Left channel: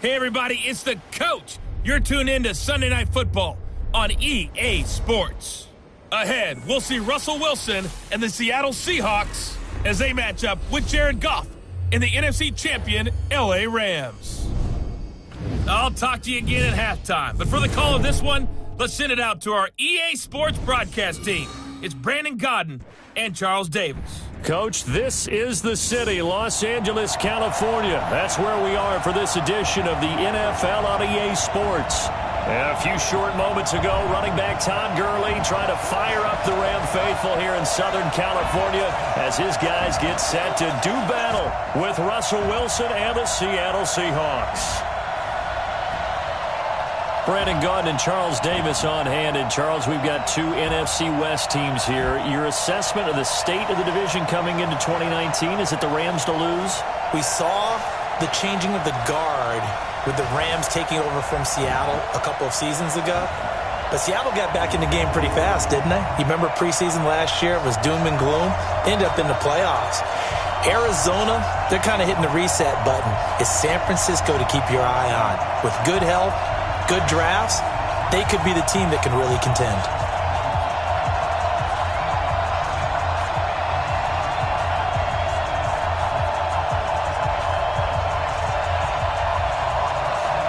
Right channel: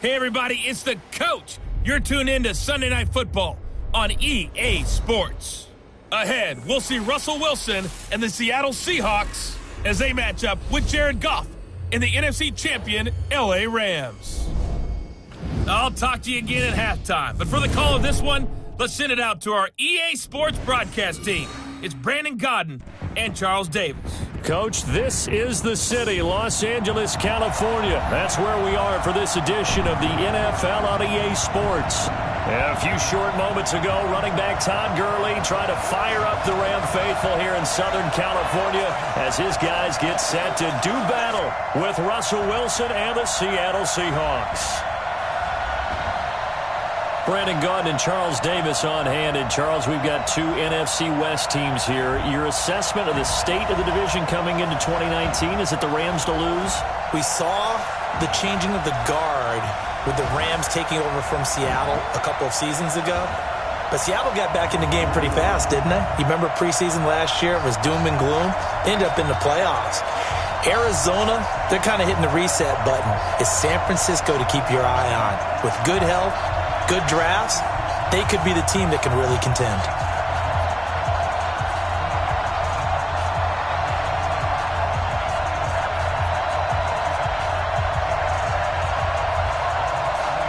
Hey, everybody, it's the coach. You're tuned in to Sunday Night Football on EA Sports. Ahead, we'll see Russell Wilson and the Seattle Seahawks as they match up with Jared Goff in the NFC champion LA Rams. I'll talk to you again at halftime, but for the call of this one, let's send it out to our EA Sports broadcast team. It's Brandon Godden and Charles Davis. Coach, this is the city, Los Angeles, California. That's where we are for this edition of the NFL on EA Sports. A few short moments ago, running back Todd Gurley trying to fire up the Ram faithful here in Southern California as his guys get set to do battle with Russell Wilson and the Seattle Seahawks. Brandon Gaudin and Charles Davis on hand. And Charles, we've got two NFC West teams here. Your assessment of the state of the division coming into 2019, is it the Rams to lose? We saw the changing of the guard with the Rams taking over from Seattle a couple of seasons ago. But Seattle got back in the game pretty fast, didn't they? You remember preseason last year? It was doom and gloom. They ended up in the playoffs. Arizona, they're kind of hitting the reset button. It's San Francisco to keep your eye on. With good health, good drafts, they could be the team that can really contend.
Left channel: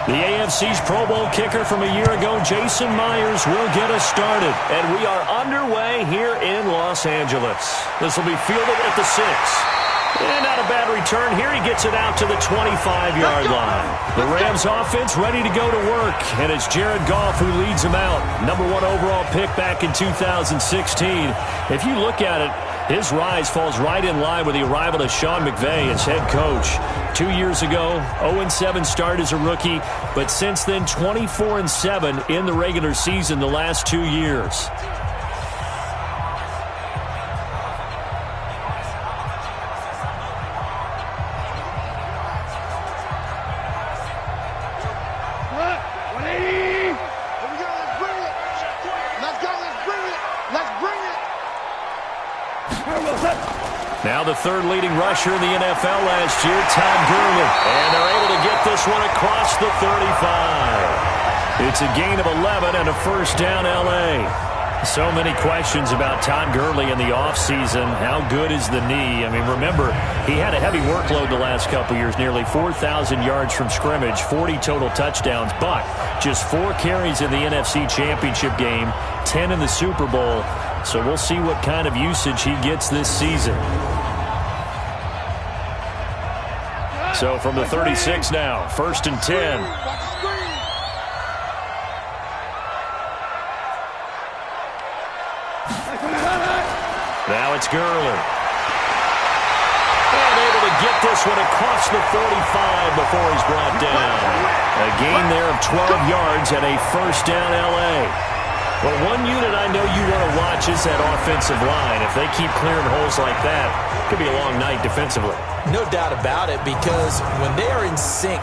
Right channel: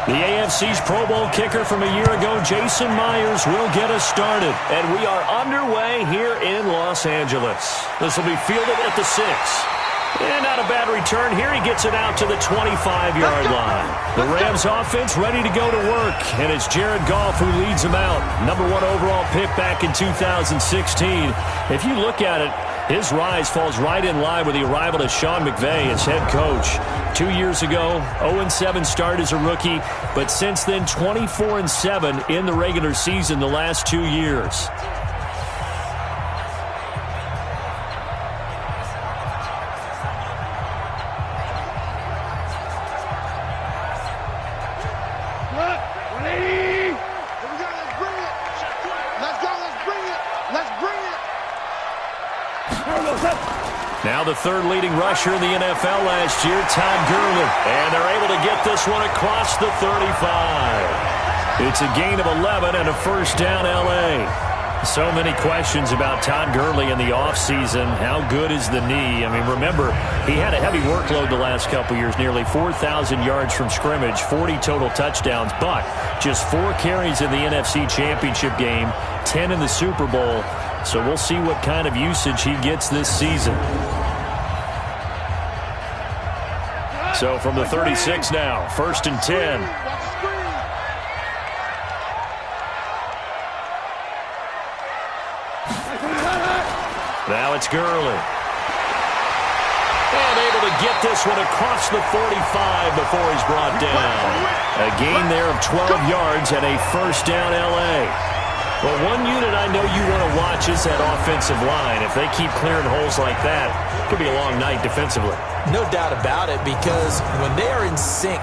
The AFC's Pro Bowl kicker from a year ago, Jason Myers, will get us started. And we are underway here in Los Angeles. This will be fielded at the 6. And not a bad return here. He gets it out to the 25-yard line. The Rams offense ready to go to work. And it's Jared Goff who leads them out. Number 1 overall pick back in 2016. If you look at it, his rise falls right in line with the arrival of Sean McVay as head coach. 2 years ago, 0-7 start as a rookie. But since then, 24-7 in the regular season the last 2 years. Now the third leading rusher in the NFL last year, Todd Gurley. And they're able to get this one across the 35. It's a gain of 11 and a first down, L.A. So many questions about Todd Gurley in the offseason. How good is the knee? I mean, remember, he had a heavy workload the last couple years, nearly 4,000 yards from scrimmage, 40 total touchdowns, but just 4 carries in the NFC Championship game, 10 in the Super Bowl. So we'll see what kind of usage he gets this season. So from the 36 now, 1st and 10. Now it's Gurley. And able to get this one across the 45 before he's brought down. A gain there of 12 yards and a first down, L.A. Well, one unit I know you want to watch is that offensive line. If they keep clearing holes like that, it could be a long night defensively. No doubt about it, because when they are in sync,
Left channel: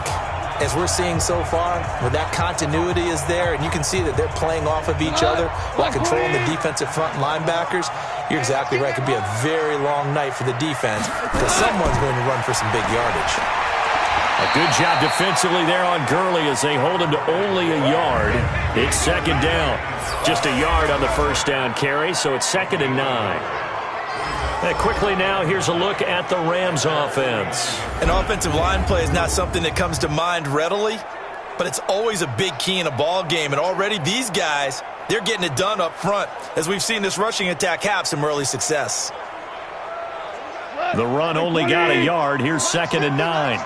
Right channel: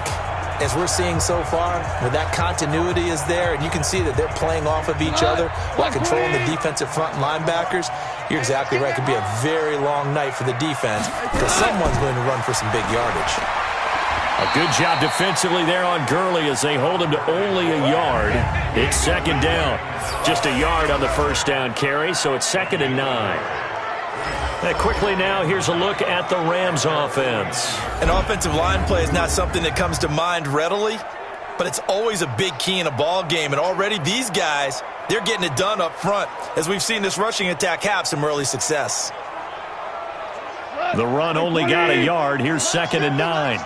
as we're seeing so far, when that continuity is there, and you can see that they're playing off of each other while controlling the defensive front linebackers, you're exactly right. It could be a very long night for the defense because someone's going to run for some big yardage. A good job defensively there on Gurley as they hold him to only a yard. It's second down. Just a yard on the first down carry, so it's 2nd and 9. And quickly now, here's a look at the Rams offense. An offensive line play is not something that comes to mind readily, but it's always a big key in a ball game. And already these guys, they're getting it done up front as we've seen this rushing attack have some early success. The run only got a yard. Here's 2nd and 9.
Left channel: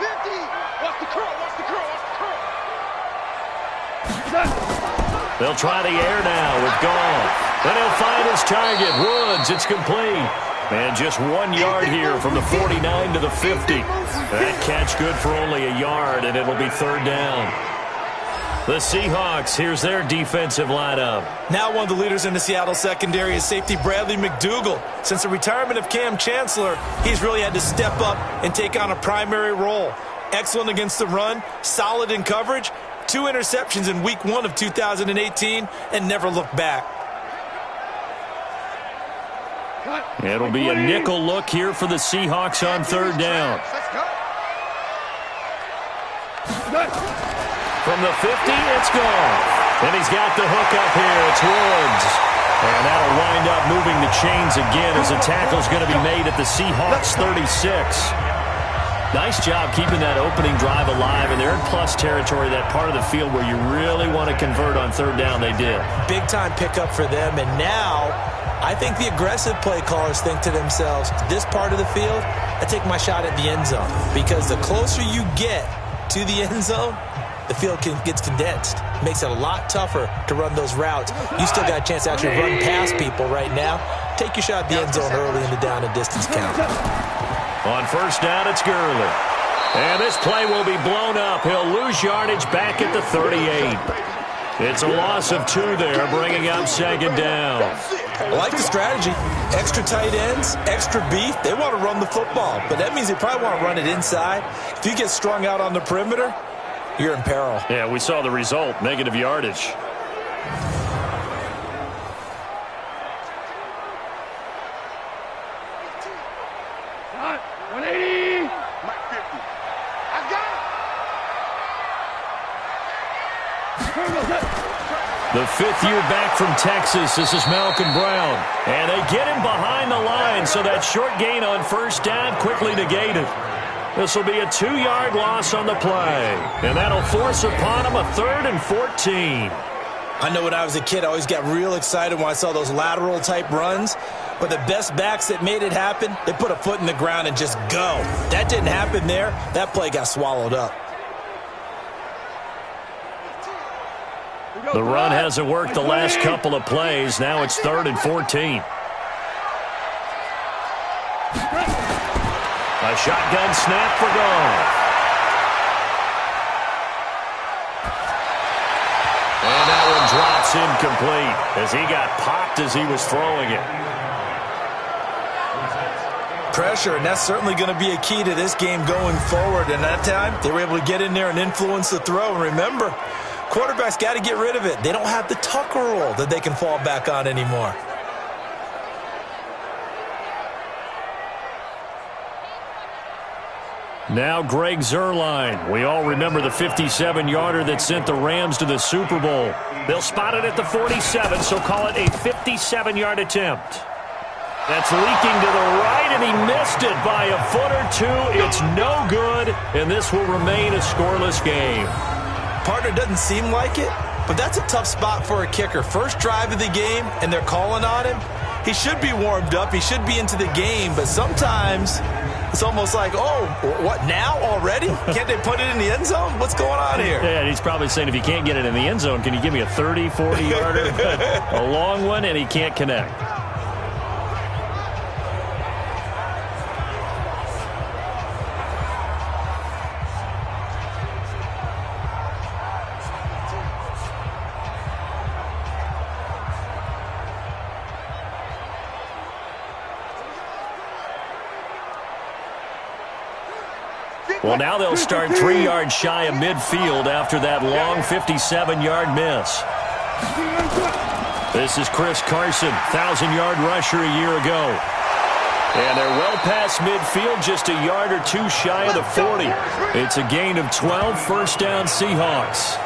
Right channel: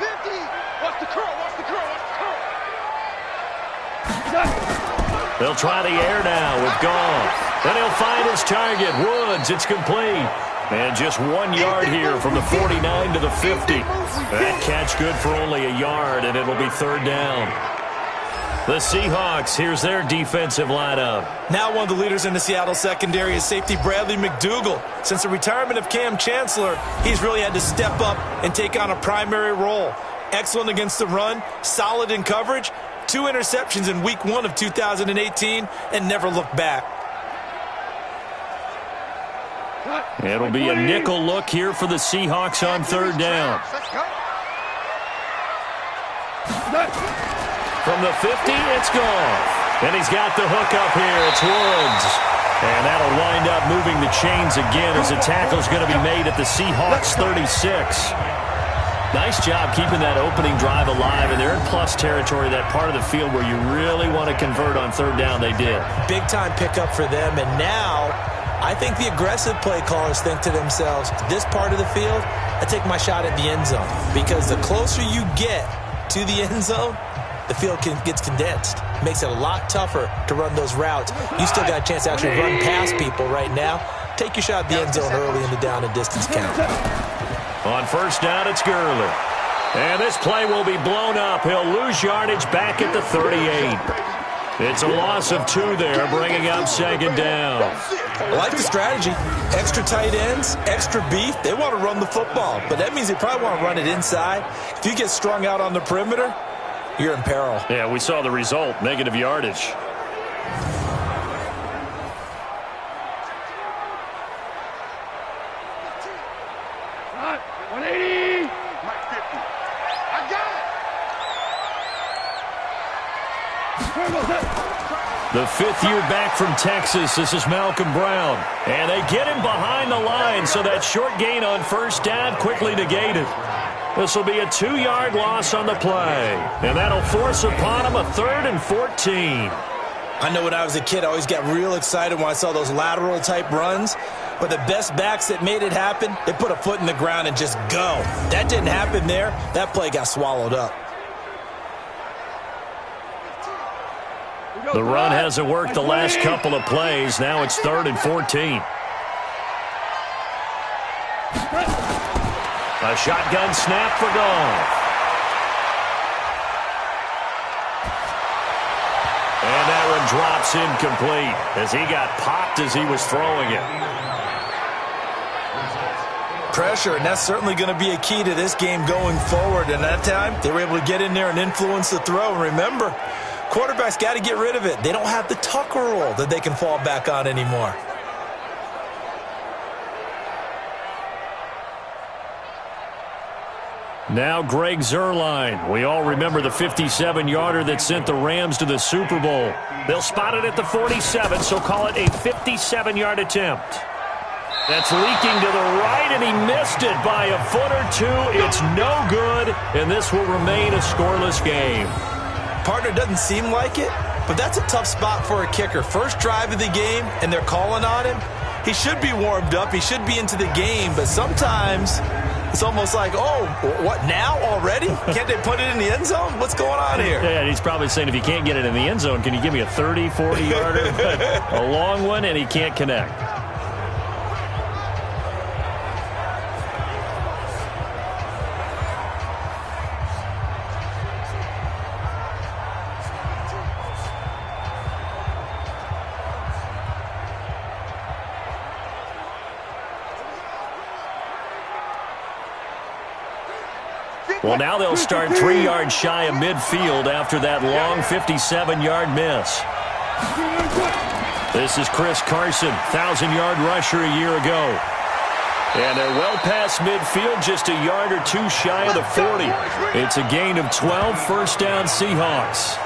They'll try the air now with Goff. Then he'll find his target, Woods. It's complete. And just 1 yard here from the 49 to the 50. That catch good for only a yard, and it'll be 3rd down. The Seahawks, here's their defensive lineup. Now one of the leaders in the Seattle secondary is safety Bradley McDougald. Since the retirement of Cam Chancellor, he's really had to step up and take on a primary role. Excellent against the run, solid in coverage, 2 interceptions in week 1 of 2018, and never looked back. It'll be a nickel look here for the Seahawks on 3rd down. From the 50, it's gone. And he's got the hook up here. It's Woods. And that'll wind up moving the chains again as the tackle's going to be made at the Seahawks 36. Nice job keeping that opening drive alive, and they're in plus territory, that part of the field where you really want to convert on third down. They did. Big-time pickup for them, and now I think the aggressive play callers think to themselves, this part of the field, I take my shot at the end zone, because the closer you get to the end zone, the field gets condensed. Makes it a lot tougher to run those routes. You still got a chance to actually run past people right now. Take your shot at the end zone early in the down and distance count. On first down, it's Gurley. And this play will be blown up. He'll lose yardage back at the 38. It's a loss of 2 there, bringing up second down. I like the strategy. Extra tight ends, extra beef. They want to run the football, but that means they probably want to run it inside. If you get strung out on the perimeter, you're in peril. Yeah, we saw the result, negative yardage. Got 180. Mike 50. I got it. The 5th year back from Texas. This is Malcolm Brown. And they get him behind the line, so that short gain on first down quickly negated. This will be a 2-yard loss on the play. And that'll force upon him a 3rd and 14. I know when I was a kid, I always got real excited when I saw those lateral-type runs. But the best backs that made it happen, they put a foot in the ground and just go. That didn't happen there. That play got swallowed up. The run hasn't worked the last couple of plays. Now it's 3rd and 14. A shotgun snap for Goff. And that one drops incomplete as he got popped as he was throwing it. Pressure, and that's certainly going to be a key to this game going forward. And that time, they were able to get in there and influence the throw. And remember, quarterbacks got to get rid of it. They don't have the Tucker rule that they can fall back on anymore. Now Greg Zuerlein. We all remember the 57-yarder that sent the Rams to the Super Bowl. They'll spot it at the 47, so call it a 57-yard attempt. That's leaking to the right, and he missed it by a foot or 2. It's no good, and this will remain a scoreless game. Partner, doesn't seem like it, but that's a tough spot for a kicker. First drive of the game, and they're calling on him. He should be warmed up. He should be into the game, but sometimes it's almost like, oh, what, now already? Can't they put it in the end zone? What's going on here? Yeah, and he's probably saying, if you can't get it in the end zone, can you give me a 30, 40-yarder? A long one, and he can't connect. Well, now they'll start 3 yards shy of midfield after that long 57-yard miss. This is Chris Carson, 1,000-yard rusher a year ago. And they're well past midfield, just a yard or 2 shy of the 40. It's a gain of 12, first down Seahawks.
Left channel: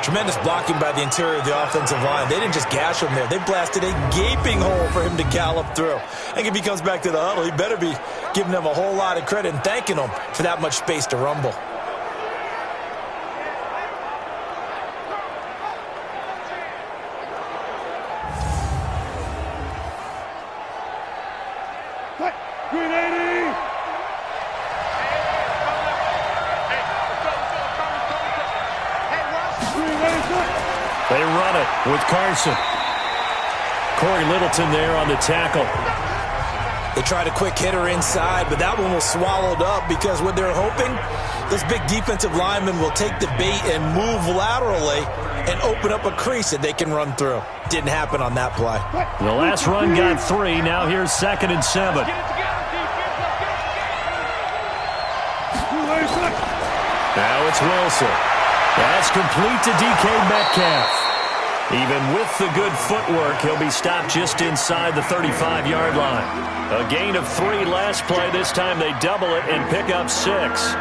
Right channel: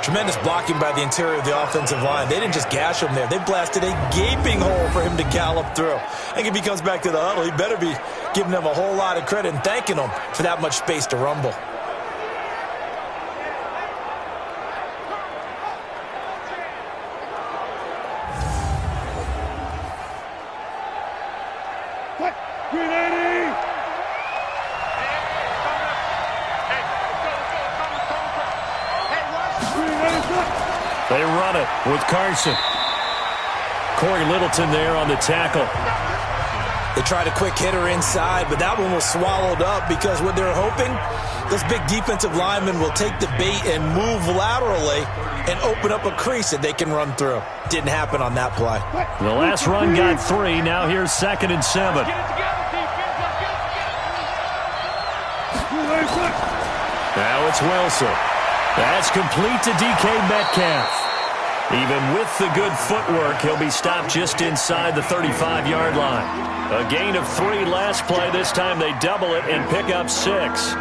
Tremendous blocking by the interior of the offensive line. They didn't just gash him there. They blasted a gaping hole for him to gallop through. I think if he comes back to the huddle, he better be giving them a whole lot of credit and thanking them for that much space to rumble. Green 80! They run it with Carson. Corey Littleton there on the tackle. They tried a quick hitter inside, but that one was swallowed up because what they're hoping, this big defensive lineman will take the bait and move laterally and open up a crease that they can run through. Didn't happen on that play. The last run got 3. Now here's 2nd and 7. Now it's Wilson. That's complete to DK Metcalf. Even with the good footwork, he'll be stopped just inside the 35-yard line. A gain of 3 last play. This time they double it and pick up 6.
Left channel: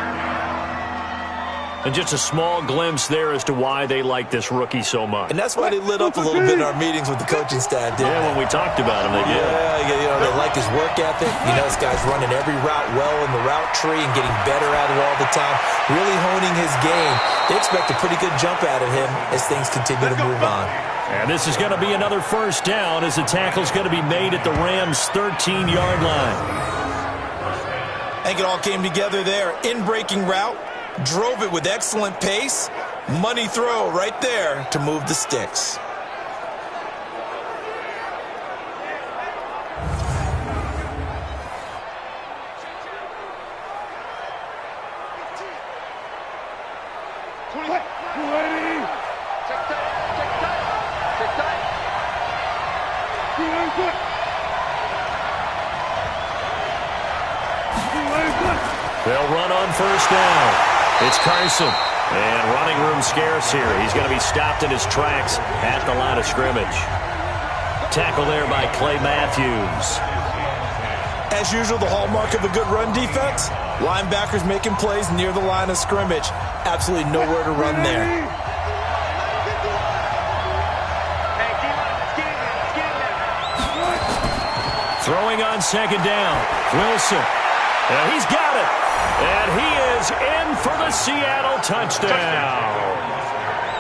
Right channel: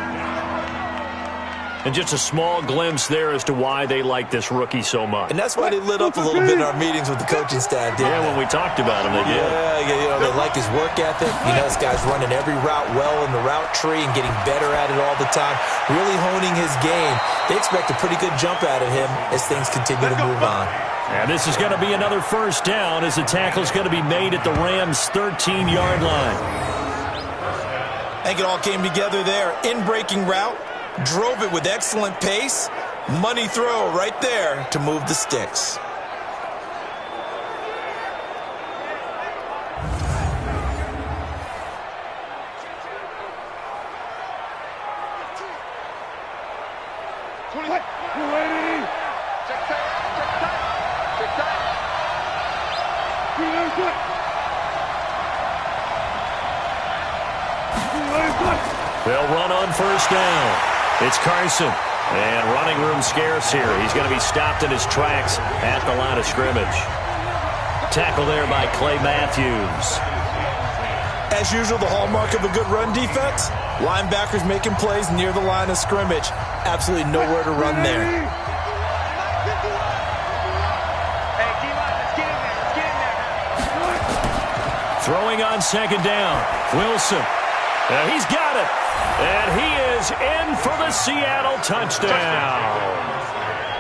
And just a small glimpse there as to why they like this rookie so much. And that's why they lit up a little bit in our meetings with the coaching staff, didn't they? When we talked about him, they did. Yeah, they like his work ethic. This guy's running every route well in the route tree and getting better at it all the time, really honing his game. They expect a pretty good jump out of him as things continue to move on. And this is going to be another first down as the tackle's going to be made at the Rams' 13-yard line. I think it all came together there. In-breaking route. Drove it with excellent pace. Money throw right there to move the sticks. They'll run on first down. It's Carson, and running room scarce here. He's going to be stopped in his tracks at the line of scrimmage. Tackle there by Clay Matthews. As usual, the hallmark of a good run defense, linebackers making plays near the line of scrimmage. Absolutely nowhere to run there. Hey, D-line, let's get in there. Let's get in there. Throwing on second down. Wilson. He's got it. And he is in for the Seattle touchdown.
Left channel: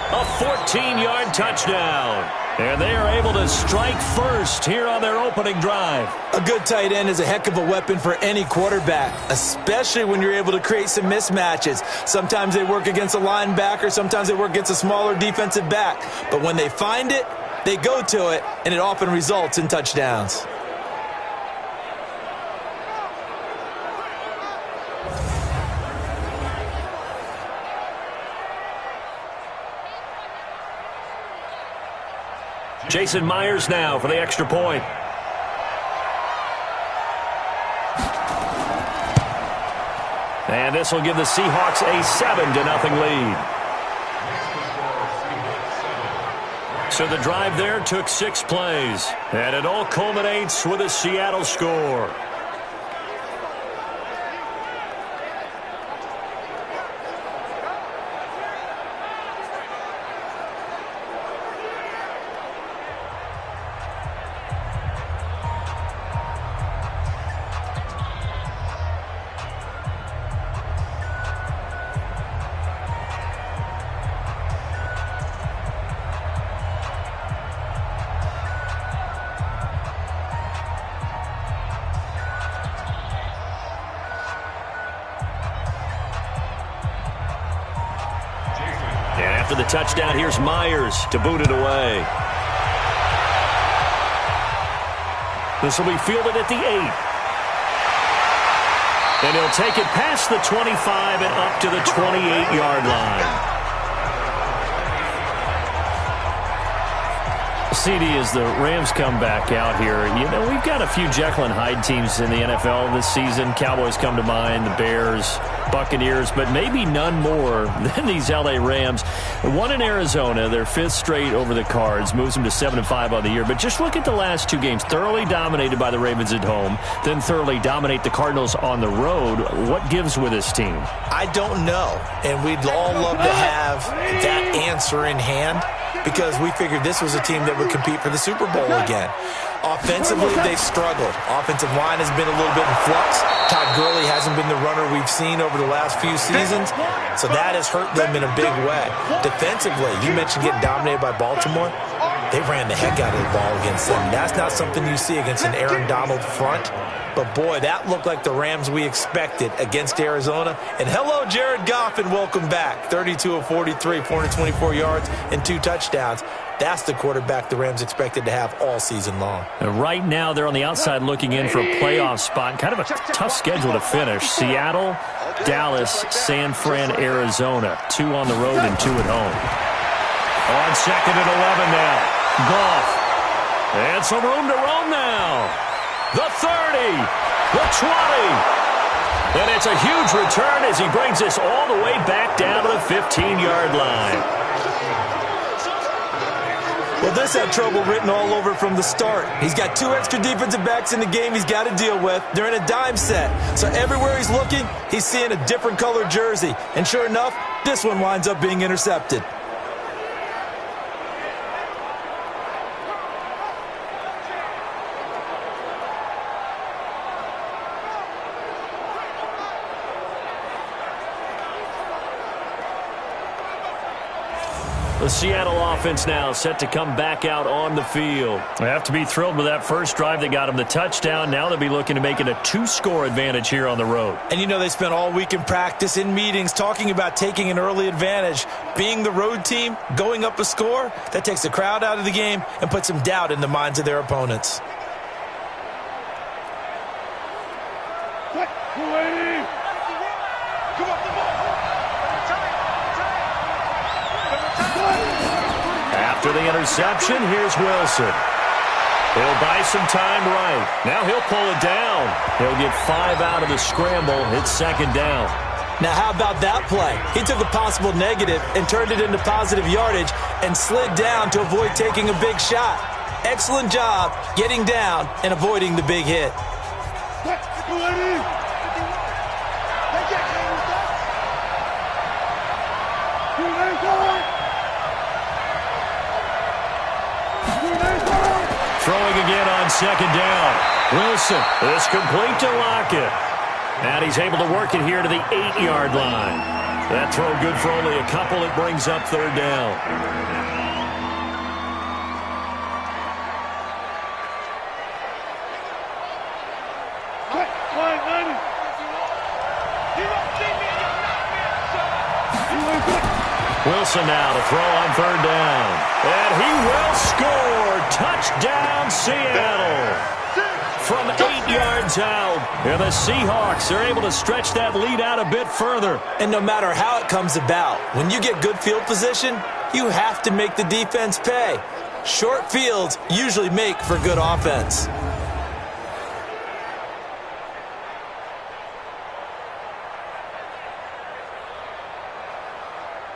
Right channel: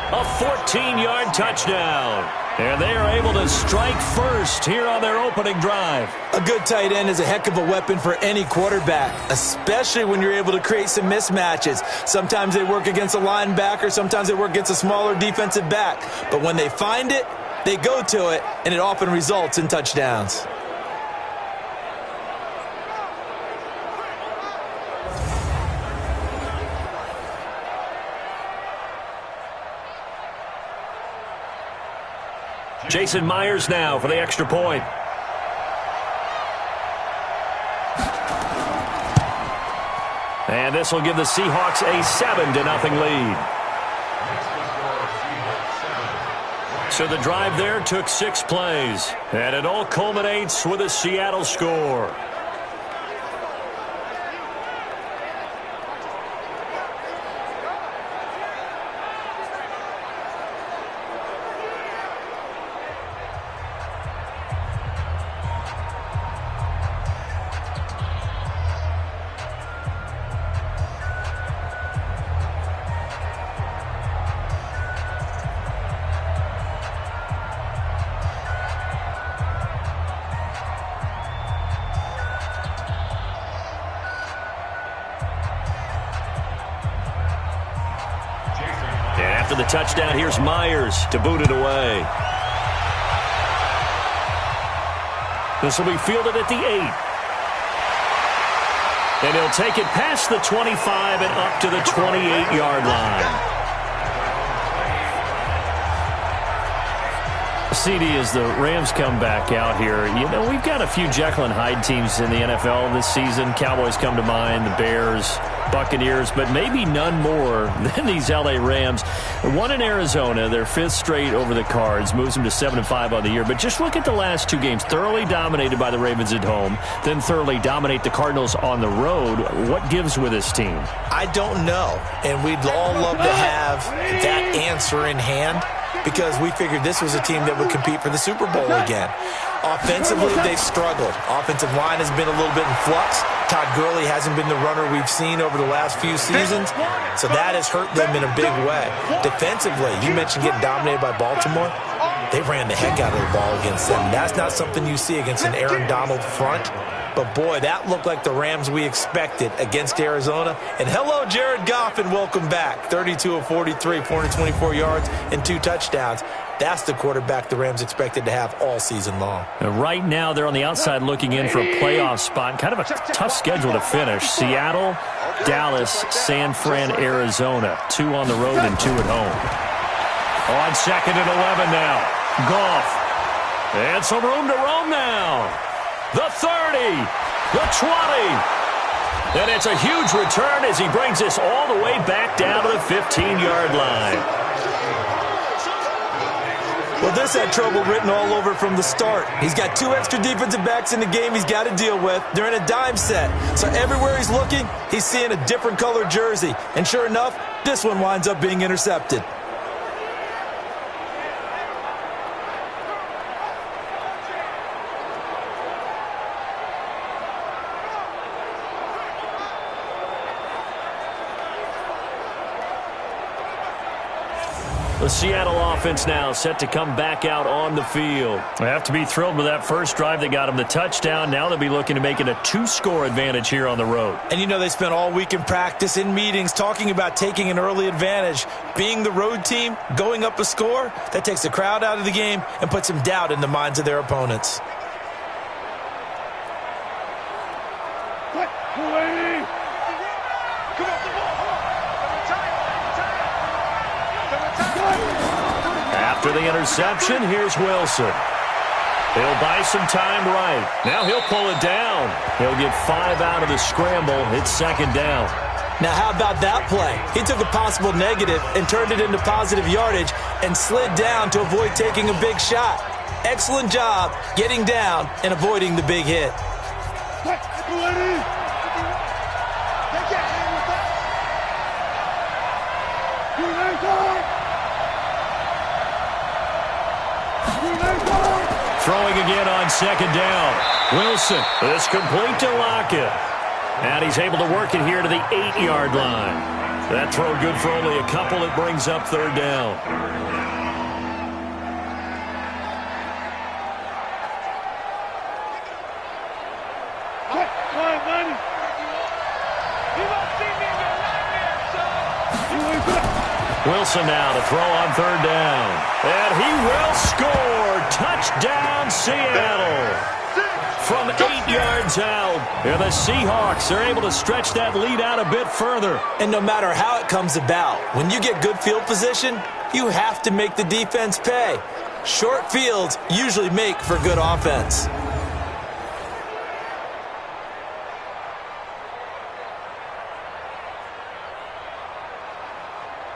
A 14-yard touchdown. And they are able to strike first here on their opening drive. A good tight end is a heck of a weapon for any quarterback, especially when you're able to create some mismatches. Sometimes they work against a linebacker, sometimes they work against a smaller defensive back. But when they find it, they go to it, and it often results in touchdowns. Jason Myers now for the extra point. And this will give the Seahawks a 7-0 lead. So the drive there took 6 plays. And it all culminates with a Seattle score. And after the touchdown, here's Myers to boot it away. This will be fielded at the 8. And he'll take it past the 25 and up to the 28-yard line. CD, as the Rams come back out here, we've got a few Jekyll and Hyde teams in the NFL this season. Cowboys come to mind, the Bears, Buccaneers, but maybe none more than these L.A. Rams. One in Arizona, their 5th straight over the Cards, moves them to 7-5 on the year. But just look at the last 2 games. Thoroughly dominated by the Ravens at home, then thoroughly dominate the Cardinals on the road. What gives with this team? I don't know, and we'd all love to have that answer in hand, because we figured this was a team that would compete for the Super Bowl again. Offensively, they've struggled. Offensive line has been a little bit in flux. Todd Gurley hasn't been the runner we've seen over the last few seasons, so that has hurt them in a big way. Defensively, you mentioned getting dominated by Baltimore. They ran the heck out of the ball against them. That's not something you see against an Aaron Donald front. But, boy, that looked like the Rams we expected against Arizona. And hello, Jared Goff, and welcome back. 32 of 43, 424 yards, and 2 touchdowns. That's the quarterback the Rams expected to have all season long. Right now, they're on the outside looking in for a playoff spot. Kind of a tough schedule to finish. Seattle, Dallas, San Fran, Arizona. 2 on the road and 2 at home. On 2nd and 11 now. Goff. And some room to roam now. The 30, the 20, and it's a huge return as he brings this all the way back down to the 15-yard line. Well, this had trouble written all over from the start. He's got 2 extra defensive backs in the game he's got to deal with. They're in a dime set. So everywhere he's looking, he's seeing a different colored jersey. And sure enough, this one winds up being intercepted. The Seattle offense now set to come back out on the field. They have to be thrilled with that first drive that got them the touchdown. Now they'll be looking to make it a 2-score advantage here on the road. And you know they spent all week in practice, in meetings, talking about taking an early advantage. Being the road team, going up a score, that takes the crowd out of the game and puts some doubt in the minds of their opponents. Come off the ball. After the interception, here's Wilson. He'll buy some time right. Now he'll pull it down. He'll get 5 out of the scramble. It's second down. Now how about that play? He took a possible negative and turned it into positive yardage and slid down to avoid taking a big shot. Excellent job getting down and avoiding the big hit. Throwing again on second down. Wilson is complete to Lockett. And he's able to work it here to the 8-yard line. That throw good for only a couple. It brings up third down. Wilson now to throw on third down. And he will score. Touchdown, Seattle. From 8 yards out. And the Seahawks are able to stretch that lead out a bit further. And no matter how it comes about, when you get good field position, you have to make the defense pay. Short fields usually make for good offense.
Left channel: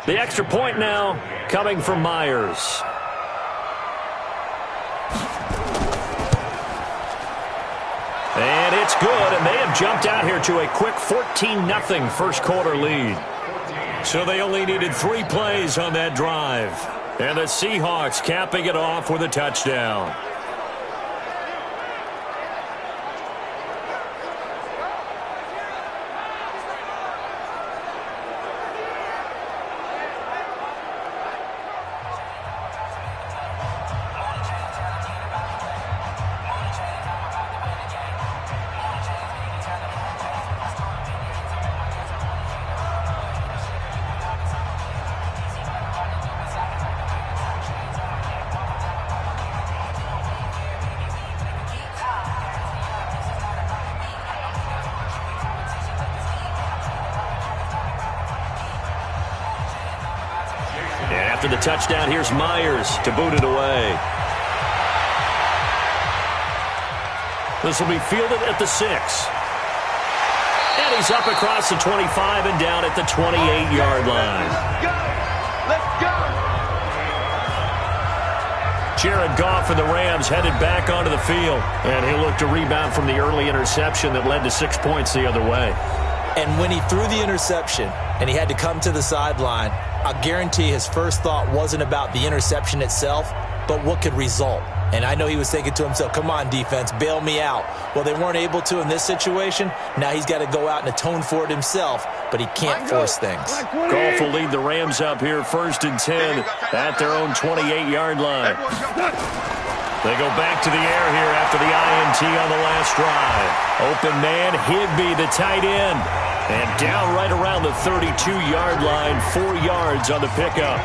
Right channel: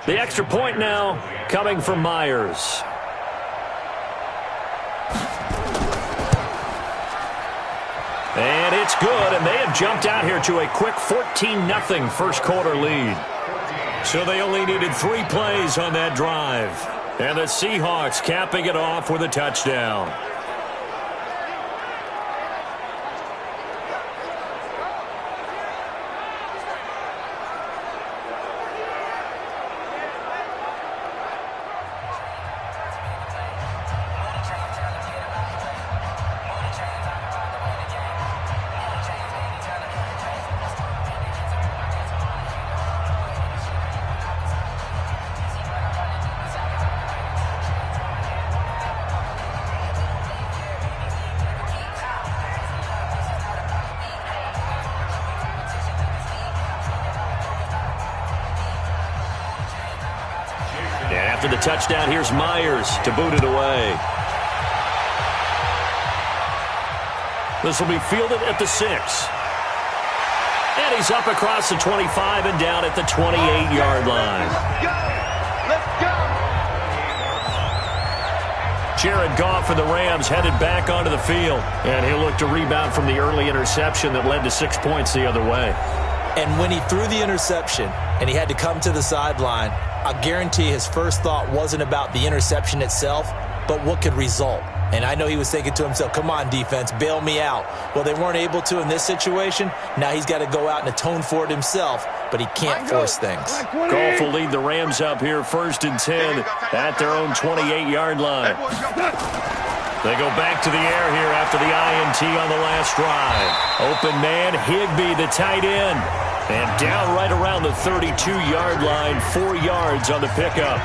The extra point now coming from Myers. And it's good, and they have jumped out here to a quick 14-0 first quarter lead. So they only needed 3 plays on that drive. And the Seahawks capping it off with a touchdown. And after the touchdown, here's Myers to boot it away. This will be fielded at the 6. And he's up across the 25 and down at the 28-yard line. Let's go. Jared Goff and the Rams headed back onto the field. And he'll look to rebound from the early interception that led to 6 points the other way. And when he threw the interception and he had to come to the sideline, I guarantee his first thought wasn't about the interception itself, but what could result. And I know he was thinking to himself, come on, defense, bail me out. Well, they weren't able to in this situation. Now he's got to go out and atone for it himself, but he can't force things. Goff will lead the Rams up here 1st and 10 at their own 28-yard line. They go back to the air here after the INT on the last drive. Open man, Higbee, the tight end. And down right around the 32-yard line, 4 yards on the pickup.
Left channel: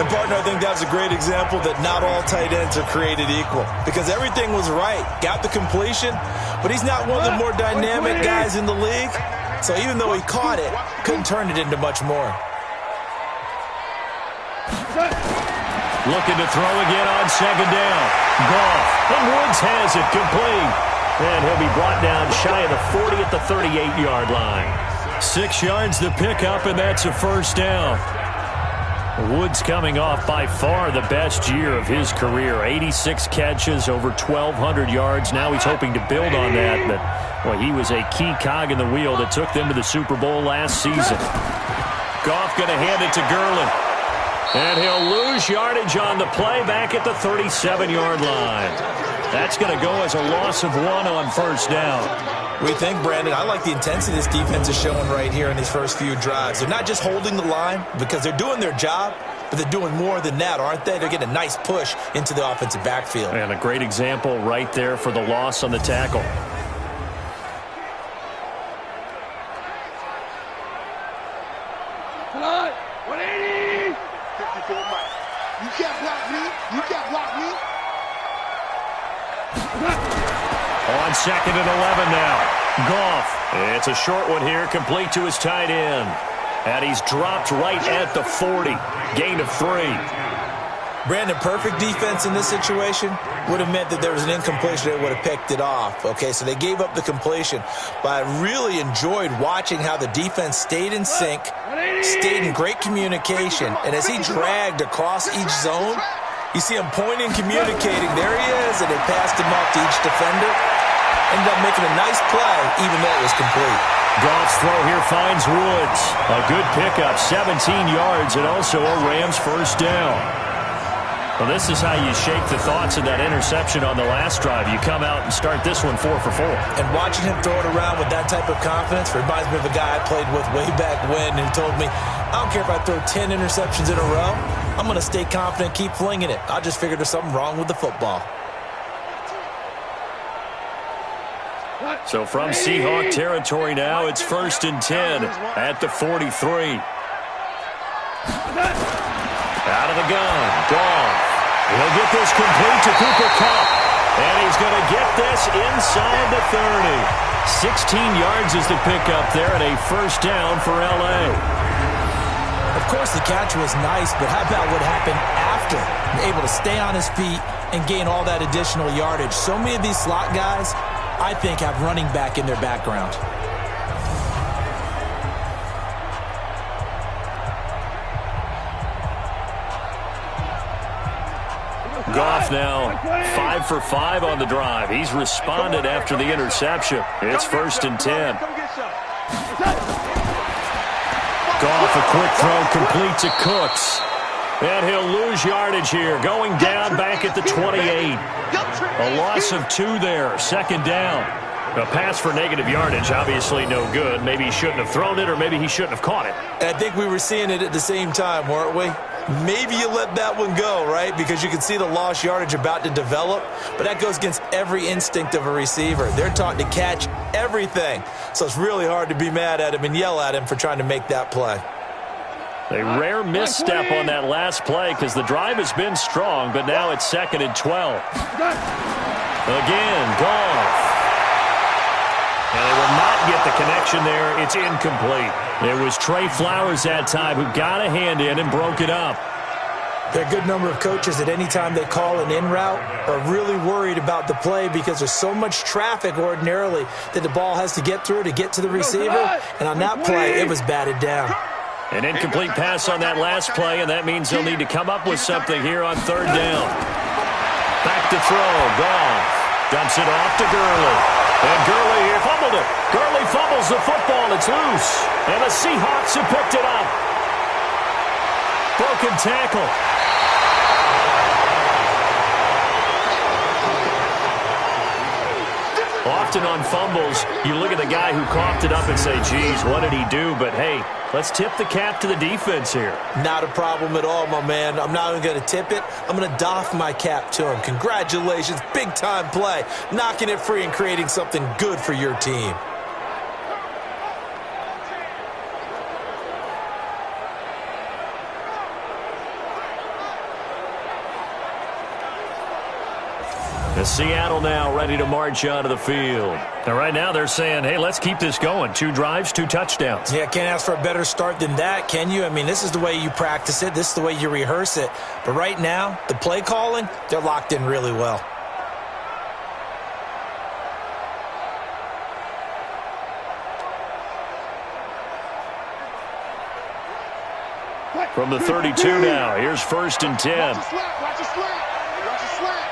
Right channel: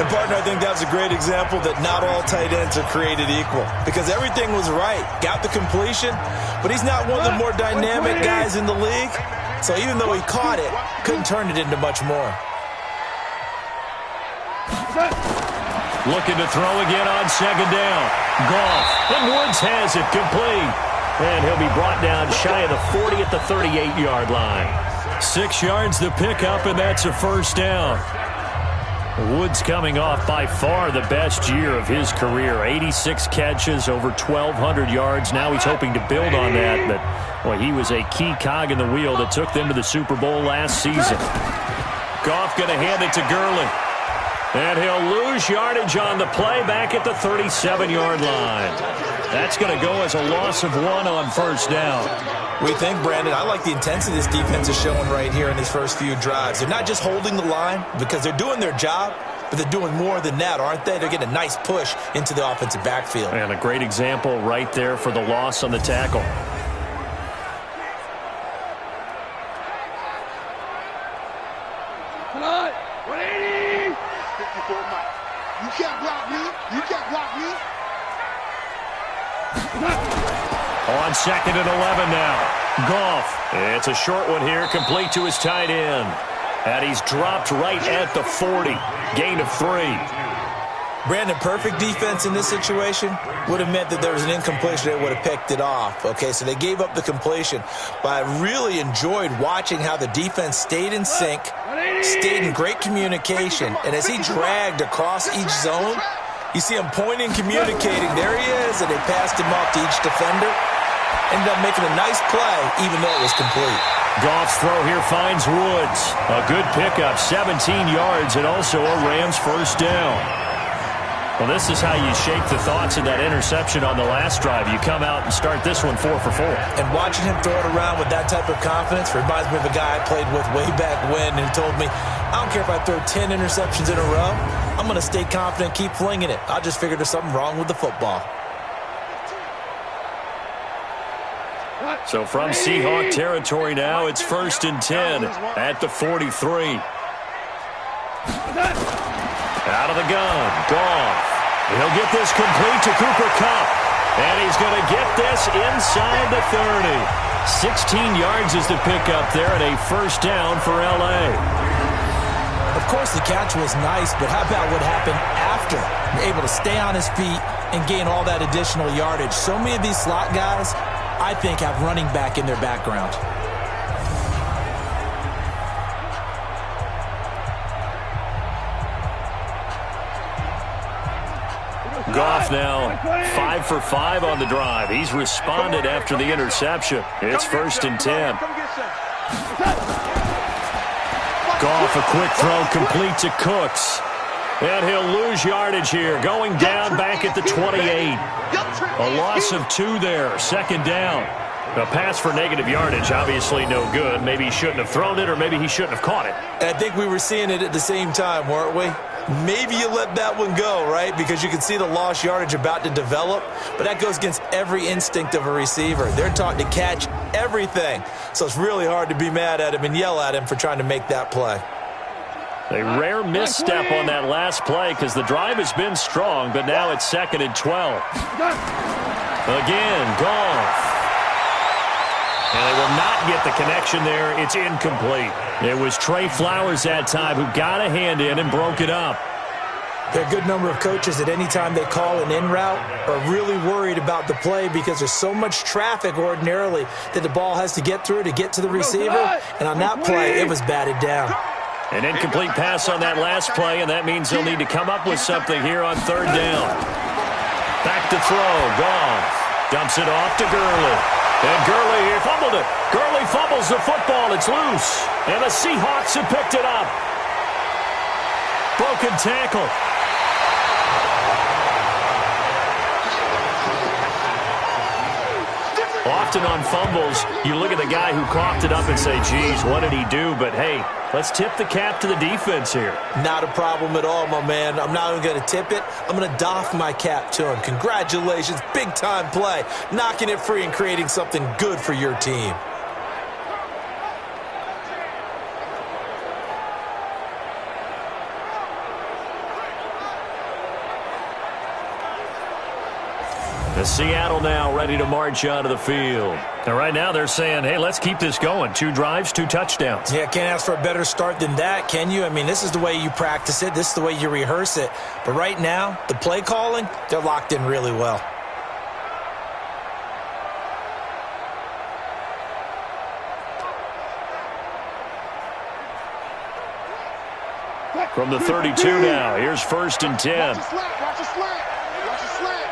And, partner, I think that was a great example that not all tight ends are created equal. Because everything was right. Got the completion, but he's not one of the more dynamic guys in the league. So even though he caught it, couldn't turn it into much more. Looking to throw again on second down. Goff, and Woods has it complete. And he'll be brought down shy of the 40 at the 38-yard line. 6 yards to pick up, and that's a first down. Woods coming off by far the best year of his career. 86 catches, over 1,200 yards. Now he's hoping to build on that, but boy, he was a key cog in the wheel that took them to the Super Bowl last season. Goff going to hand it to Gurley. And he'll lose yardage on the play back at the 37-yard line. That's going to go as a loss of 1 on first down. We think, Brandon, I like the intensity this defense is showing right here in these first few drives. They're not just holding the line because they're doing their job, but they're doing more than that, aren't they? They're getting a nice push into the offensive backfield. And a great example right there for the loss on the tackle. Come on, 180. 54 Mike. You can't block me. You can't block me. On 2nd and 11 now. Goff. It's a short one here, complete to his tight end. And he's dropped right at the 40. Gain of 3. Brandon, perfect defense in this situation would have meant that there was an incompletion that would have picked it off. Okay, so they gave up the completion. But I really enjoyed watching how the defense stayed in sync, stayed in great communication, and as he dragged across each zone, you see him pointing, communicating. There he is, and they passed him off to each defender. Ended up making a nice play, even though it was complete. Goff's throw here finds Woods. A good pickup, 17 yards, and also a Rams first down. Well, this is how you shake the thoughts of that interception on the last drive. You come out and start this one 4 for 4. And watching him throw it around with that type of confidence reminds me of a guy I played with way back when, who told me, I don't care if I throw 10 interceptions in a row. I'm going to stay confident, keep flinging it. I just figured there's something wrong with the football. So from Seahawk territory now, it's 1st and 10 at the 43. Out of the gun, Goff. He'll get this complete to Cooper Kupp. And he's going to get this inside the 30. 16 yards is the pickup there, and a first down for L.A. Of course, the catch was nice, but how about what happened after? You're able to stay on his feet and gain all that additional yardage. So many of these slot guys, I think, have running back in their background. Goff now 5 for 5 on the drive. He's responded after the interception. It's 1st and 10. Goff, a quick throw complete to Cooks. And he'll lose yardage here, going down back at the 28. A loss of 2 there, 2nd down. A pass for negative yardage, obviously no good. Maybe he shouldn't have thrown it, or maybe he shouldn't have caught it. I think we were seeing it at the same time, weren't we? Maybe you let that one go, right? Because you can see the lost yardage about to develop. But that goes against every instinct of a receiver. They're taught to catch everything. So it's really hard to be mad at him and yell at him for trying to make that play. A rare misstep on that last play because the drive has been strong, but now it's 2nd and 12. Again, Goff. And they will not get the connection there. It's incomplete. It was Trey Flowers that time who got a hand in and broke it up. There are a good number of coaches that any time they call an in route are really worried about the play because there's so much traffic ordinarily that the ball has to get through to get to the receiver. And on that play, it was batted down. An incomplete pass on that last play, and that means they'll need to come up with something here on 3rd down. Back to throw. Goff dumps it off to Gurley. And Gurley here fumbled it. Gurley fumbles the football. It's loose. And the Seahawks have picked it up. Broken tackle. Often on fumbles, you look at the guy who coughed it up and say, geez, what did he do? But, hey, let's tip the cap to the defense here. Not a problem at all, my man. I'm not even going to tip it. I'm going to doff my cap to him. Congratulations. Big-time play. Knocking it free and creating something good for your team. The Seattle now ready to march onto the field. And right now they're saying, hey, let's keep this going. 2 drives, 2 touchdowns. Yeah, can't ask for a better start than that, can you? I mean, this is the way you practice it. This is the way you rehearse it. But right now, the play calling, they're locked in really well. From the 32 now, here's 1st and 10. Watch the slant. Watch the slant. Watch the slant.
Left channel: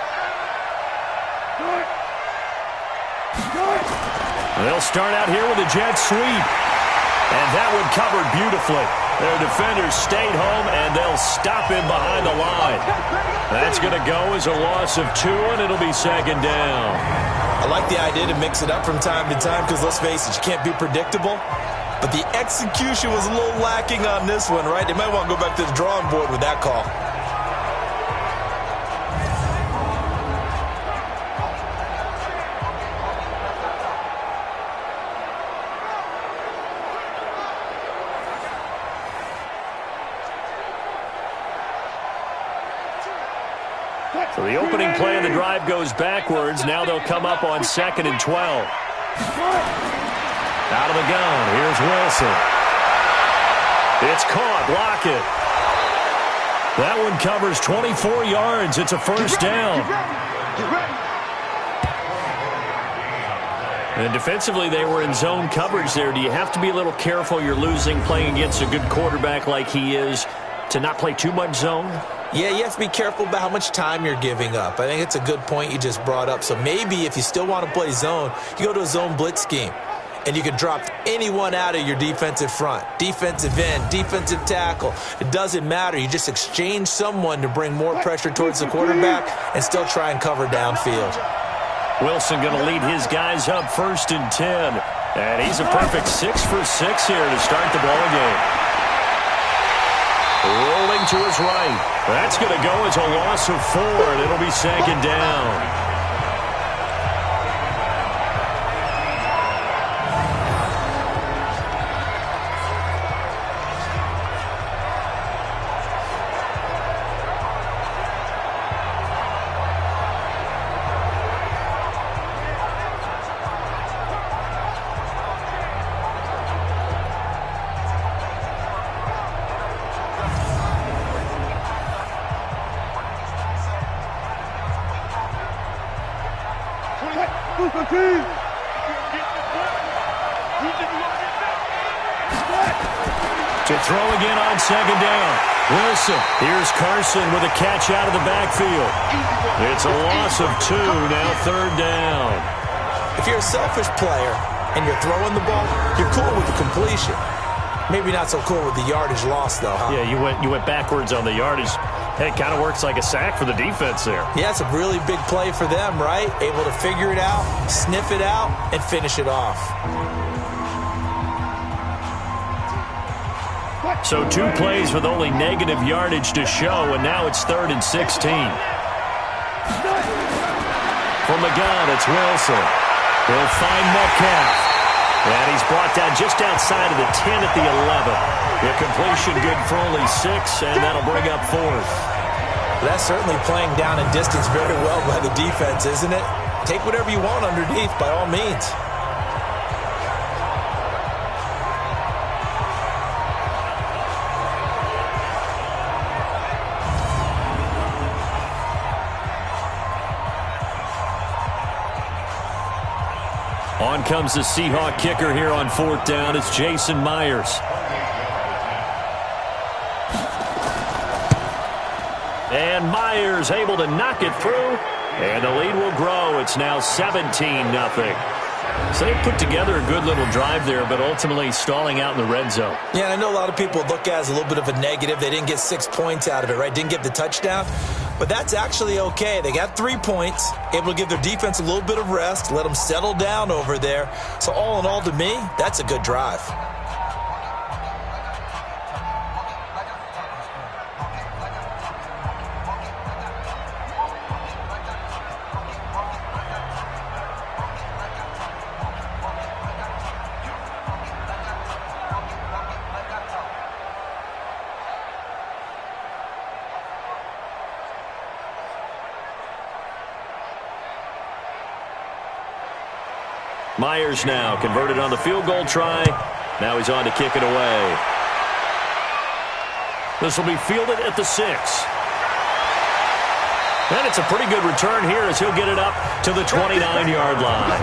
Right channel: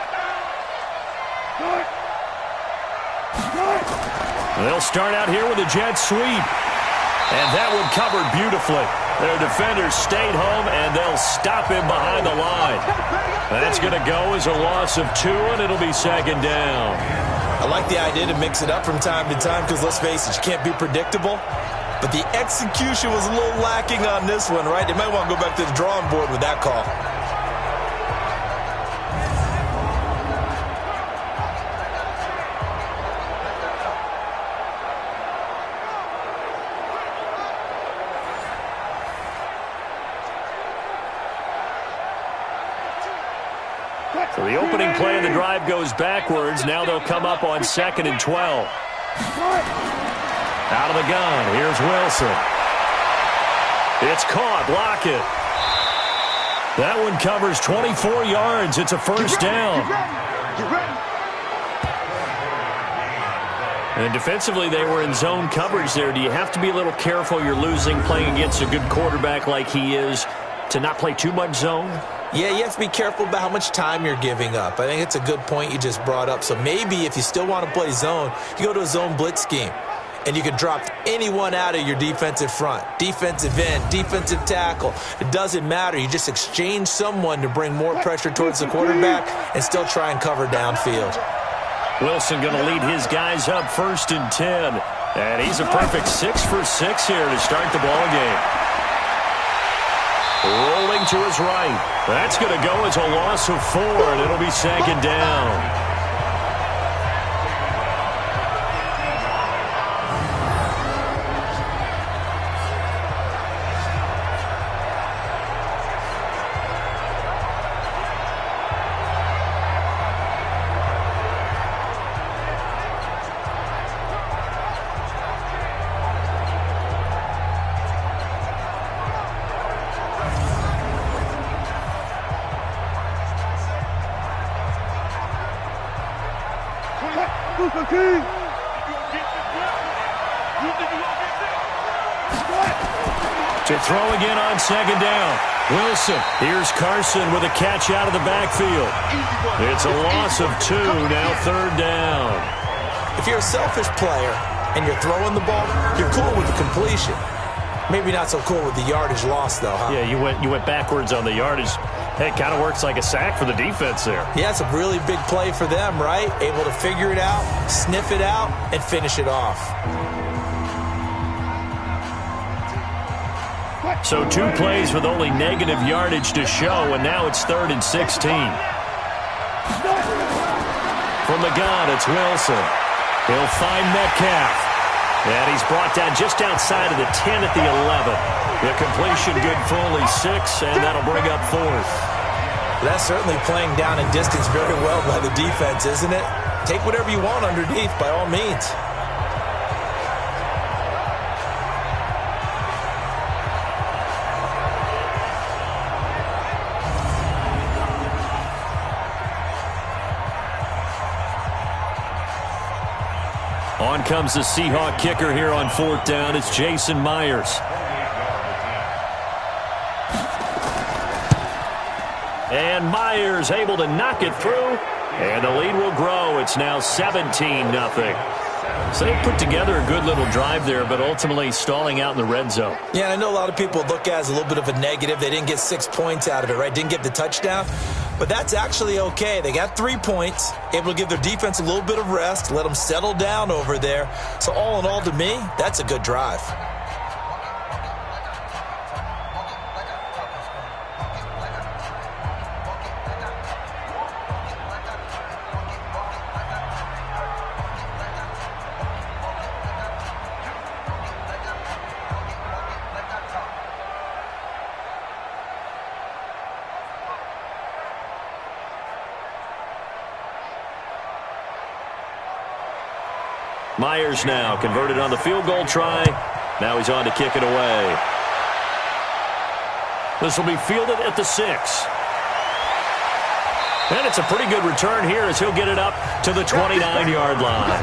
They'll start out here with a jet sweep. And that one covered beautifully. Their defenders stayed home, and they'll stop him behind the line. That's going to go as a loss of 2, and it'll be 2nd down. I like the idea to mix it up from time to time because, let's face it, you can't be predictable. But the execution was a little lacking on this one, right? They might want to go back to the drawing board with that call. So the opening play of the drive goes backwards. Now they'll come up on 2nd and 12. Out of the gun, here's Wilson. It's caught, Lockett. That one covers 24 yards. It's a 1st down. Get ready. And defensively, they were in zone coverage there. Do you have to be a little careful? You're losing, playing against a good quarterback like he is, to not play too much zone? Yeah, you have to be careful about how much time you're giving up. I think it's a good point you just brought up. So maybe if you still want to play zone, you go to a zone blitz scheme. And you can drop anyone out of your defensive front. Defensive end, defensive tackle. It doesn't matter. You just exchange someone to bring more pressure towards the quarterback and still try and cover downfield. Wilson going to lead his guys up 1st and 10. And he's a perfect 6 for 6 here to start the ball game. Rolling to his right. That's going to go as a loss of 4, and it'll be 2nd down. To throw again on 2nd down. Wilson. Here's Carson with a catch out of the backfield. It's a loss of 2, now 3rd down. If you're a selfish player and you're throwing the ball, you're cool with the completion. Maybe not so cool with the yardage loss, though, huh? Yeah, you went backwards on the yardage. Hey, it kind of works like a sack for the defense there. Yeah, it's a really big play for them, right? Able to figure it out, sniff it out, and finish it off. So 2 plays with only negative yardage to show, and now it's 3rd and 16. From the gun, it's Wilson. He'll find Metcalf. And he's brought down just outside of the 10 at the 11. The completion good for only 6, and that'll bring up 4th. That's certainly playing down a distance very well by the defense, isn't it? Take whatever you want underneath, by all means. On comes the Seahawk kicker here on 4th down. It's Jason Myers. And Myers able to knock it through. And the lead will grow. It's now 17-0. So they put together a good little drive there, but ultimately stalling out in the red zone. Yeah, and I know a lot of people look at it as a little bit of a negative. They didn't get 6 points out of it, right? Didn't get the touchdown. But that's actually okay. They got 3 points, able to give their defense a little bit of rest, let them settle down over there. So all in all, to me, that's a good drive. Myers now converted on the field goal try. Now he's on to kick it away. This will be fielded at the 6. And it's a pretty good return here as he'll get it up to the 29-yard line.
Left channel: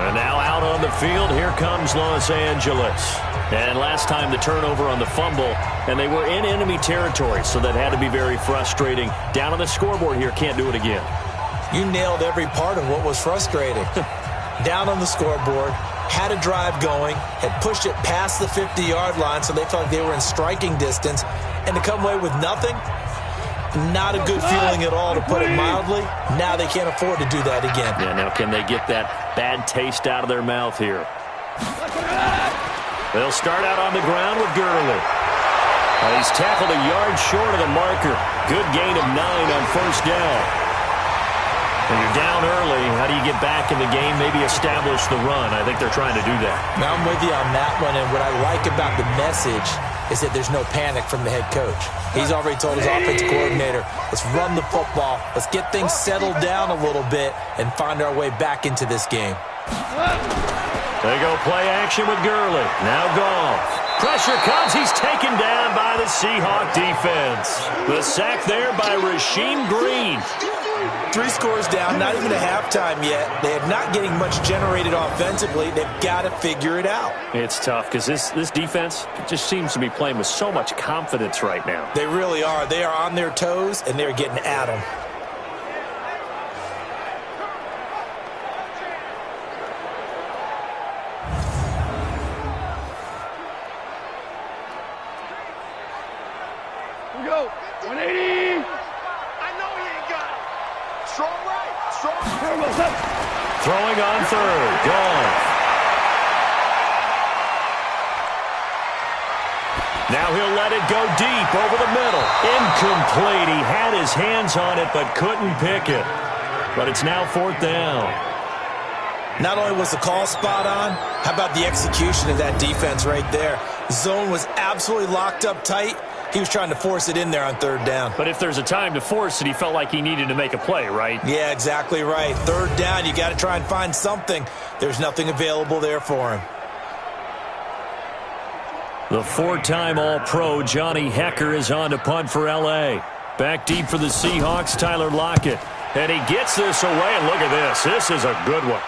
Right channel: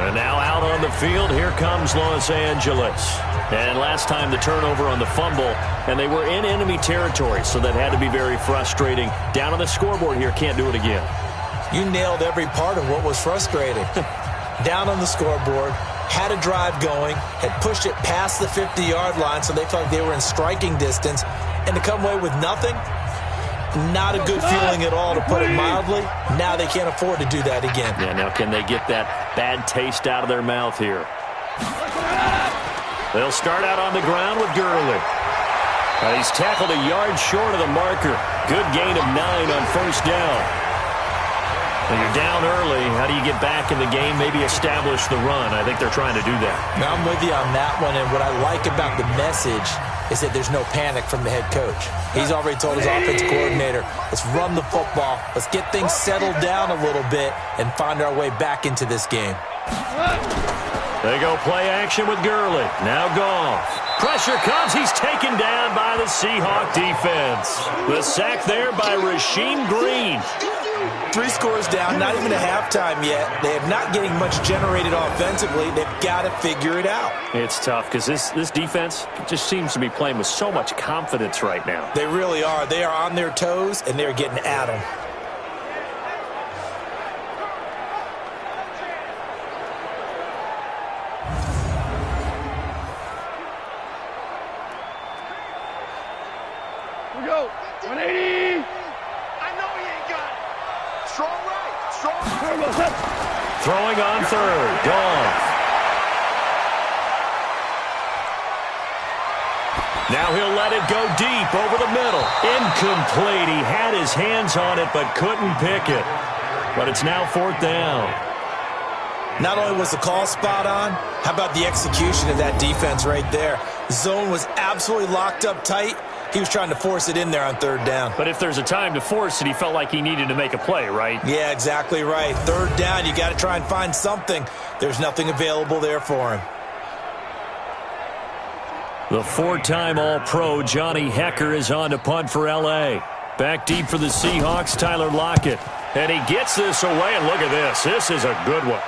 And now out on the field, here comes Los Angeles. And last time the turnover on the fumble, and they were in enemy territory, so that had to be very frustrating. Down on the scoreboard here, can't do it again. You nailed every part of what was frustrating. Down on the scoreboard, had a drive going, had pushed it past the 50-yard line, so they felt like they were in striking distance, and to come away with nothing, not a good feeling at all, to put it mildly. Now they can't afford to do that again. Yeah, now can they get that bad taste out of their mouth here? They'll start out on the ground with Gurley. He's tackled a yard short of the marker. Good gain of 9 on first down. When you're down early, how do you get back in the game, maybe establish the run? I think they're trying to do that. Now, I'm with you on that one, and what I like about the message is that there's no panic from the head coach. He's already told his offensive coordinator, let's run the football, let's get things settled down a little bit and find our way back into this game. They go play action with Gurley. Now Goff. Pressure comes. He's taken down by the Seahawks defense. The sack there by Rasheem Green. 3 scores down, not even a halftime yet. They are not getting much generated offensively. They've got to figure it out. It's tough because this defense just seems to be playing with so much confidence right now. They really are. They are on their toes, and they're getting at them. Here we go. 180. I know he ain't got it. Strong right. Strong right. Throwing on third. Goff. Now he'll let it go deep over the middle. Incomplete. He had his hands on it but couldn't pick it. But it's now 4th down. Not only was the call spot on, how about the execution of that defense right there? Zone was absolutely locked up tight. He was trying to force it in there on 3rd down. But if there's a time to force it, he felt like he needed to make a play, right? Yeah, exactly right. 3rd down, you got to try and find something. There's nothing available there for him. The 4-time All-Pro Johnny Hekker is on to punt for L.A. Back deep for the Seahawks, Tyler Lockett. And he gets this away, and look at this. This is a good one.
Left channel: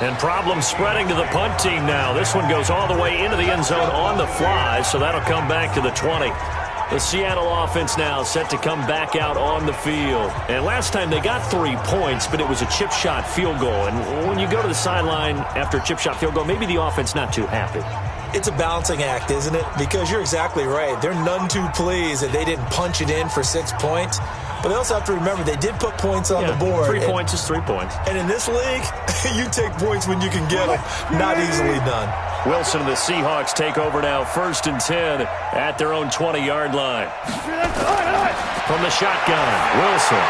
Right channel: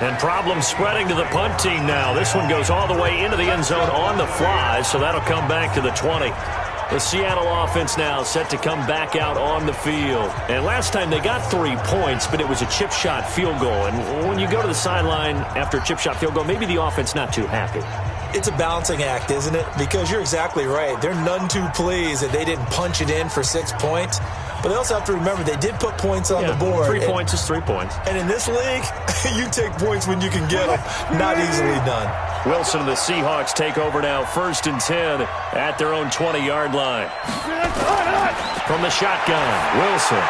And problems spreading to the punt team now. This one goes all the way into the end zone on the fly, so that'll come back to the 20. The Seattle offense now set to come back out on the field. And last time they got 3 points, but it was a chip shot field goal. And when you go to the sideline after a chip shot field goal, maybe the offense not too happy. It's a balancing act, isn't it? Because you're exactly right. They're none too pleased that they didn't punch it in for 6 points. But they also have to remember they did put points on the board. 3 points is 3 points. And in this league, you take points when you can get them. Not easily done. Wilson and the Seahawks take over now, 1st and 10 at their own 20-yard line. From the shotgun, Wilson.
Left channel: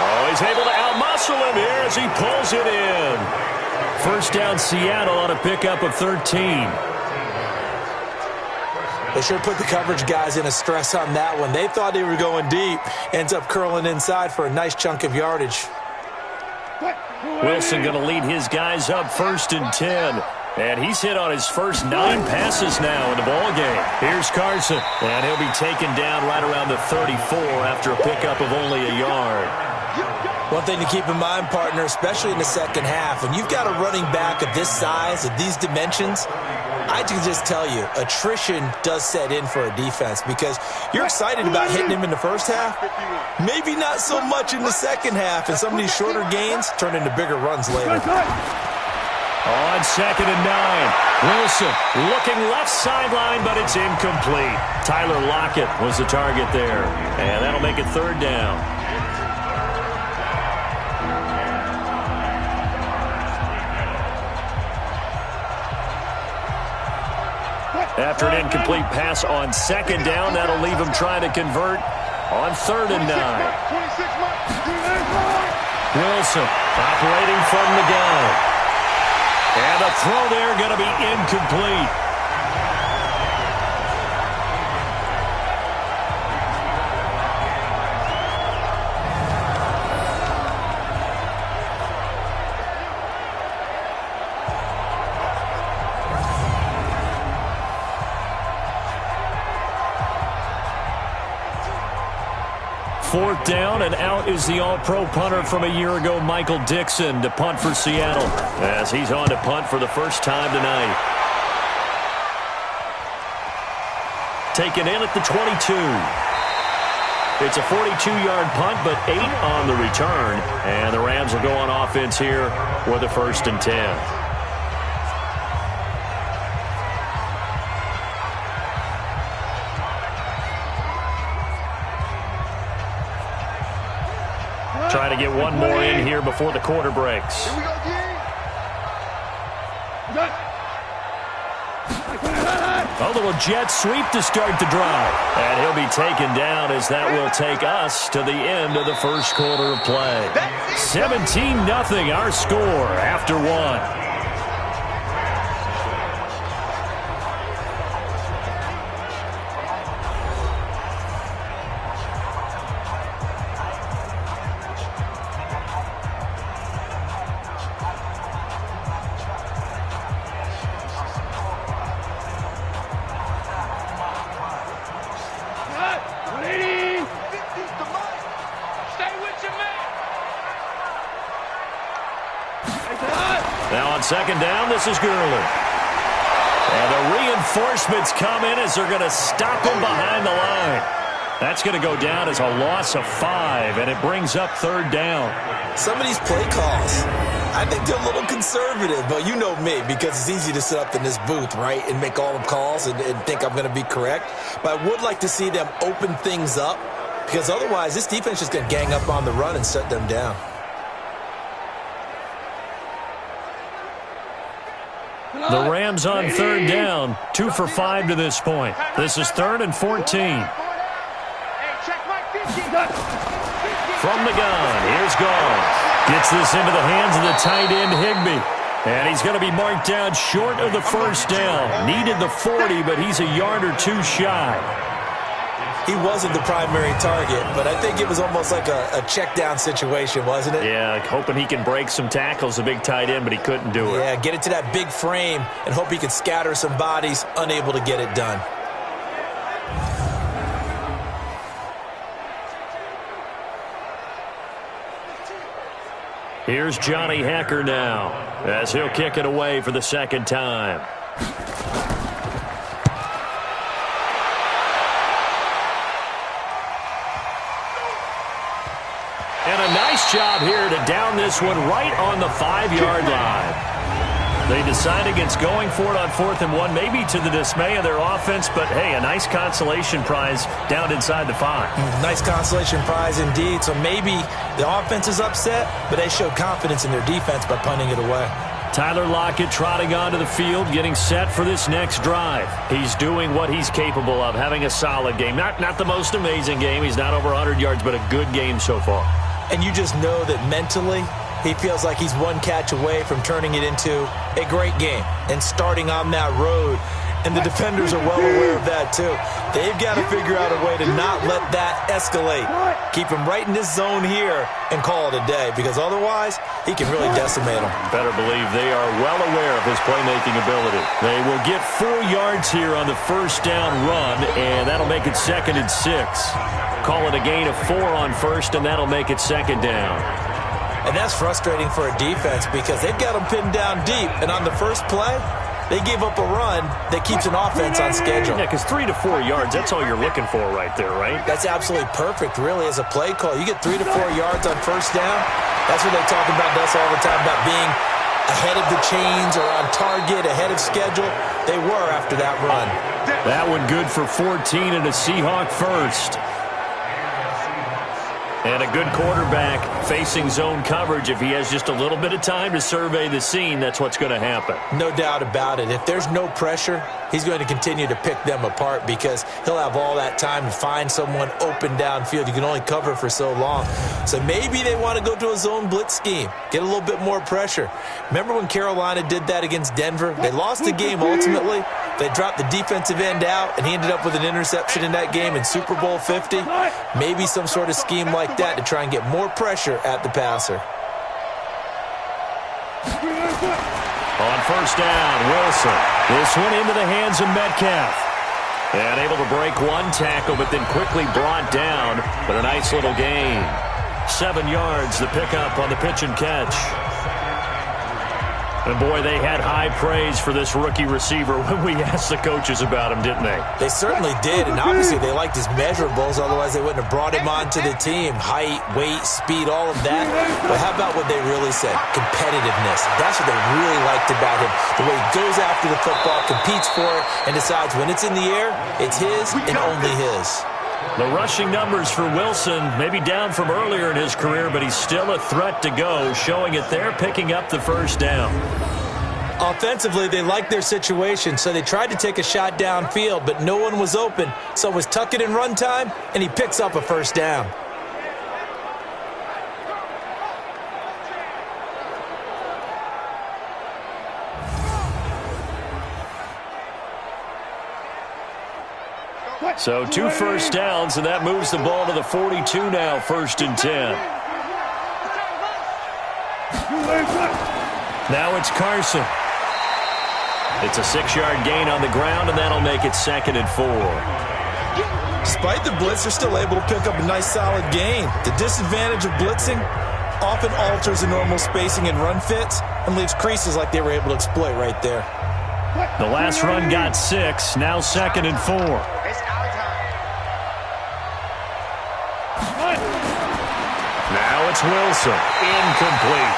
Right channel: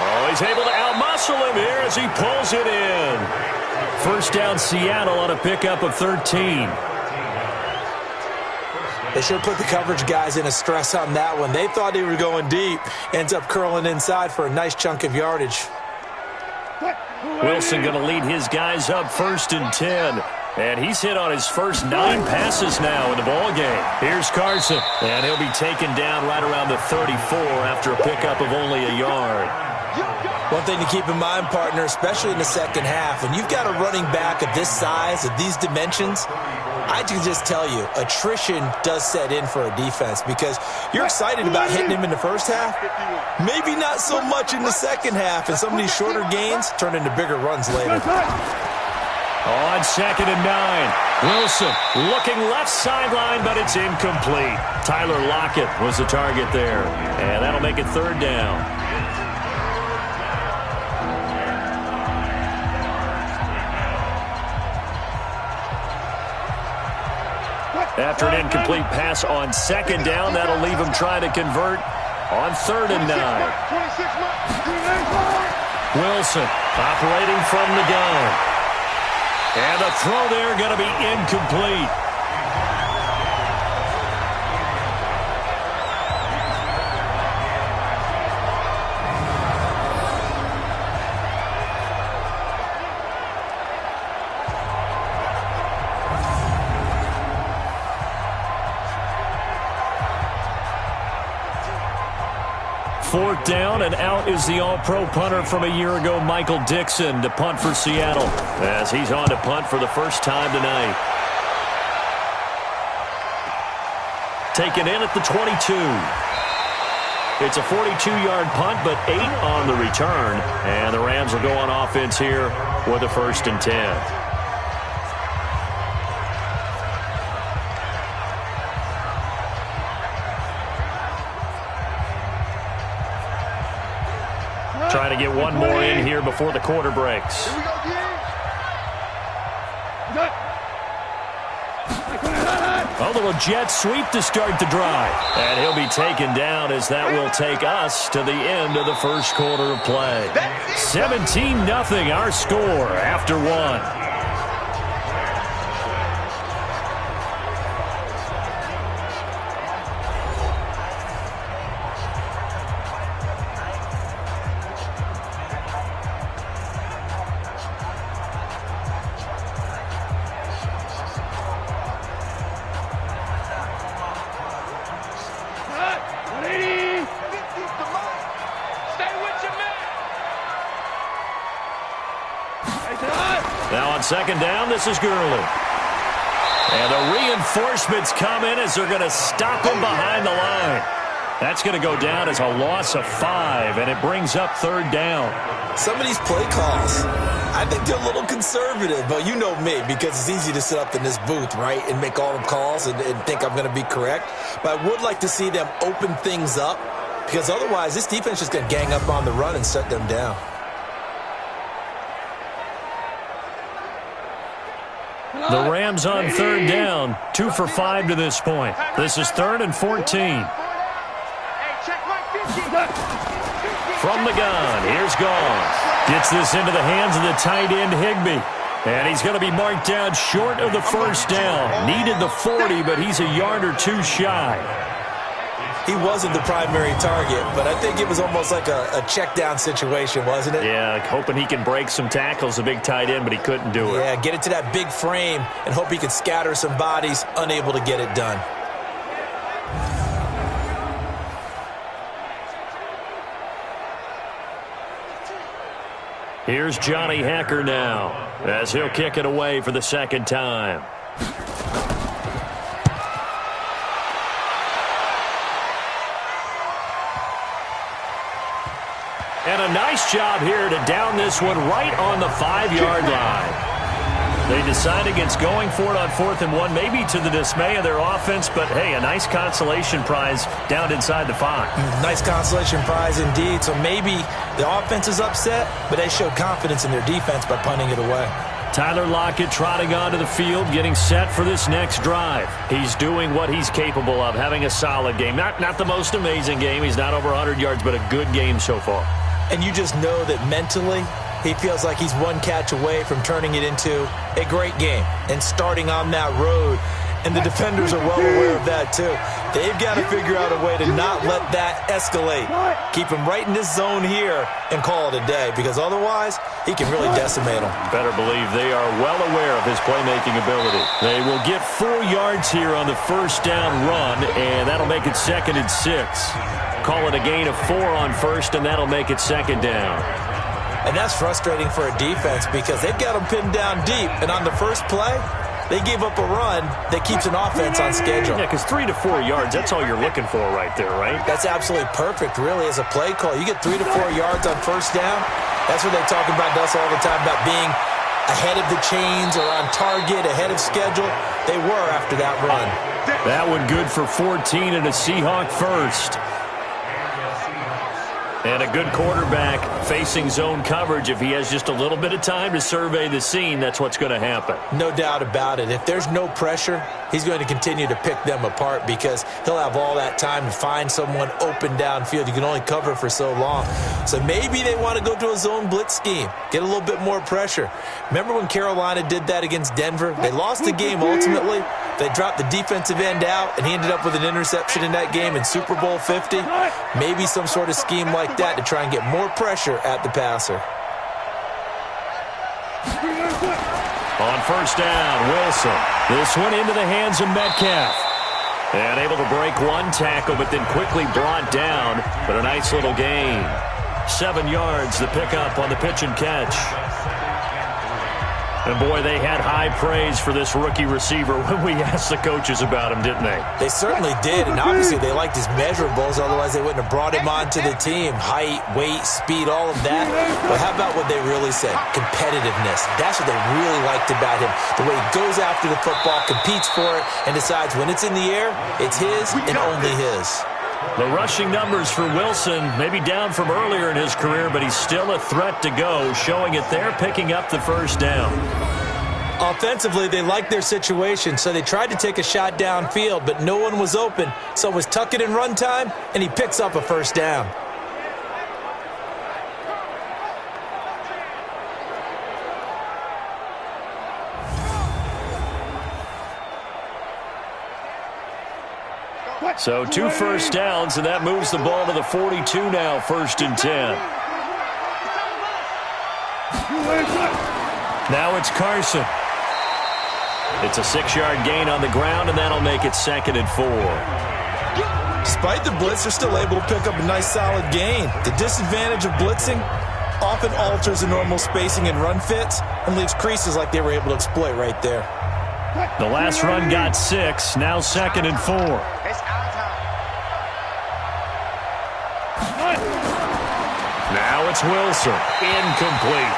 Oh, he's able to outmuscle him here as he pulls it in. 1st down, Seattle on a pickup of 13. They sure put the coverage guys in a stress on that one. They thought they were going deep. Ends up curling inside for a nice chunk of yardage. Wilson going to lead his guys up 1st and 10. And he's hit on his first 9 passes now in the ball game. Here's Carson. And he'll be taken down right around the 34 after a pickup of only a yard. One thing to keep in mind, partner, especially in the second half, when you've got a running back of this size, of these dimensions, I can just tell you, attrition does set in for a defense because you're excited about hitting him in the first half. Maybe not so much in the second half, and some of these shorter gains turn into bigger runs later. On 2nd and 9, Wilson looking left sideline, but it's incomplete. Tyler Lockett was the target there, and that'll make it 3rd down. After an incomplete pass on 2nd down, that'll leave him trying to convert on 3rd and 9. Wilson operating from the gun. And the throw there going to be incomplete. 4th down, and out is the all-pro punter from a year ago, Michael Dixon, to punt for Seattle, as he's on to punt for the first time tonight. Taken in at the 22. It's a 42-yard punt, but 8 on the return, and the Rams will go on offense here with a 1st and 10. Trying to get one more in here before the quarter breaks. Here we go, D. A little jet sweep to start the drive. And he'll be taken down as that will take us to the end of the first quarter of play. 17-0 our score after 1. Now on 2nd down, this is Gurley. And the reinforcements come in as they're going to stop him behind the line. That's going to go down as a loss of 5, and it brings up 3rd down. Some of these play calls, I think they're a little conservative, but you know me, because it's easy to sit up in this booth, right, and make all the calls and think I'm going to be correct. But I would like to see them open things up, because otherwise this defense is going to gang up on the run and shut them down. The Rams on 3rd down, 2 for 5 to this point. This is 3rd and 14. From the gun, here's Goff. Gets this into the hands of the tight end, Higbee. And he's going to be marked down short of the 1st down. Needed the 40, but he's a yard or 2 shy. He wasn't the primary target, but I think it was almost like a check down situation, wasn't it? Yeah, hoping he can break some tackles, the big tight end, but he couldn't do it. Yeah, get it to that big frame and hope he could scatter some bodies, unable to get it done. Here's Johnny Hacker now, as he'll kick it away for the 2nd time. And a nice job here to down this one right on the 5-yard line. They decide against going for it on 4th and 1, maybe to the dismay of their offense, but hey, a nice consolation prize down inside the 5. Nice consolation prize indeed. So maybe the offense is upset, but they showed confidence in their defense by punting it away. Tyler Lockett trotting onto the field, getting set for this next drive. He's doing what he's capable of, having a solid game. Not the most amazing game. He's not over 100 yards, but a good game so far. And you just know that mentally he feels like he's one catch away from turning it into a great game and starting on that road. And the defenders are well aware of that too. They've got to figure out a way to not let that escalate. Keep him right in this zone here and call it a day, because otherwise he can really decimate them. Better believe they are well aware of his playmaking ability. They will get 4 yards here on the 1st down run, and that'll make it 2nd and 6. Call it a gain of 4 on 1st, and that'll make it 2nd down. And that's frustrating for a defense because they've got them pinned down deep, and on the first play, they gave up a run that keeps an offense on schedule. Yeah, because 3 to 4 yards, that's all you're looking for right there, right? That's absolutely perfect, really, as a play call. You get 3 to 4 yards on 1st down. That's what they talk about us all the time, about being ahead of the chains or on target, ahead of schedule. They were after that run. That one good for 14 and a Seahawk 1st. And a good quarterback facing zone coverage. If he has just a little bit of time to survey the scene, that's what's going to happen. No doubt about it. If there's no pressure, he's going to continue to pick them apart because he'll have all that time to find someone open downfield. You can only cover for so long. So maybe they want to go to a zone blitz scheme, get a little bit more pressure. Remember when Carolina did that against Denver? They lost the game ultimately. They dropped the defensive end out, and he ended up with an interception in that game in Super Bowl 50. Maybe some sort of scheme like that to try and get more pressure at the passer. On 1st down, Wilson. This one into the hands of Metcalf. And able to break one tackle, but then quickly brought down. But a nice little gain. 7 yards, the pickup on the pitch and catch. And, boy, they had high praise for this rookie receiver when we asked the coaches about him, didn't they? They certainly did, and obviously they liked his measurables. Otherwise, they wouldn't have brought him onto the team. Height, weight, speed, all of that. But how about what they really said? Competitiveness. That's what they really liked about him. The way he goes after the football, competes for it, and decides when it's in the air, it's his and only his. The rushing numbers for Wilson, maybe down from earlier in his career, but he's still a threat to go, showing it there, picking up the first down. Offensively, they liked their situation, so they tried to take a shot downfield, but no one was open. So it was tuck it in run time, and he picks up a first down. So 2 first downs, and that moves the ball to the 42 now, 1st and 10. Now it's Carson. It's a 6-yard gain on the ground, and that'll make it 2nd and 4. Despite the blitz, they're still able to pick up a nice solid gain. The disadvantage of blitzing often alters the normal spacing and run fits and leaves creases like they were able to exploit right there. The last run got 6, now 2nd and 4. It's our time. Now it's Wilson. Incomplete.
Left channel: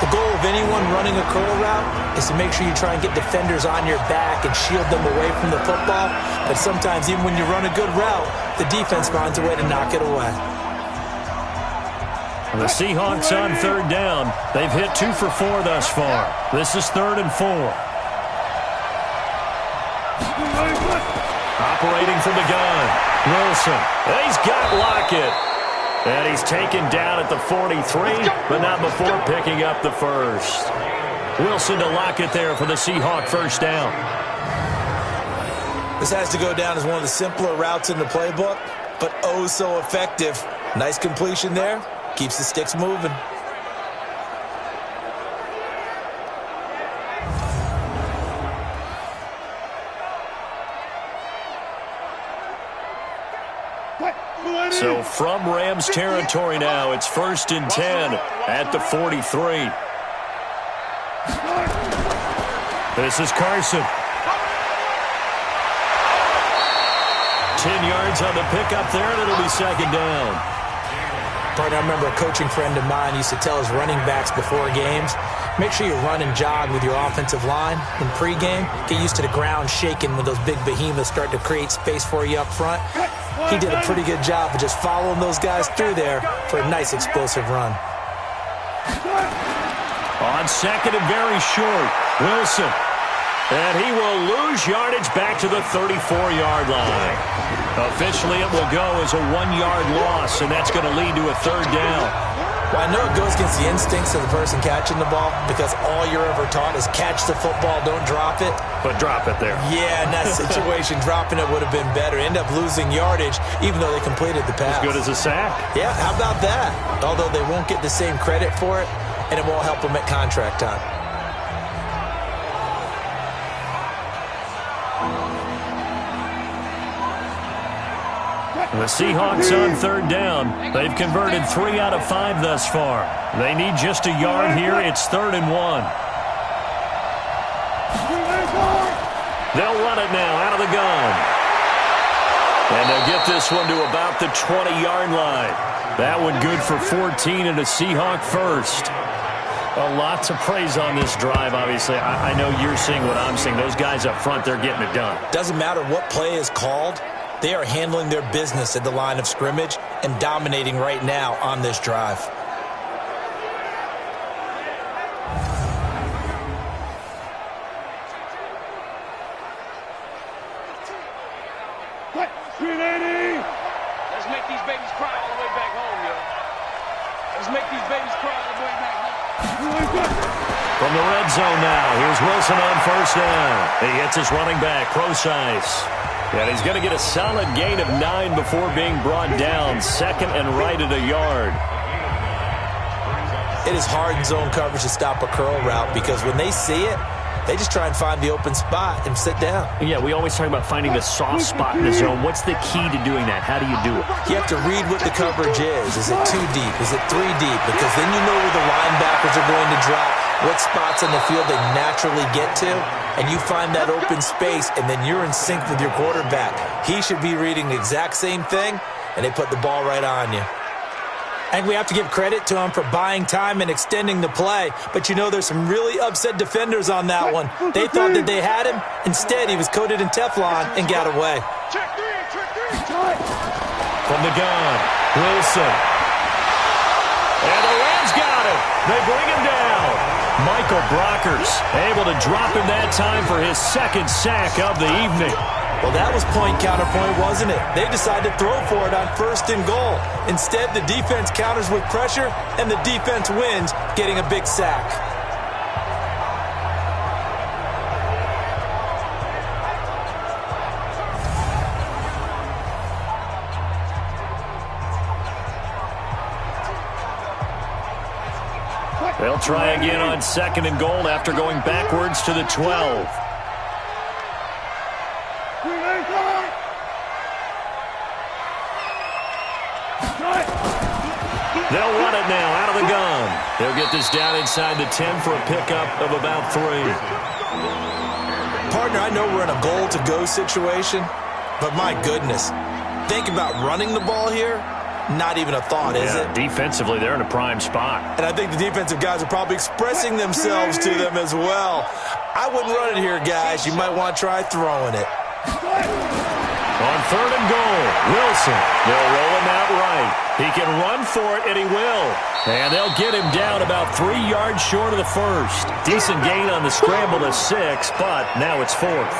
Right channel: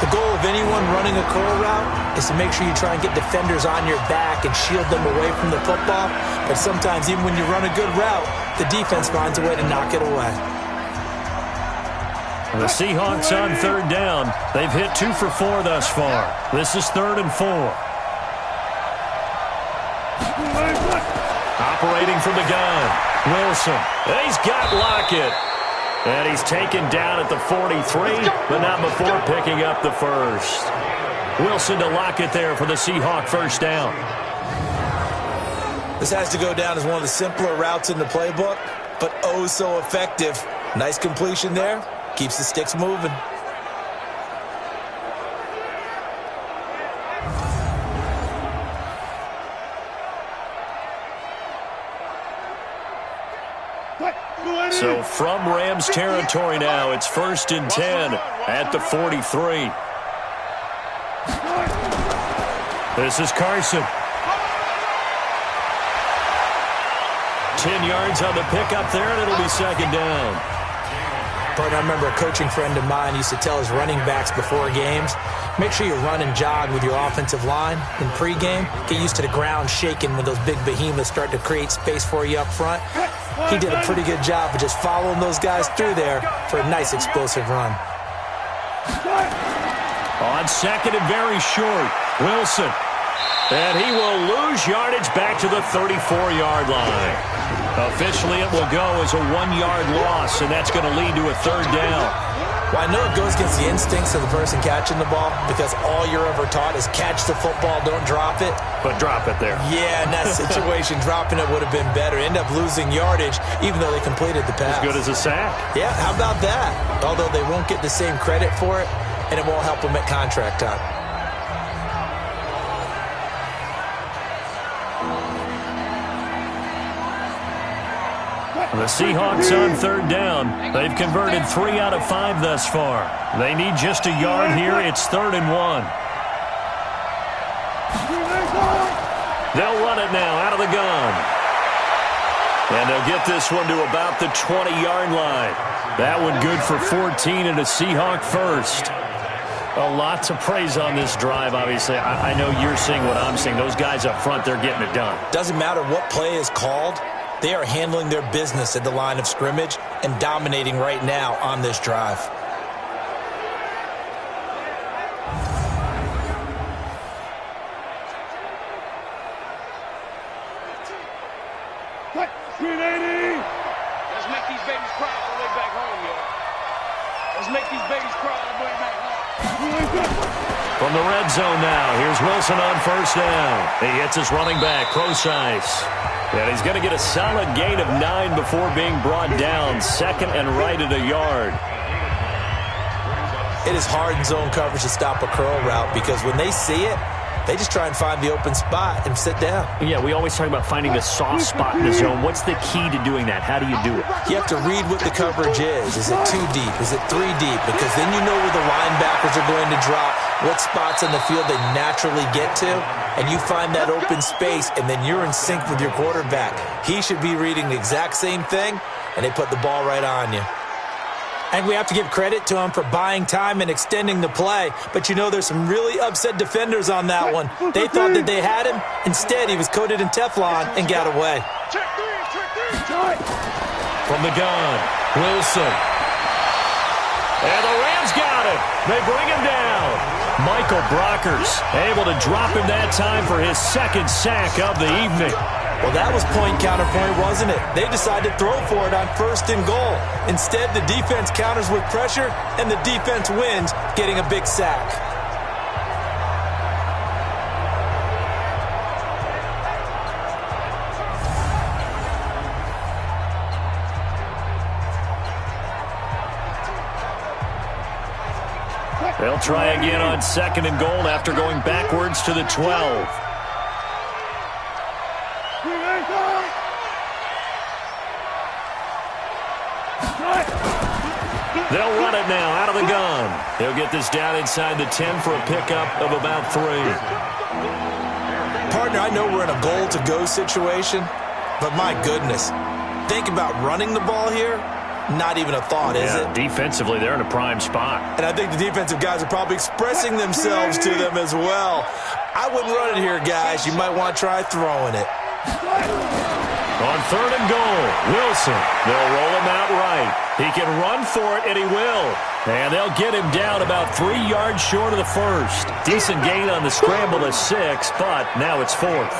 The goal of anyone running a curl route is to make sure you try and get defenders on your back and shield them away from the football. But sometimes, even when you run a good route, the defense finds a way to knock it away. The Seahawks on 3rd down. They've hit 2 for 4 thus far. This is 3rd and 4. Operating from the gun. Wilson. He's got Lockett. And he's taken down at the 43, but not before picking up the first. Wilson to Lockett there for the Seahawk first down. This has to go down as one of the simpler routes in the playbook, but oh so effective. Nice completion there. Keeps the sticks moving. So from Rams territory now, it's 1st and 10 at the 43. This is Carson. 10 yards on the pickup there, and it'll be 2nd down. Partner, I remember a coaching friend of mine used to tell his running backs before games, make sure you run and jog with your offensive line in pregame. Get used to the ground shaking when those big behemoths start to create space for you up front. He did a pretty good job of just following those guys through there for a nice explosive run. On 2nd and very short, Wilson. And he will lose yardage back to the 34-yard line. Officially, it will go as a 1-yard loss, and that's going to lead to a 3rd down. Well, I know it goes against the instincts of the person catching the ball because all you're ever taught is catch the football, don't drop it. But drop it there. Yeah, in that situation, dropping it would have been better. End up losing yardage, even though they completed the pass. As good as a sack. Yeah, how about that? Although they won't get the same credit for it, and it won't help them at contract time. The Seahawks on 3rd down. They've converted 3 out of 5 thus far. They need just a yard here. It's 3rd and 1. They'll run it now out of the gun. And they'll get this one to about the 20-yard line. That one good for 14 and a Seahawk first. A lot to praise on this drive, obviously. I know you're seeing what I'm seeing. Those guys up front, they're getting it done. Doesn't matter what play is called. They are handling their business at the line of scrimmage and dominating right now on this drive. Let's make these babies cry all the way back home, yo. Let's make these babies cry all the way back home. From the red zone now, here's Wilson on 1st down. He hits his running back, Procise. And he's going to get a solid gain of 9 before being brought down. 2nd and right at a yard. It is hard in zone coverage to stop a curl route because when they see it, They just try and find the open spot and sit down. Yeah, we always talk about finding the soft spot in the zone. What's the key to doing that? How do you do it? You have to read what the coverage is. Is it 2 deep? Is it 3 deep? Because then you know where the linebackers are going to drop, what spots on the field they naturally get to, and you find that open space, and then you're in sync with your quarterback. He should be reading the exact same thing, and they put the ball right on you. I think we have to give credit to him for buying time and extending the play. But you know there's some really upset defenders on that one. They thought that they had him. Instead, he was coated in Teflon and got away. Check three. From the gun, Wilson. And the Rams got him. They bring him down. Michael Brockers able to drop him that time for his second sack of the evening. Well, that was point counterpoint, wasn't it? They decided to throw for it on 1st and goal. Instead, the defense counters with pressure, and the defense wins, getting a big sack. They'll try again on 2nd and goal after going backwards to the 12. They'll run it now out of the gun. He'll get this down inside the 10 for a pickup of about 3. Partner, I know we're in a goal-to-go situation, but my goodness, think about running the ball here. Not even a thought, is it? Defensively, they're in a prime spot. And I think the defensive guys are probably expressing themselves to them as well. I wouldn't run it here, guys. You might want to try throwing it. On 3rd and goal, Wilson. They'll roll him out right. He can run for it, and he will. And they'll get him down about 3 yards short of the first. Decent gain on the scramble to 6, but now it's 4th.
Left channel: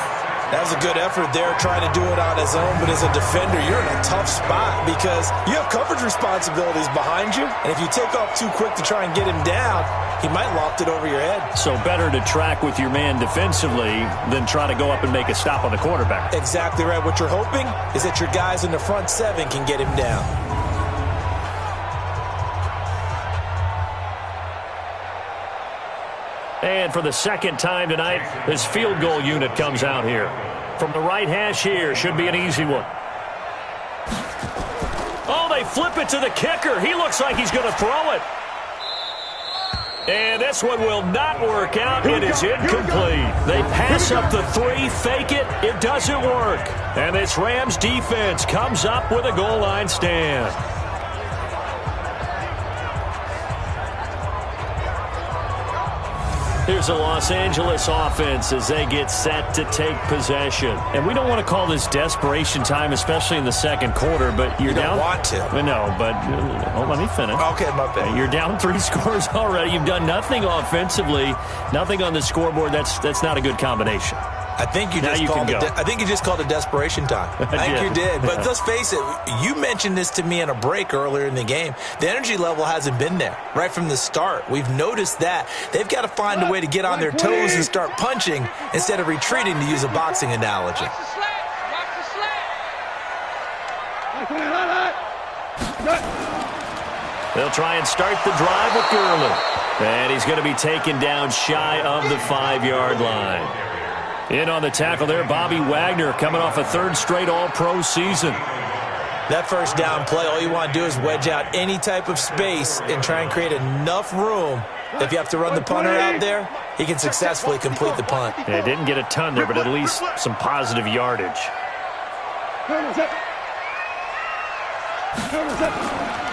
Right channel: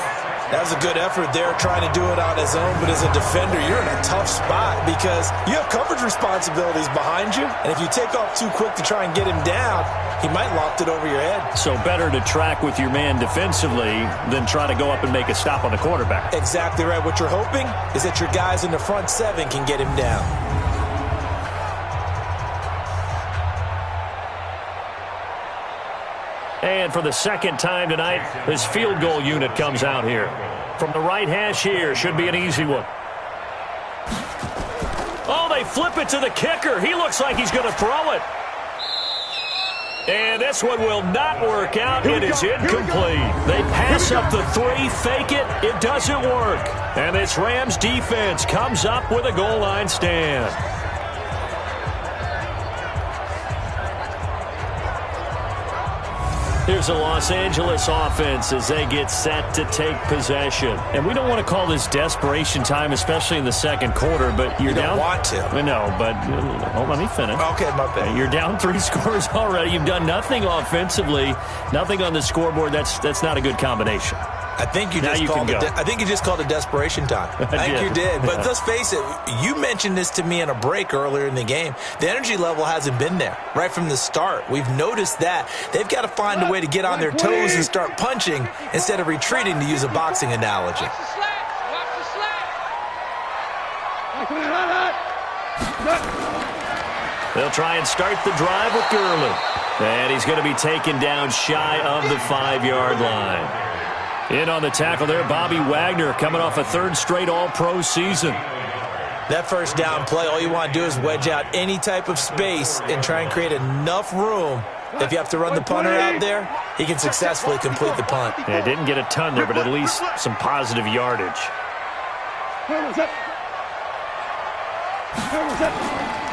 That was a good effort there, trying to do it on his own. But as a defender, you're in a tough spot because you have coverage responsibilities behind you. And if you take off too quick to try and get him down, he might loft it over your head. So better to track with your man defensively than try to go up and make a stop on the quarterback. Exactly right. What you're hoping is that your guys in the front 7 can get him down. And for the second time tonight, this field goal unit comes out here. From the right hash here, should be an easy one. Oh, they flip it to the kicker. He looks like he's going to throw it. And this one will not work out. It is incomplete. They pass up the 3, fake it. It doesn't work. And this Rams defense comes up with a goal line stand. Here's a Los Angeles offense as they get set to take possession. And we don't want to call this desperation time, especially in the second quarter, but you're down. You don't want to. No, but let me finish. Okay, my bad. You're down 3 scores already. You've done nothing offensively, nothing on the scoreboard. That's not a good combination. I think you just called it desperation time. I think you did. But let's face it, you mentioned this to me in a break earlier in the game. The energy level hasn't been there right from the start. We've noticed that. They've got to find a way to get on their toes and start punching instead of retreating, to use a boxing analogy. Watch the slack. They'll try and start the drive with Gurley. And he's going to be taken down shy of the 5-yard line. In on the tackle there, Bobby Wagner, coming off a 3rd straight All-Pro season. That first down play, all you want to do is wedge out any type of space and try and create enough room. If you have to run the punter out there, he can successfully complete the punt. Yeah, didn't get a ton there, but at least some positive yardage.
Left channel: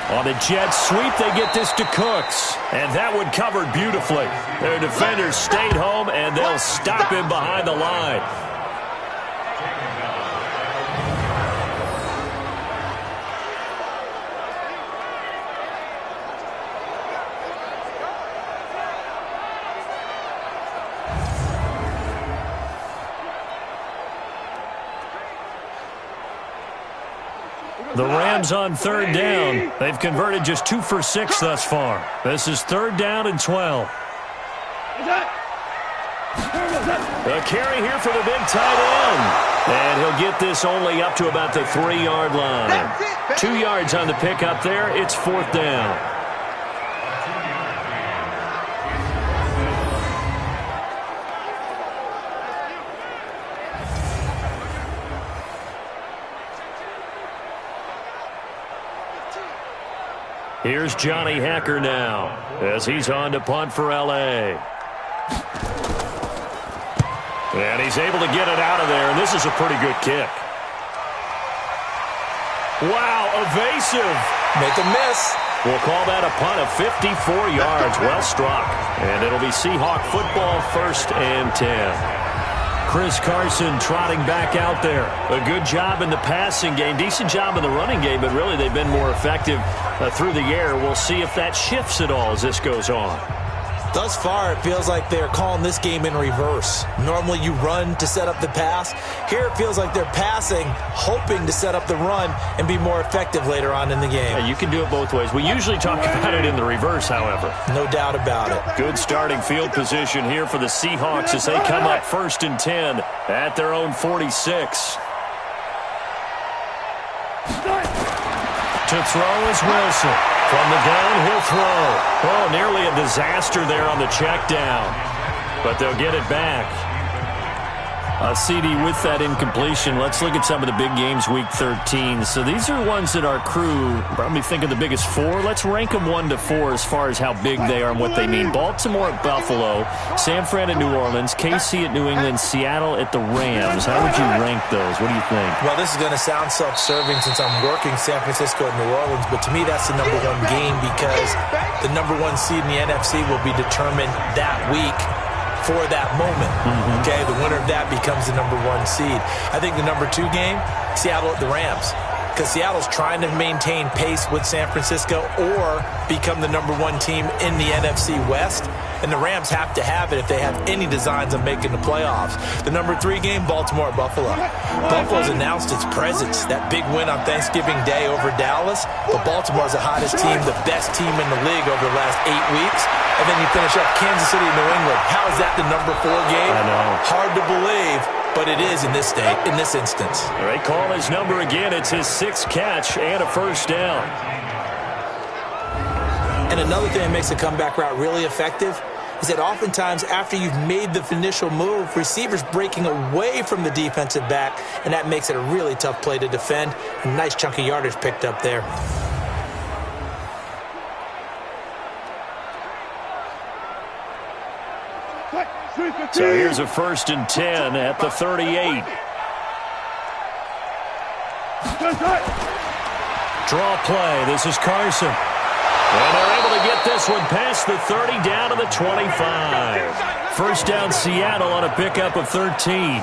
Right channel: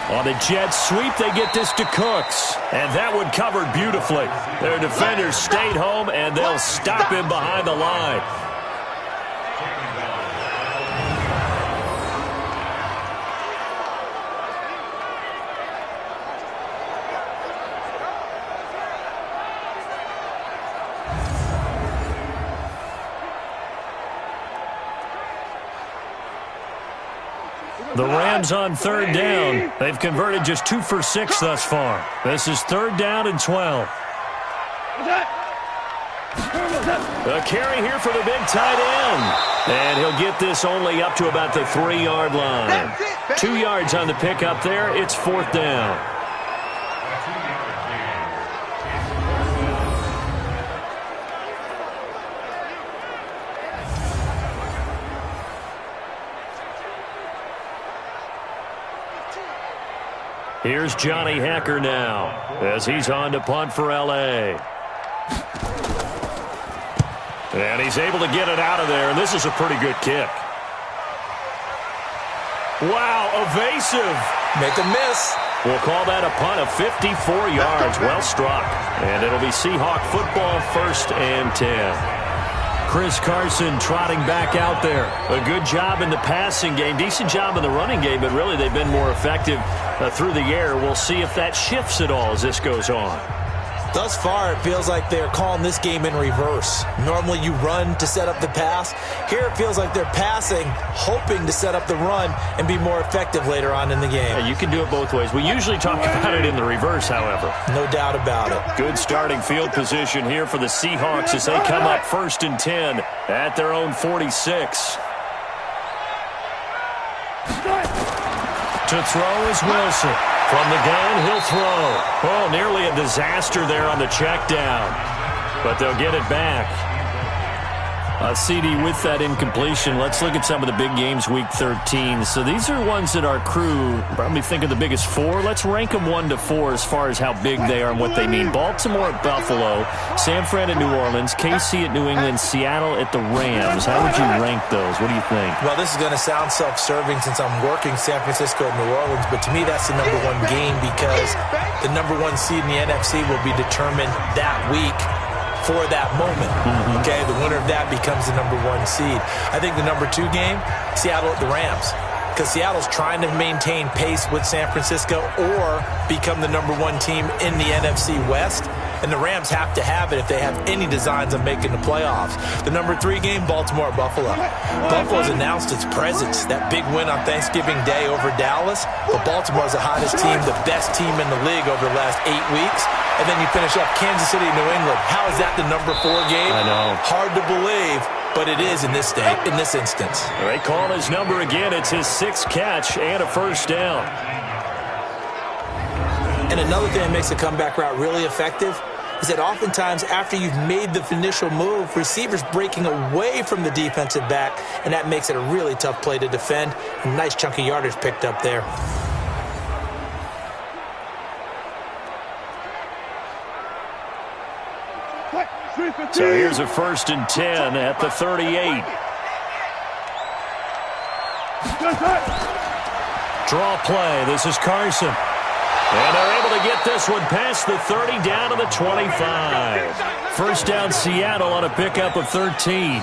On the jet sweep, they get this to Cooks. And that one covered beautifully. Their defenders stayed home, and they'll stop him behind the line. The Rams on 3rd down. They've converted just 2 for 6 thus far. This is 3rd down and 12. A carry here for the big tight end. And he'll get this only up to about the 3-yard line. 2 yards on the pickup there. It's 4th down. Here's Johnny Hacker now as he's on to punt for L.A. And he's able to get it out of there, and this is a pretty good kick. Wow, evasive. Make a miss. We'll call that a punt of 54 yards. Well struck. And it'll be Seahawk football, 1st and 10. Chris Carson trotting back out there. A good job in the passing game. Decent job in the running game, but really they've been more effective through the air. We'll see if that shifts at all as this goes on. Thus far, it feels like they're calling this game in reverse. Normally you run to set up the pass. Here it feels like they're passing, hoping to set up the run and be more effective later on in the game. Yeah, you can do it both ways. We usually talk about it in the reverse, however. No doubt about it. Good starting field position here for the Seahawks as they come up 1st and 10 at their own 46. To throw is Wilson. From the gun, he'll throw. Oh, nearly a disaster there on the check down. But they'll get it back. CD with that incompletion. Let's look at some of the big games week 13. So these are ones that our crew probably think of the biggest 4. Let's rank them 1 to 4 as far as how big they are and what they mean. Baltimore at Buffalo, San Fran at New Orleans, KC at New England, Seattle at the Rams. How would you rank those? What do you think? Well, this is going to sound self-serving since I'm working San Francisco and New Orleans, but to me that's the number 1 game because the number 1 seed in the NFC will be determined that week for that moment. Okay, the winner of that becomes the number 1 seed. I think the number 2 game, Seattle at the Rams, because Seattle's trying to maintain pace with San Francisco or become the number 1 team in the NFC West, and the Rams have to have it if they have any designs of making the playoffs. The number 3 game, Baltimore at Buffalo. Buffalo's announced its presence, that big win on Thanksgiving Day over Dallas, but Baltimore's the hottest team, the best team in the league over the last 8 weeks. And then you finish up Kansas City and New England. How is that the number 4 game? I know. Hard to believe, but it is in this instance. They call his number again. It's his 6th catch and a 1st down. And another thing that makes the comeback route really effective is that oftentimes after you've made the initial move, receivers breaking away from the defensive back, and that makes it a really tough play to defend. A nice chunk of yardage picked up there. So here's a 1st and 10 at the 38. Draw play. This is Carson. And they're able to get this one past the 30 down to the 25. 1st down Seattle on a pickup of 13.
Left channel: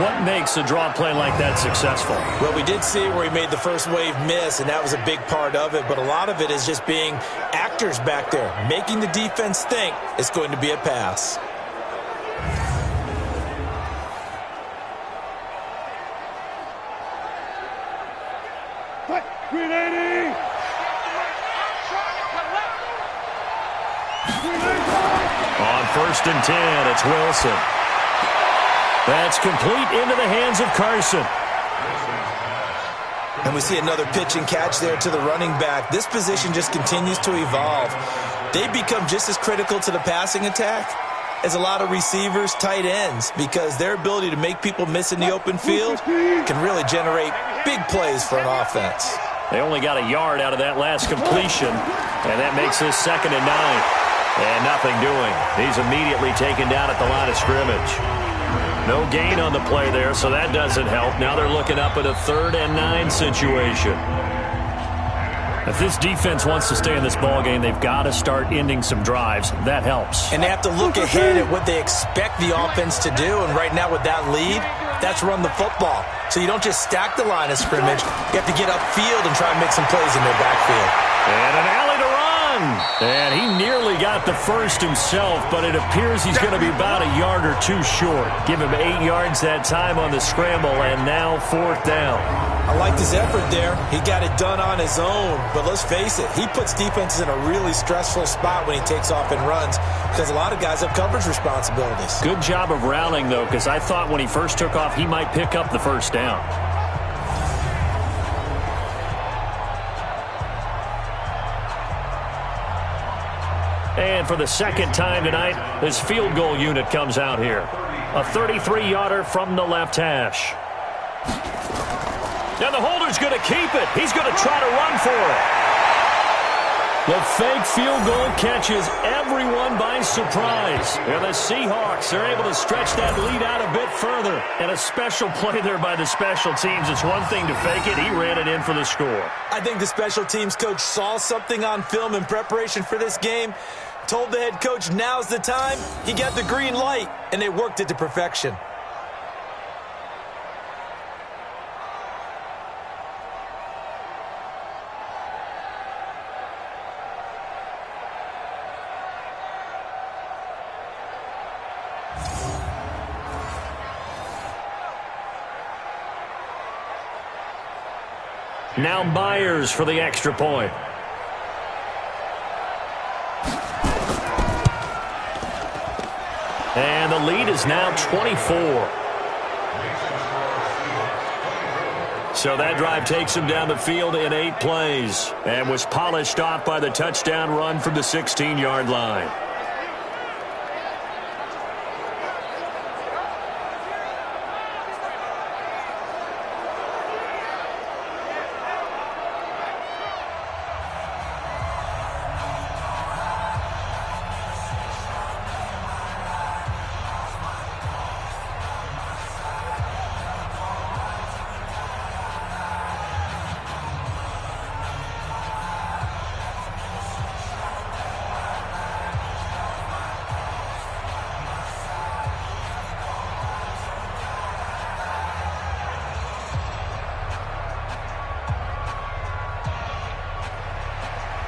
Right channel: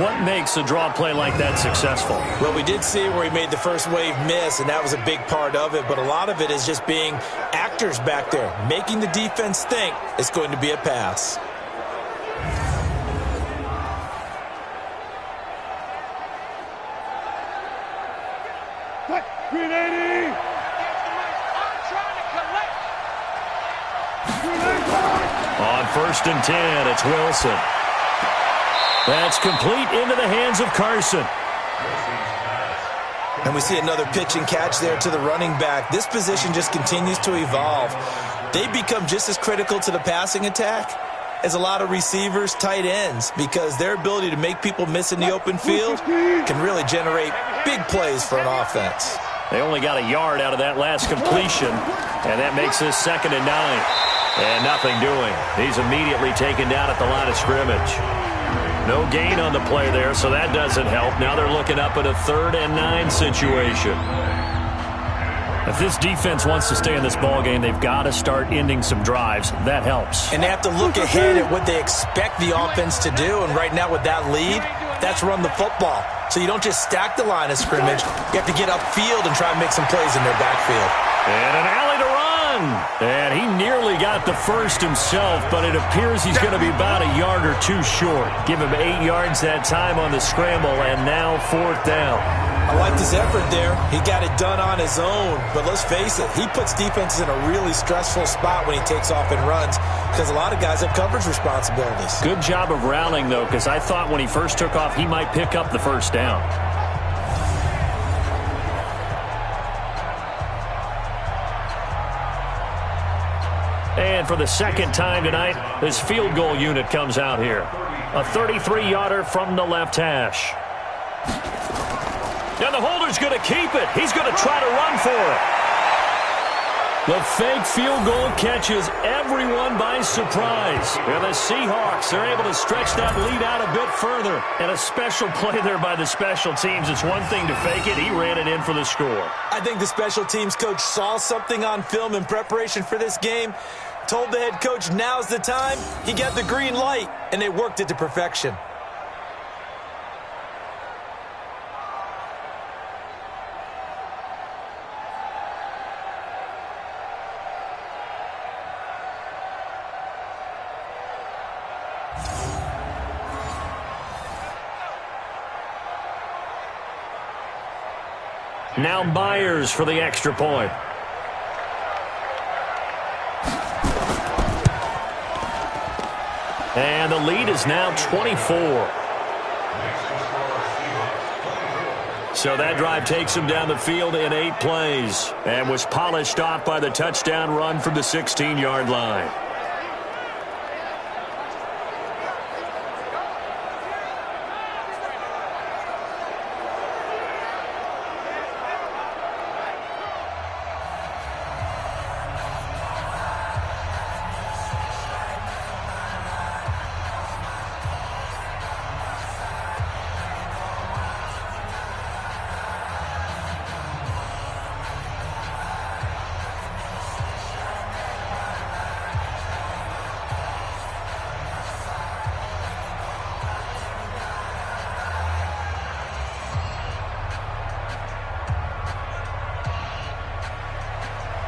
What makes a draw play like that successful? Well, we did see where he made the first wave miss, and that was a big part of it. But a lot of it is just being actors back there, making the defense think it's going to be a pass. On 1st and 10, it's Wilson. That's complete into the hands of Carson. And we see another pitch and catch there to the running back. This position just continues to evolve. They become just as critical to the passing attack as a lot of receivers, tight ends, because their ability to make people miss in the open field can really generate big plays for an offense. They only got a yard out of that last completion, and that makes this 2nd and 9. And nothing doing. He's immediately taken down at the line of scrimmage. No gain on the play there, so that doesn't help. Now they're looking up at a 3rd and 9 situation. If this defense wants to stay in this ballgame, they've got to start ending some drives. That helps. And they have to look ahead at what they expect the offense to do. And right now with that lead, that's run the football. So you don't just stack the line of scrimmage. You have to get upfield and try and make some plays in their backfield. And an alley to run. And he nearly got the first himself, but it appears he's going to be about a yard or 2 short. Give him 8 yards that time on the scramble, and now 4th down. I liked his effort there. He got it done on his own. But let's face it, he puts defenses in a really stressful spot when he takes off and runs because a lot of guys have coverage responsibilities. Good job of rallying, though, because I thought when he first took off, he might pick up the 1st down. And for the 2nd time tonight, this field goal unit comes out here. A 33-yarder from the left hash. And the holder's going to keep it. He's going to try to run for it. The fake field goal catches everyone by surprise. And the Seahawks are able to stretch that lead out a bit further. And a special play there by the special teams. It's one thing to fake it. He ran it in for the score. I think the special teams coach saw something on film in preparation for this game, told the head coach now's the time. He got the green light, and they worked it to perfection. Now Myers for the extra point. And the lead is now 24. So that drive takes him down the field in 8 plays and was polished off by the touchdown run from the 16-yard line.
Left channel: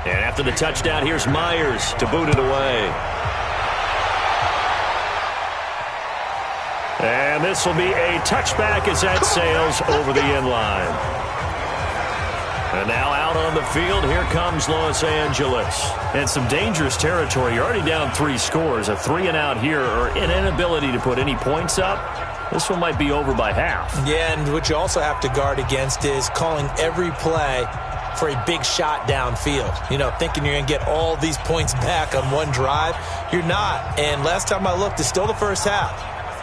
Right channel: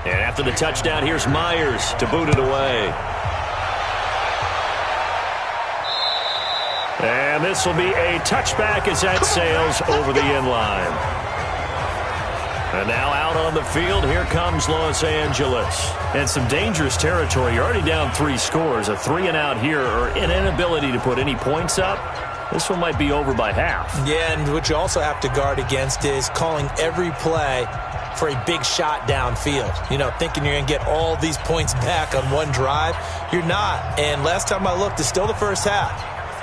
And after the touchdown, here's Myers to boot it away. And this will be a touchback as that sails over the end line. And now out on the field, here comes Los Angeles. And some dangerous territory. You're already down 3 scores. A 3-and-out here, or an inability to put any points up. This one might be over by half. Yeah, and what you also have to guard against is calling every play for a big shot downfield. You know, thinking you're going to get all these points back on one drive. You're not. And last time I looked, it's still the first half.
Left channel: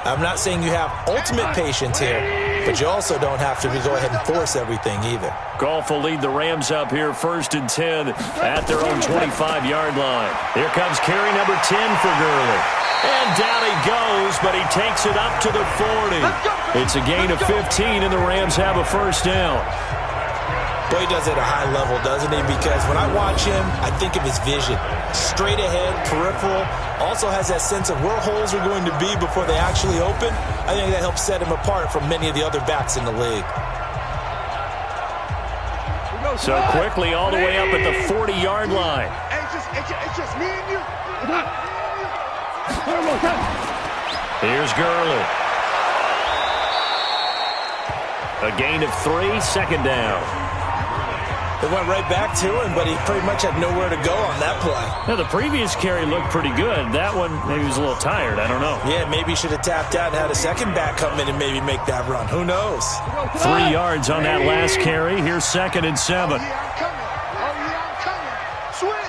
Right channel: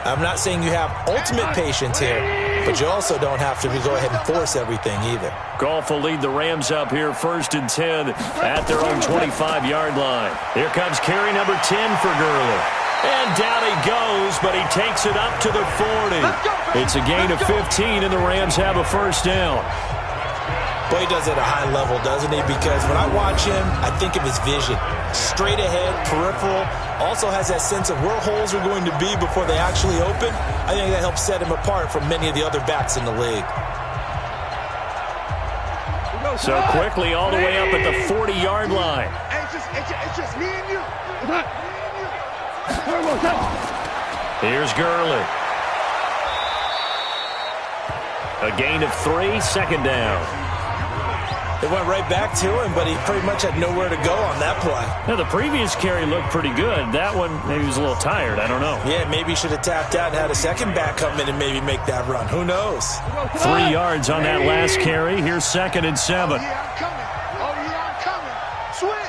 I'm not saying you have ultimate patience here, but you also don't have to go ahead and force everything either. Goff will lead the Rams up here 1st and 10 at their own 25-yard line. Here comes carry number 10 for Gurley. And down he goes, but he takes it up to the 40. It's a gain of 15, and the Rams have a first down. Boy, he does it at a high level, doesn't he? Because when I watch him, I think of his vision. Straight ahead, peripheral. Also has that sense of where holes are going to be before they actually open. I think that helps set him apart from many of the other backs in the league. So quickly all the way up at the 40-yard line. It's just me and you. Here's Gurley. A gain of 3, second down. They went right back to him, but he pretty much had nowhere to go on that play. Now, the previous carry looked pretty good. That one, maybe he was a little tired. I don't know. Yeah, maybe he should have tapped out and had a second back come in and maybe make that run. Who knows? 3 yards on that last carry. Here's 2nd and 7. Oh, yeah, I'm coming. Oh, yeah, I'm coming. Switch.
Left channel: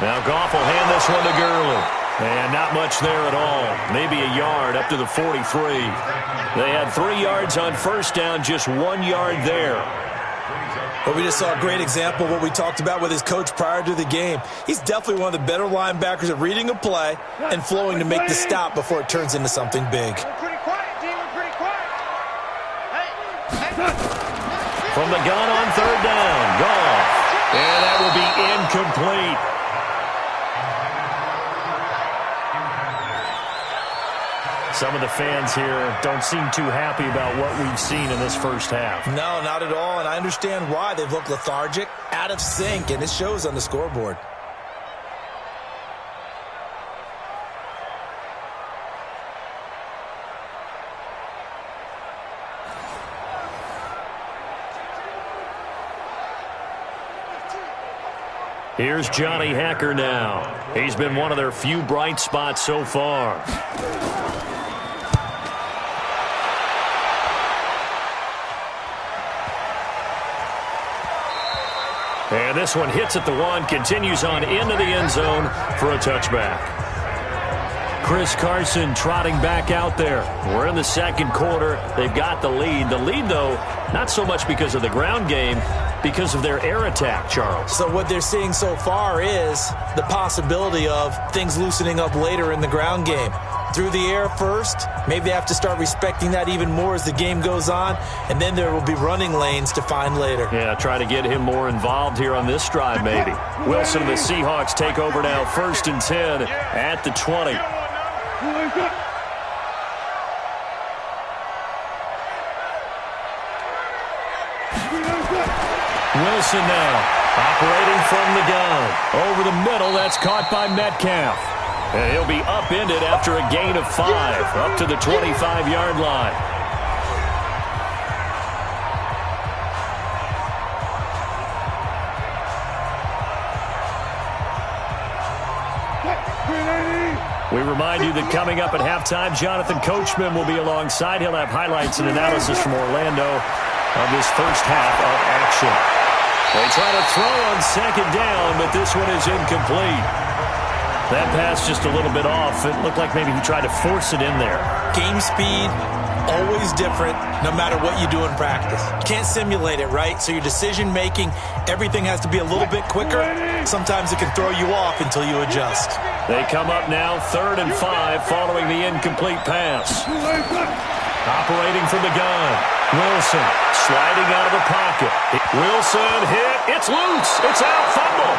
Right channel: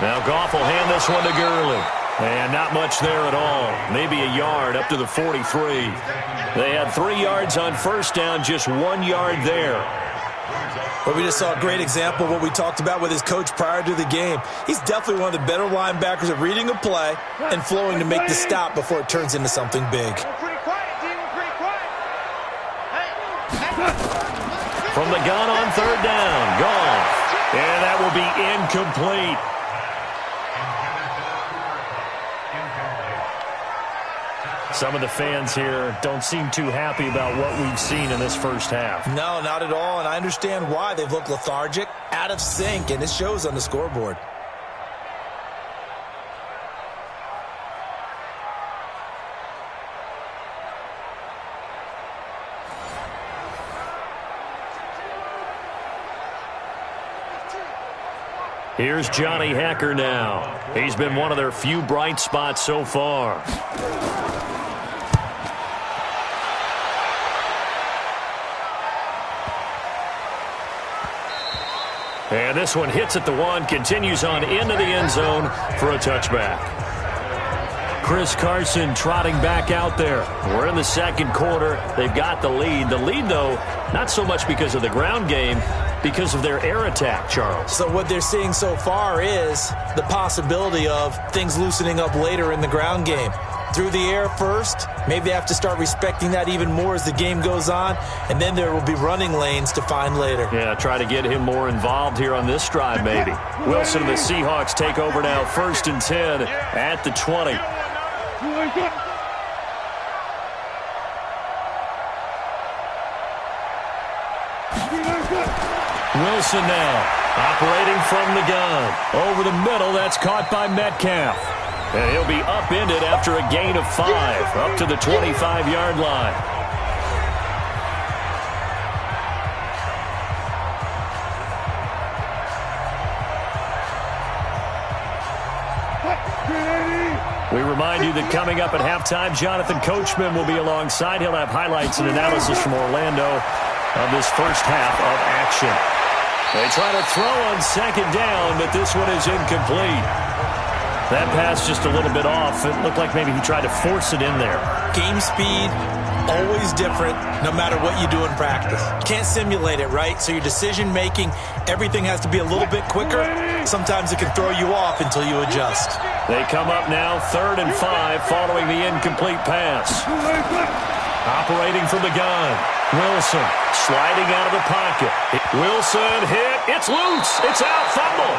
Now Goff will hand this one to Gurley. And not much there at all. Maybe a yard up to the 43. They had 3 yards on first down, just 1 yard there. But we just saw a great example of what we talked about with his coach prior to the game. He's definitely one of the better linebackers at reading a play and flowing to make the stop before it turns into something big. We're pretty quiet, D. We're pretty quiet. Hey. From the gun on 3rd down, Goff. And that will be incomplete. Some of the fans here don't seem too happy about what we've seen in this first half. No, not at all, and I understand why. They've looked lethargic, out of sync, and it shows on the scoreboard. Here's Johnny Hacker now. He's been one of their few bright spots so far. And this one hits at the 1, continues on into the end zone for a touchback. Chris Carson trotting back out there. We're in the 2nd quarter. They've got the lead. The lead, though, not so much because of the ground game, because of their air attack, Charles. So what they're seeing so far is the possibility of things loosening up later in the ground game. Through the air first, maybe they have to start respecting that even more as the game goes on, and then there will be running lanes to find later. Yeah, try to get him more involved here on this drive maybe. Wilson and the Seahawks take over now, 1st and 10 at the 20. Wilson now, operating from the gun. Over the middle, that's caught by Metcalf. And he'll be upended after a gain of 5, up to the 25-yard line. We remind you that coming up at halftime, Jonathan Coachman will be alongside. He'll have highlights and analysis from Orlando of this first half of action. They try to throw on 2nd down, but this one is incomplete. That pass just a little bit off. It looked like maybe he tried to force it in there. Game speed, always different, no matter what you do in practice. You can't simulate it, right? So your decision-making, everything has to be a little bit quicker. Sometimes it can throw you off until you adjust. They come up now, 3rd and 5, following the incomplete pass. Operating from the gun. Wilson sliding out of the pocket. Wilson hit. It's loose. It's out. Fumble.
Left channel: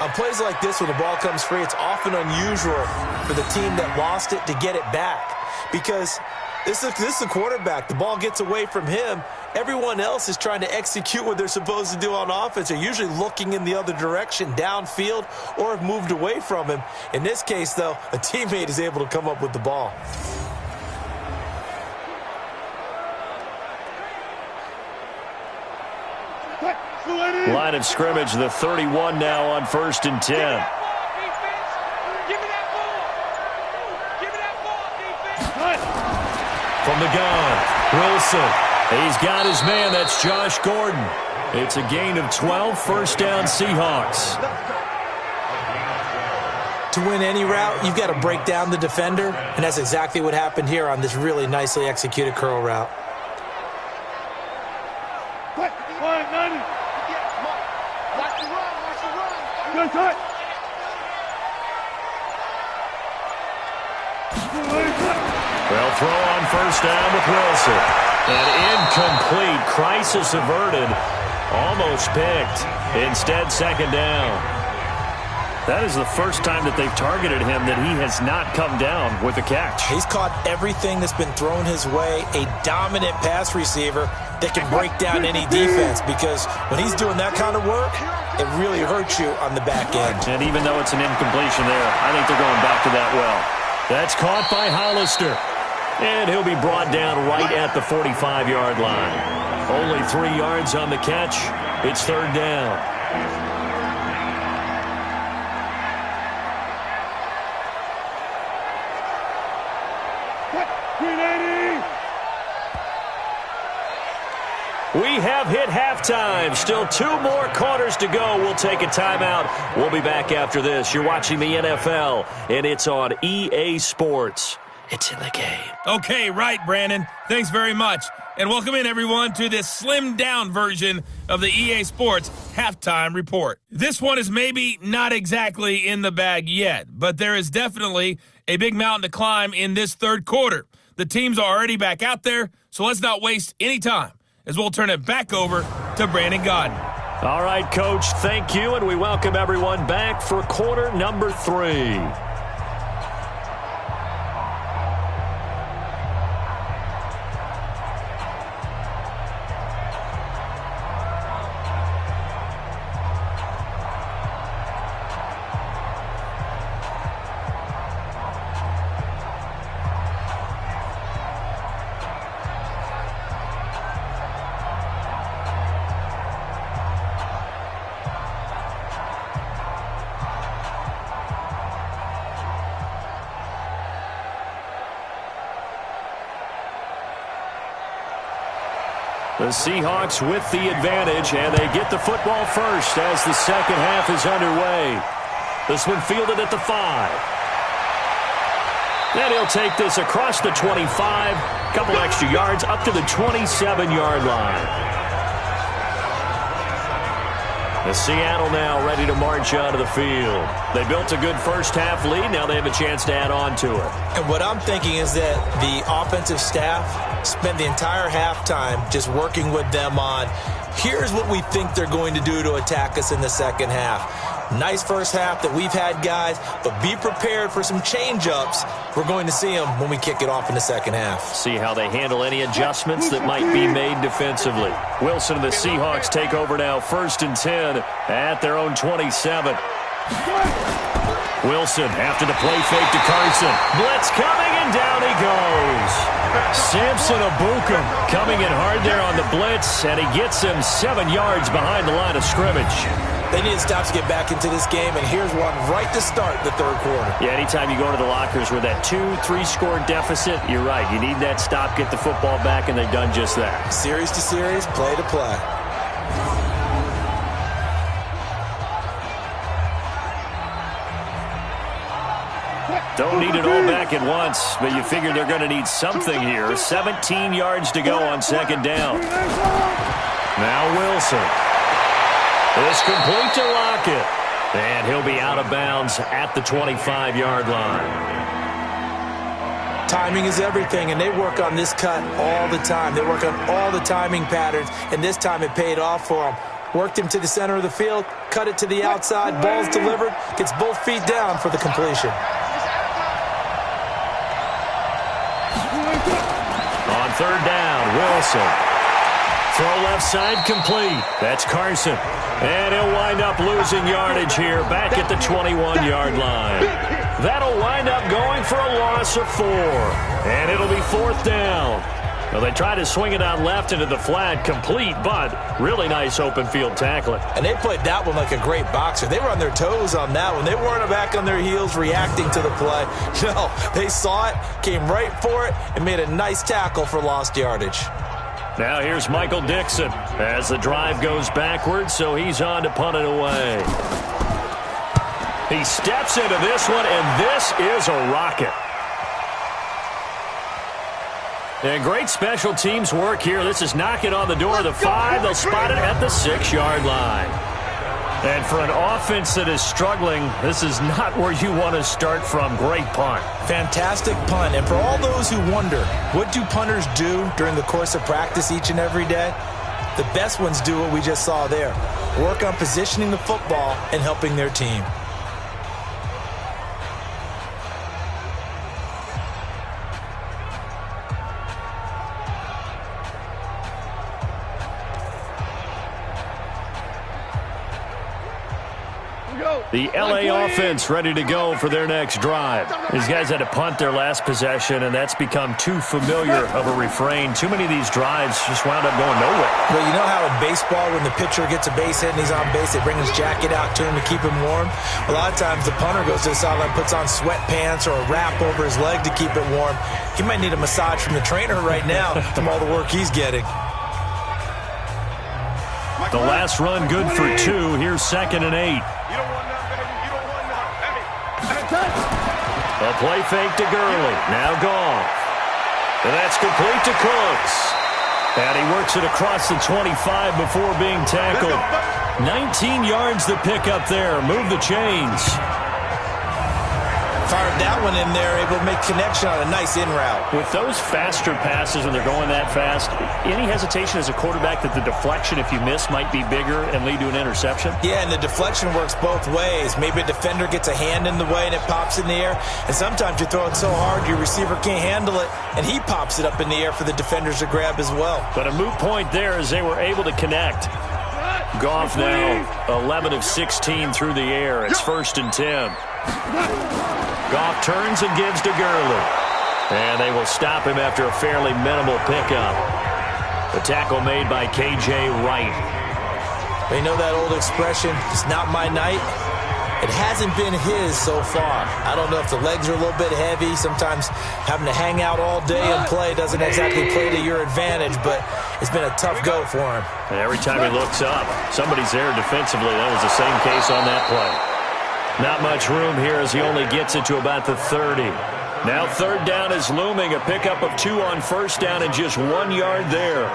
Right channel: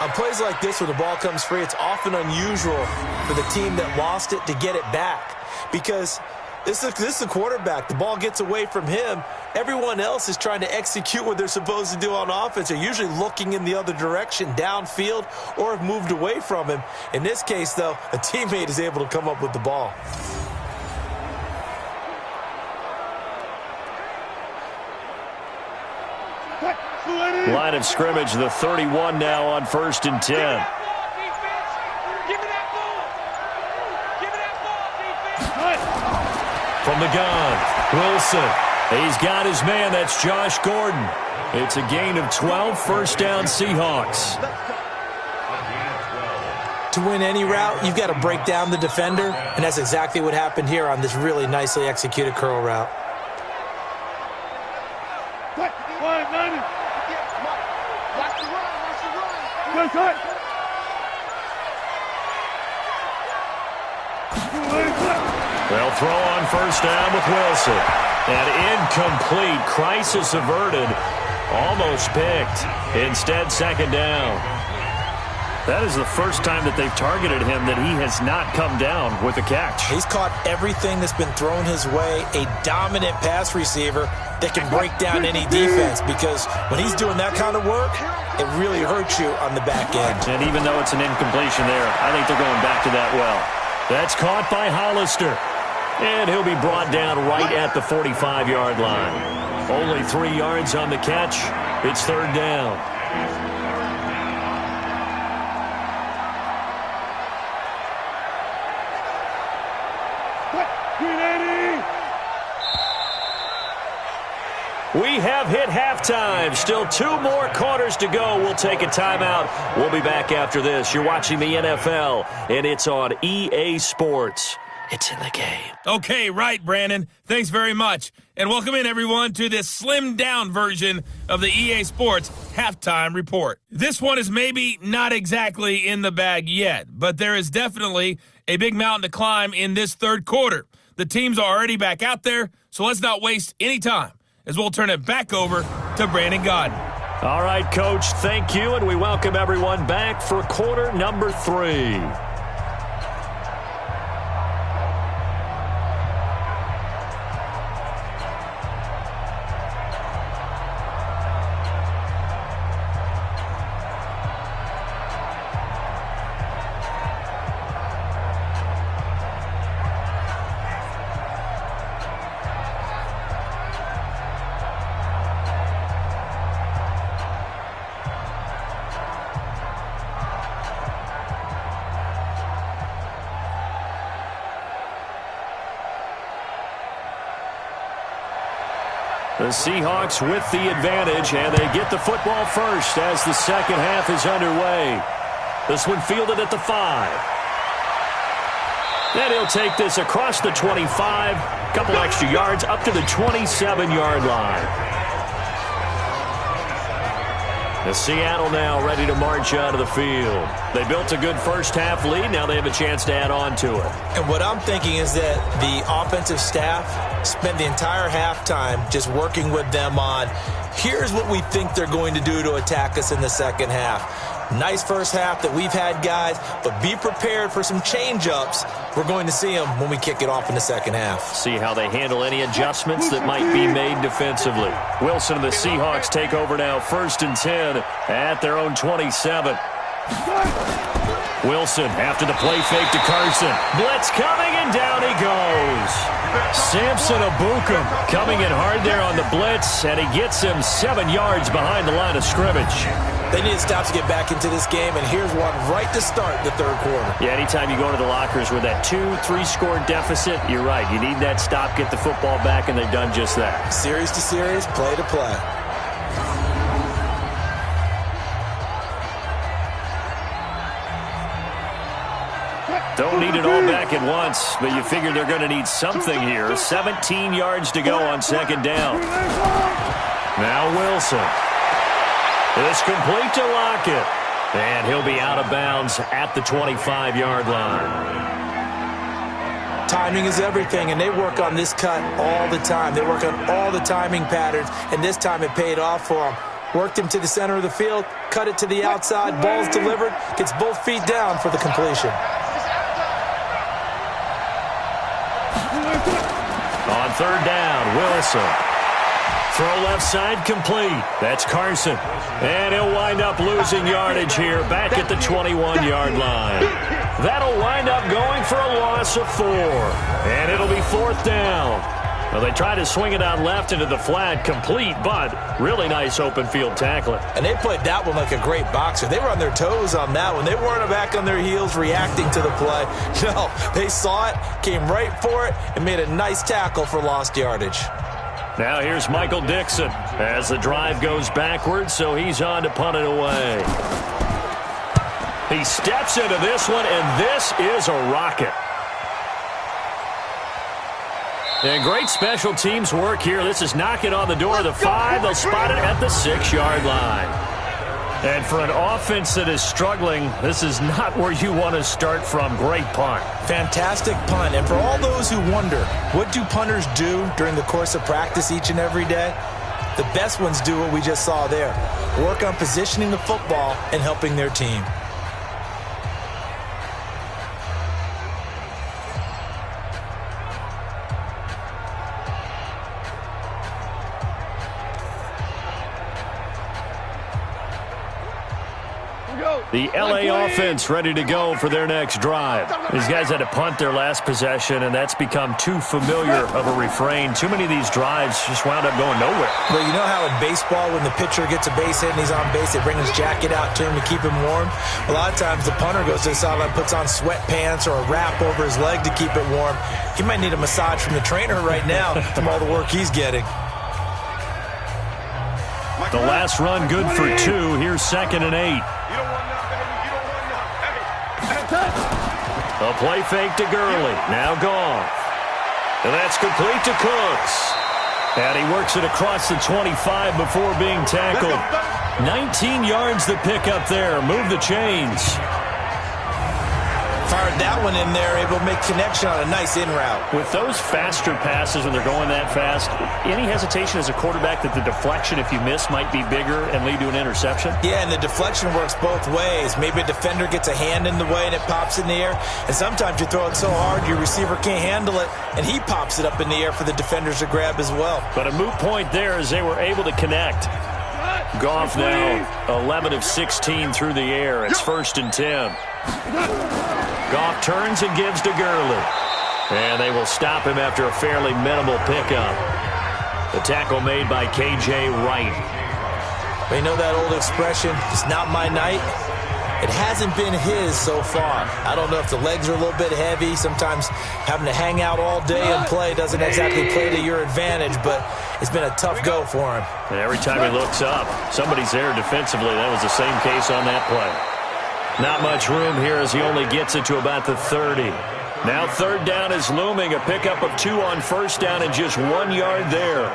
On plays like this, when the ball comes free, it's often unusual for the team that lost it to get it back. Because this is the quarterback. The ball gets away from him. Everyone else is trying to execute what they're supposed to do on offense. They're usually looking in the other direction, downfield, or have moved away from him. In this case, though, a teammate is able to come up with the ball. Line of scrimmage, the 31 now on 1st and 10. From the gun, Wilson. He's got his man. That's Josh Gordon. It's a gain of 12, 1st down Seahawks. To win any route, you've got to break down the defender, and that's exactly what happened here on this really nicely executed curl route. They'll throw on 1st down with Wilson. And incomplete. Crisis averted. Almost picked. Instead, 2nd down. That is the first time that they've targeted him that he has not come down with a catch. He's caught everything that's been thrown his way. A dominant pass receiver that can break down any defense, because when he's doing that kind of work, it really hurts you on the back end. And even though it's an incompletion there, I think they're going back to that well. That's caught by Hollister. And he'll be brought down right at the 45-yard line. Only 3 yards on the catch. It's 3rd down. We have hit halftime. Still 2 more quarters to go. We'll take a timeout. We'll be back after this. You're watching the NFL, and it's on EA Sports. It's in the game. Okay, right, Brandon. Thanks very much. And welcome in, everyone, to this slimmed-down version of the EA Sports Halftime Report. This one is maybe not exactly in the bag yet, but there is definitely a big mountain to climb in this 3rd quarter. The teams are already back out there, so let's not waste any time, as we'll turn it back over to Brandon Godden. All right, Coach, thank you, and we welcome everyone back for quarter number 3. The Seahawks with the advantage, and they get the football first as the second half is underway. This one fielded at the 5. And he'll take this across the 25, a couple extra yards up to the 27-yard line. The Seattle now ready to march out of the field. They built a good first-half lead. Now they have a chance to add on to it. And what I'm thinking is that the offensive staff spent the entire halftime just working with them on, here's what we think they're going to do to attack us in the second half. Nice first half that we've had, guys, but be prepared for some change-ups. We're going to see them when we kick it off in the second half. See how they handle any adjustments that might be made defensively. Wilson and the Seahawks take over now, 1st and 10 at their own 27. Wilson after the play fake to Carson. Blitz coming, and down he goes. Samson Abukum coming in hard there on the blitz, and he gets him 7 yards behind the line of scrimmage. They need to stop to get back into this game, and here's one right to start the third quarter. Yeah, anytime you go to the lockers with that 2-3 score deficit, you're right. You need that stop, get the football back, and they've done just that. Series to series, play to play. Don't need it all back at once, but you figure they're going to need something here. 17 yards to go on 2nd down. Now Wilson. It's complete to Lockett. And he'll be out of bounds at the 25-yard line. Timing is everything, and they work on this cut all the time. They work on all the timing patterns, and this time it paid off for them. Worked him to the center of the field, cut it to the outside, ball's delivered, gets both feet down for the completion. On 3rd down, Wilson. Throw left side complete. That's Carson. And he'll wind up losing yardage here back at the 21-yard line. That'll wind up going for a loss of 4. And it'll be 4th down. Well, they try to swing it out left into the flat, complete, but really nice open field tackling. And they played that one like a great boxer. They were on their toes on that one. They weren't back on their heels reacting to the play. No, they saw it, came right for it, and made a nice tackle for lost yardage. Now here's Michael Dixon as the drive goes backwards, so he's on to punt it away. He steps into this one, and this is a rocket. And great special teams work here. This is knocking on the door of the 5. They'll spot it at the 6-yard line. And for an offense that is struggling, this is not where you want to start from. Great punt. Fantastic punt. And for all those who wonder, what do punters do during the course of practice each and every day? The best ones do what we just saw there. Work on positioning the football and helping their team. The L.A. offense ready to go for their next drive. These guys had to punt their last possession, and that's become too familiar of a refrain. Too many of these drives just wound up going nowhere. But you know how in baseball, when the pitcher gets a base hit and he's on base, they bring his jacket out to him to keep him warm? A lot of times the punter goes to the sideline, puts on sweatpants or a wrap over his leg to keep it warm. He might need a massage from the trainer right now from all the work he's getting. The last run good for 2. Here's 2nd and 8. A play fake to Gurley. Now Goff. And that's complete to Cooks. And he works it across the 25 before being tackled. 19 yards to pick up there. Move the chains. Fired that one in there, able to make connection on a nice in route. With those faster passes when they're going that fast, any hesitation as a quarterback that the deflection, if you miss, might be bigger and lead to an interception? Yeah, and the deflection works both ways. Maybe a defender gets a hand in the way and it pops in the air. And sometimes you throw it so hard your receiver can't handle it, and he pops it up in the air for the defenders to grab as well. But a moot point there as they were able to connect. Goff now 11 of 16 through the air. It's 1st and 10. Goff turns and gives to Gurley. And they will stop him after a fairly minimal pickup. The tackle made by K.J. Wright. But you know that old expression, it's not my night? It hasn't been his so far. I don't know if the legs are a little bit heavy. Sometimes having to hang out all day and play doesn't exactly play to your advantage, but it's been a tough go for him. And every time he looks up, somebody's there defensively. That was the same case on that play. Not much room here as he only gets it to about the 30. Now third down is looming. A pickup of 2 on first down and just 1 yard there.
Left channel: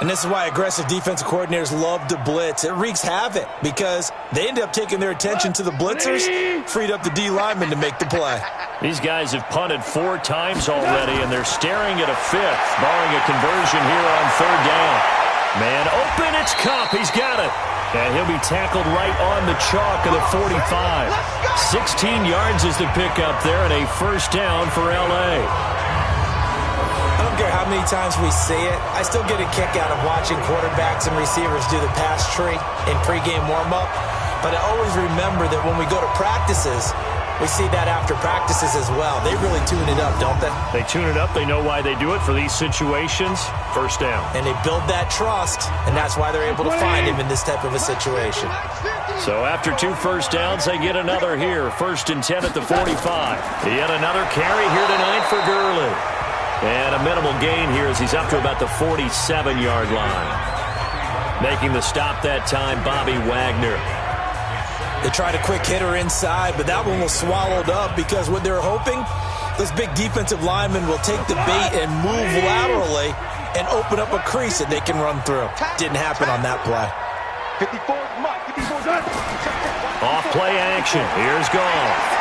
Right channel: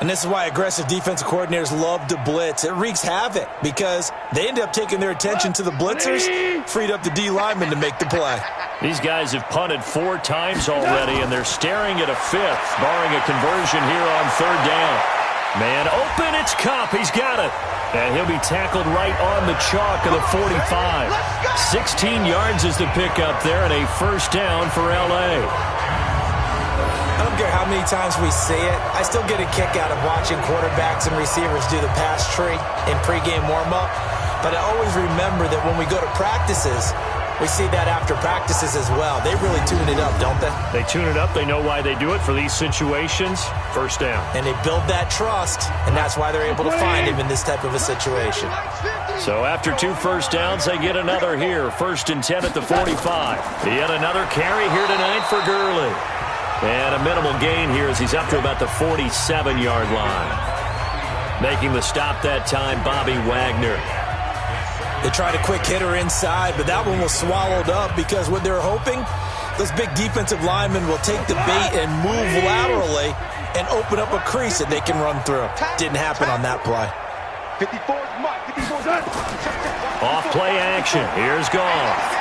And this is why aggressive defensive coordinators love to blitz. It wreaks havoc because they end up taking their attention to the blitzers, freed up the D lineman to make the play. These guys have punted 4 times already, and they're staring at a 5th, barring a conversion here on third down. Man open, it's Kupp. He's got it. And he'll be tackled right on the chalk of the 45. 16 yards is the pickup there, and a first down for L.A. I don't care how many times we see it. I still get a kick out of watching quarterbacks and receivers do the pass tree in pregame warm-up. But I always remember that when we go to practices, we see that after practices as well. They really tune it up, don't they? They tune it up. They know why they do it for these situations. First down. And they build that trust, and that's why they're able to find him in this type of a situation. So after 2 first downs, they get another here. 1st and 10 at the 45. Yet another carry here tonight for Gurley. And a minimal gain here as he's up to about the 47-yard line. Making the stop that time, Bobby Wagner. They tried a quick hitter inside, but that one was swallowed up because what they're hoping, those big defensive linemen will take the bait and move laterally and open up a crease that they can run through. Didn't happen on that play. 54's Mike. 54's done. Off play action. Here's Goff.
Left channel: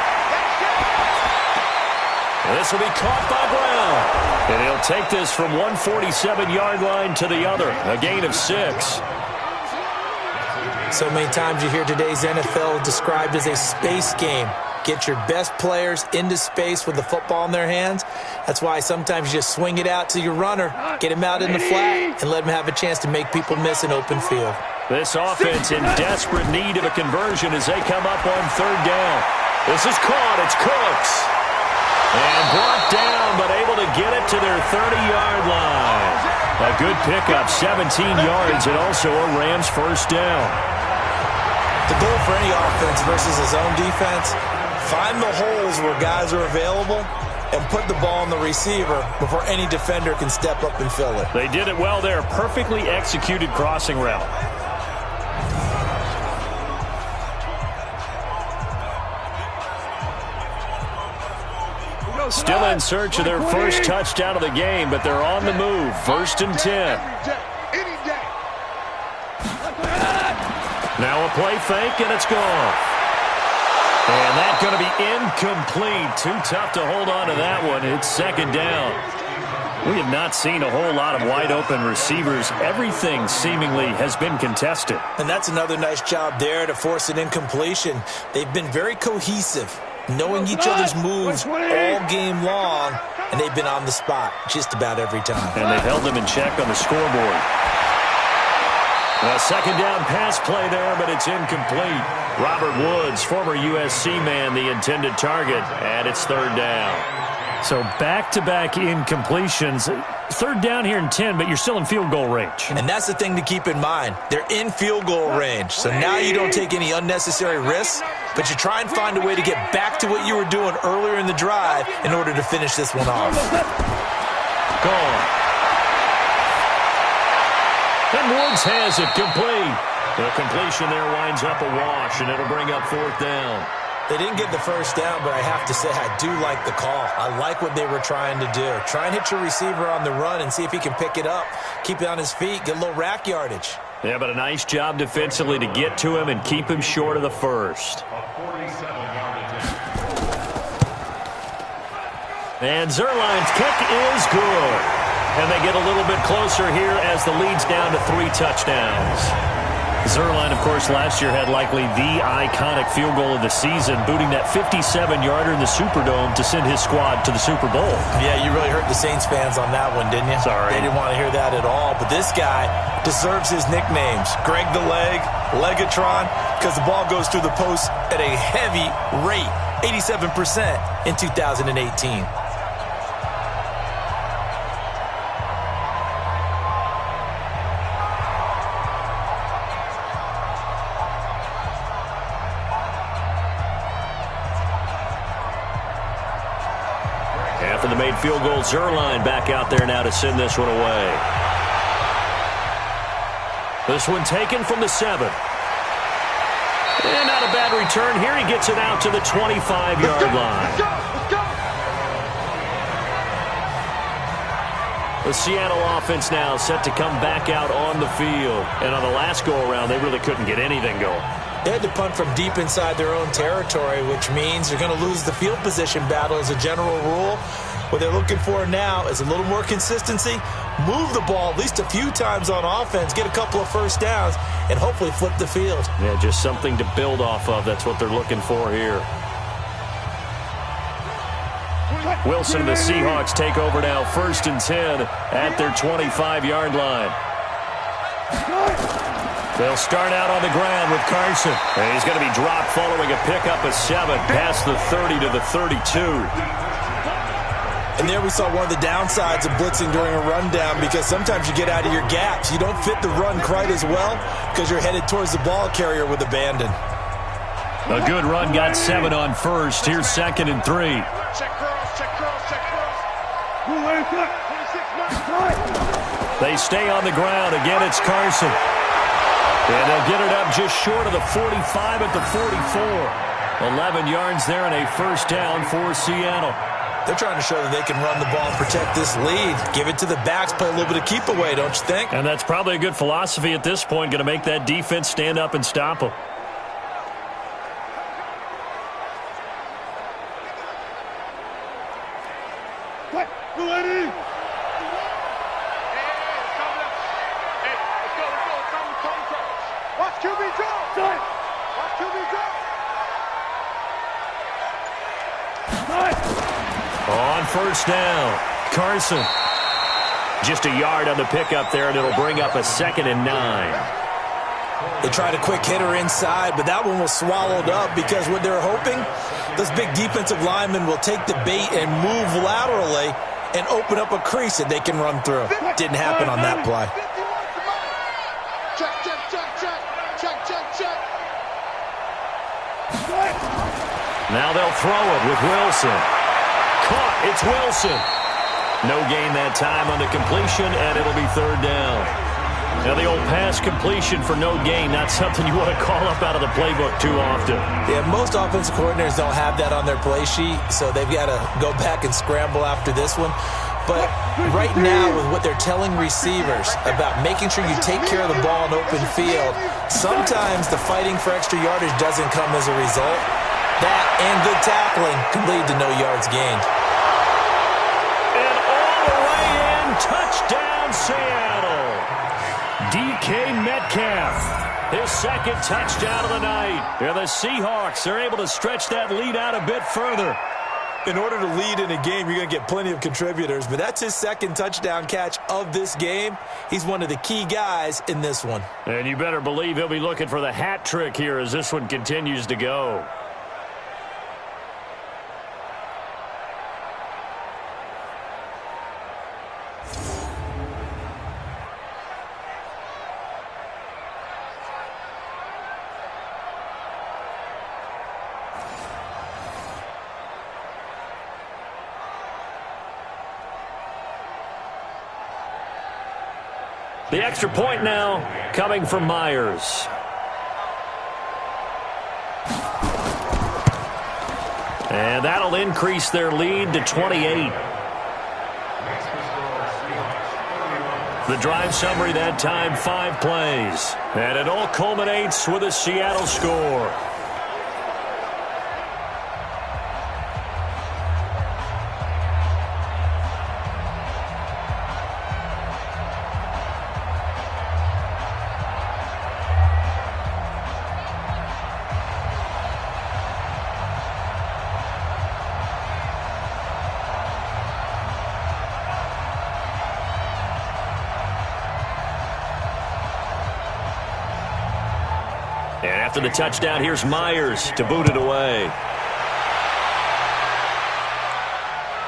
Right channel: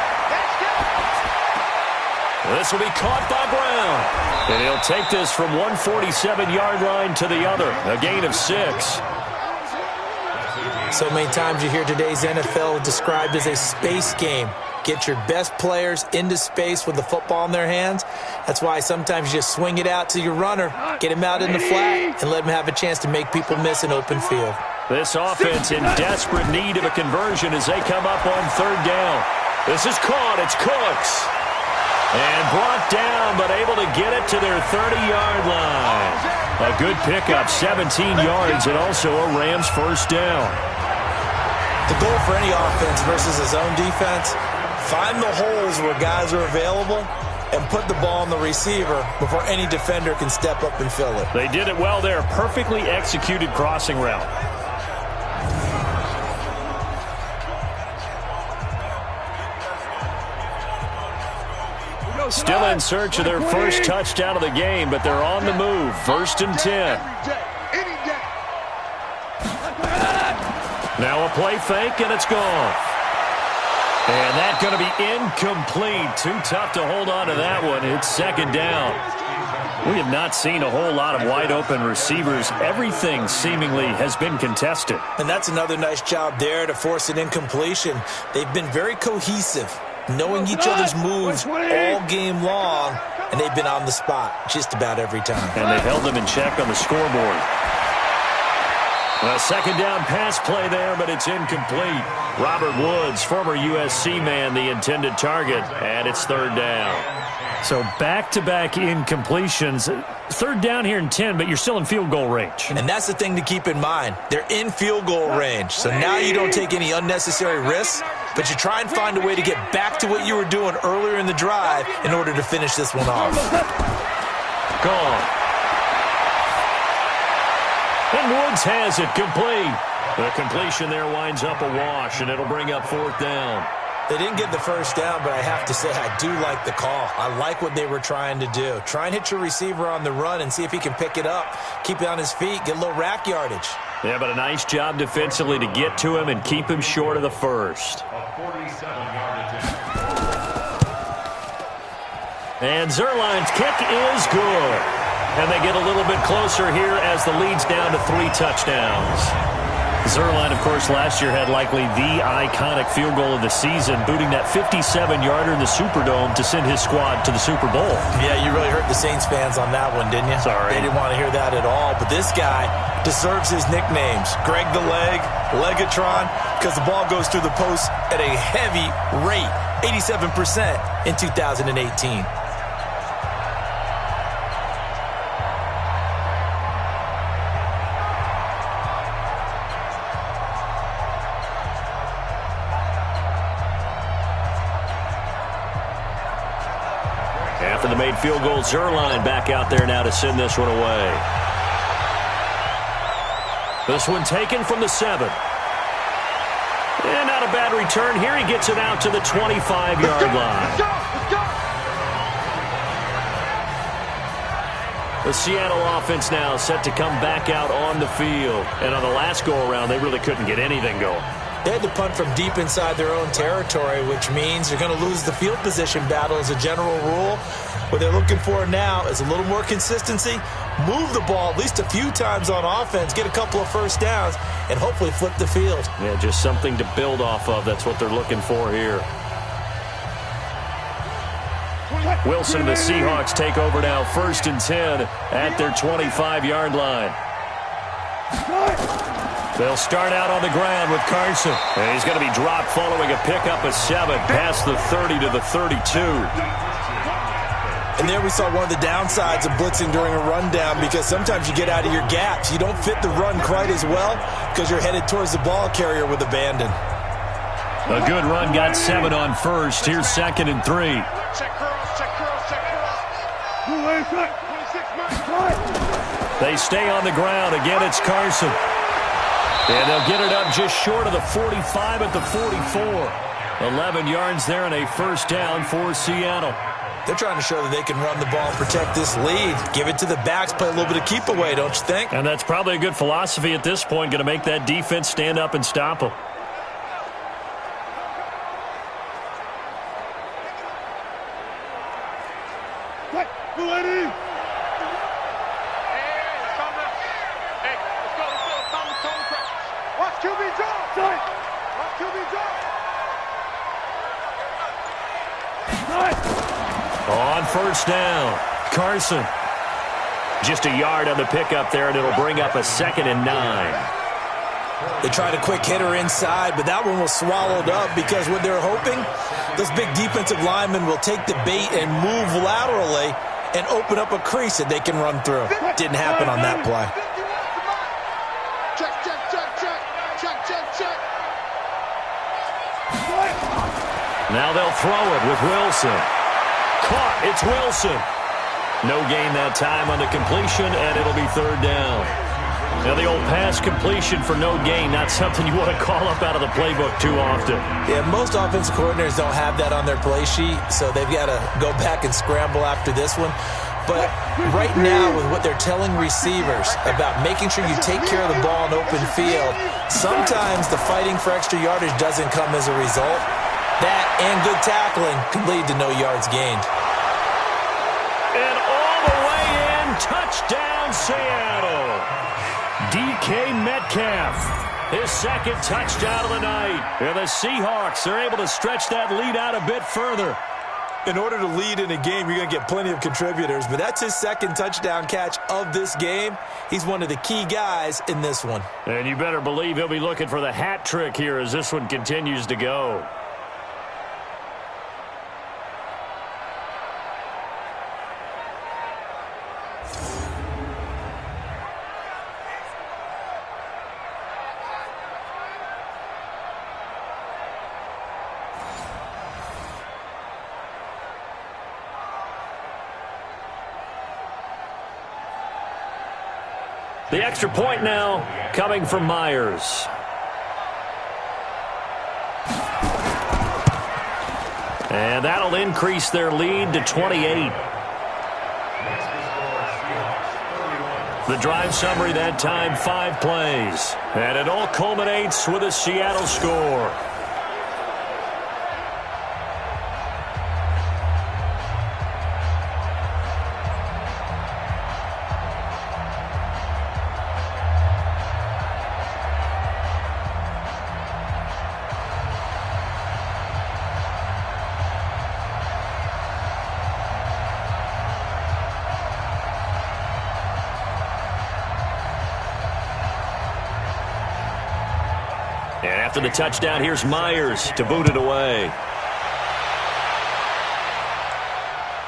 This will be caught by Brown. And he'll take this from one 47-yard line to the other. A gain of 6. So many times you hear today's NFL described as a space game. Get your best players into space with the football in their hands. That's why sometimes you just swing it out to your runner, get him out in the flat, and let him have a chance to make people miss an open field. This offense in desperate need of a conversion as they come up on third down. This is caught. It's Cooks. And brought down, but able to get it to their 30-yard line. A good pickup, 17 yards, and also a Rams first down. The goal for any offense versus his own defense, find the holes where guys are available and put the ball on the receiver before any defender can step up and fill it. They did it well there. Perfectly executed crossing route. Still in search of their first touchdown of the game, but they're on the move. 1st and 10. Now a play fake, and it's gone. And that's going to be incomplete. Too tough to hold on to that one. It's 2nd down. We have not seen a whole lot of wide-open receivers. Everything seemingly has been contested. And that's another nice job there to force an incompletion. They've been very cohesive, knowing each other's moves all game long, and they've been on the spot just about every time. And they've held them in check on the scoreboard. A 2nd down pass play there, but it's incomplete. Robert Woods, former USC man, the intended target, and it's 3rd down. So back-to-back incompletions. 3rd down here in 10, but you're still in field goal range. And that's the thing to keep in mind. They're in field goal range. So now you don't take any unnecessary risks, but you try and find a way to get back to what you were doing earlier in the drive in order to finish this one off. Gone. And Woods has it complete. The completion there winds up a wash, and it'll bring up 4th down. They didn't get the first down, but I have to say I do like the call. I like what they were trying to do. Try and hit your receiver on the run and see if he can pick it up. Keep it on his feet, get a little rack yardage. Yeah, but a nice job defensively to get to him and keep him short of the first. And Zerline's kick is good. And they get a little bit closer here as the lead's down to 3 touchdowns. Zerline, of course, last year had likely the iconic field goal of the season, booting that 57-yarder in the Superdome to send his squad to the Super Bowl. Yeah, you really hurt the Saints fans on that one, didn't you? Sorry. They didn't want to hear that at all. But this guy deserves his nicknames. Greg the Leg, Legatron, because the ball goes through the post at a heavy rate, 87% in 2018. After the made field goal, Zerline back out there now to send this one away. This one taken from the 7. And not a bad return here. He gets it out to the 25-yard line. The Seattle offense now set to come back out on the field. And on the last go-around, they really couldn't get anything going. They had to punt from deep inside their own territory, which means they're going to lose the field position battle as a general rule. What they're looking for now is a little more consistency, move the ball at least a few times on offense, get a couple of first downs, and hopefully flip the field. Yeah, just something to build off of. That's what they're looking for here. Wilson and the Seahawks take over now, 1st and 10 at their 25-yard line. They'll start out on the ground with Carson. And he's going to be dropped following a pickup of 7 past the 30 to the 32. And there we saw one of the downsides of blitzing during a rundown, because sometimes you get out of your gaps. You don't fit the run quite as well because you're headed towards the ball carrier with abandon. A good run got 7 on first. Here's 2nd and 3. Check curls, check curls, check curls. 26 minutes. They stay on the ground. Again, it's Carson. And they'll get it up just short of the 45 at the 44. 11 yards there and a first down for Seattle. They're trying to show that they can run the ball and protect this lead. Give it to the backs, play a little bit of keep away, don't you think? And that's probably a good philosophy at this point, going to make that defense stand up and stop them. Ready? Watch QB draw! Watch QB draw! On first down, Carson. Just a yard on the pickup there, and it'll bring up a 2nd and 9. They tried a quick hitter inside, but that one was swallowed up because what they're hoping, those big defensive linemen will take the bait and move laterally and open up a crease that they can run through. Didn't happen on that play. Check, check, check, check. Check, check, check. Now they'll throw it with Wilson. Caught. It's Wilson. No gain that time on the completion, and it'll be 3rd down. Now the old pass completion for no gain, not something you want to call up out of the playbook too often. Yeah, most offensive coordinators don't have that on their play sheet, so they've got to go back and scramble after this one. But right now, with what they're telling receivers about making sure you take care of the ball in open field, sometimes the fighting for extra yardage doesn't come as a result. That and good tackling can lead to no yards gained. And all the way in, touchdown Seattle. DK Metcalf, his 2nd touchdown of the night. And the Seahawks are able to stretch that lead out a bit further. In order to lead in a game, you're going to get plenty of contributors, but that's his 2nd touchdown catch of this game. He's one of the key guys in this one. And you better believe he'll be looking for the hat trick here as this one continues to go. The extra point now coming from Myers. And that'll increase their lead to 28. The drive summary that time, 5 plays. And it all culminates with a Seattle score. And after the touchdown, here's Myers to boot it away.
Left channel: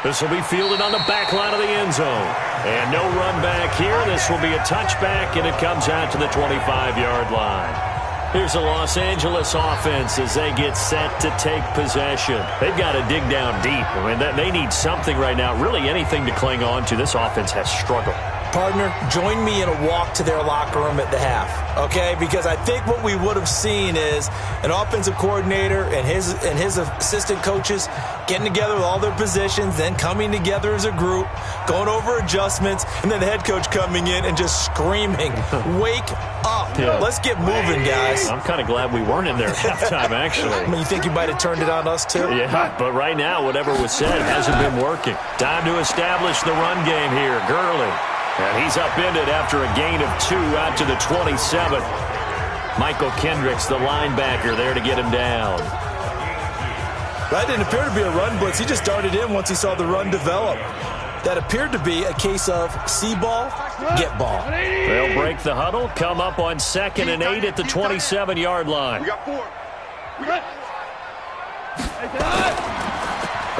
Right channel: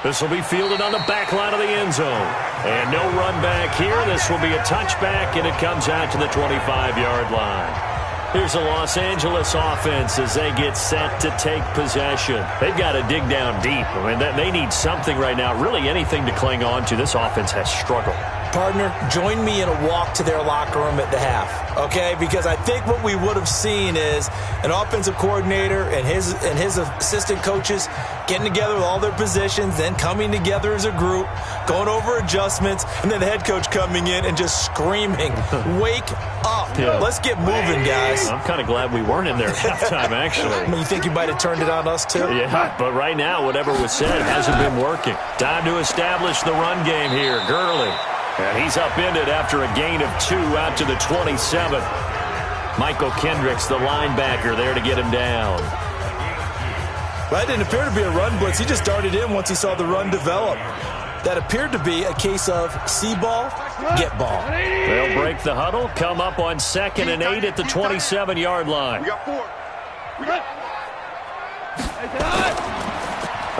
This will be fielded on the back line of the end zone. And no run back here. This will be a touchback, and it comes out to the 25-yard line. Here's the Los Angeles offense as they get set to take possession. They've got to dig down deep. I mean, they need something right now, really anything to cling on to. This offense has struggled. Partner, join me in a walk to their locker room at the half, okay? Because I think what we would have seen is an offensive coordinator and his assistant coaches getting together with all their positions, then coming together as a group, going over adjustments, and then the head coach coming in and just screaming, "Wake up. Yeah. Let's get moving, guys." I'm kind of glad we weren't in there at halftime, actually. I mean, you think you might have turned it on us, too? Yeah, but right now, whatever was said hasn't been working. Time to establish the run game here. Gurley. And he's upended after a gain of 2 out to the 27. Michael Kendricks, the linebacker, there to get him down. That didn't appear to be a run blitz. He just darted in once he saw the run develop. That appeared to be a case of see ball, get ball. They'll break the huddle, come up on 2nd and 8 at the 27-yard line. We got 4.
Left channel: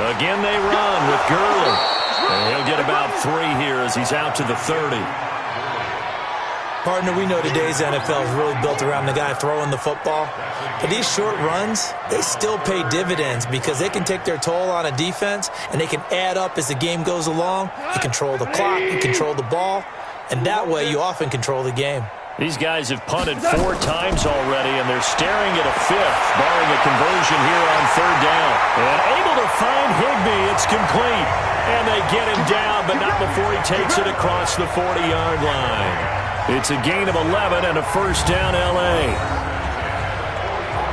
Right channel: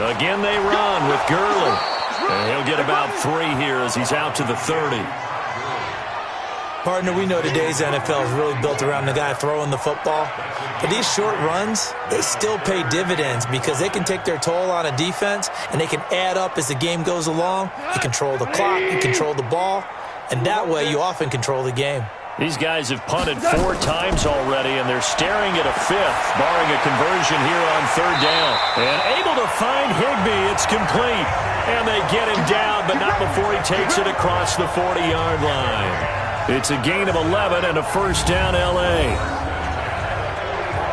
Again they run with Gurley. And he'll get about 3 here as he's out to the 30. Partner, we know today's NFL is really built around the guy throwing the football. But these short runs, they still pay dividends because they can take their toll on a defense and they can add up as the game goes along. You control the clock, you control the ball, and that way you often control the game. These guys have punted 4 times already, and they're staring at a 5th, barring a conversion here on 3rd down. And able to find Higbee. It's complete. And they get him down, but not before he takes it across the 40-yard line. It's a gain of 11 and a 1st down, L.A.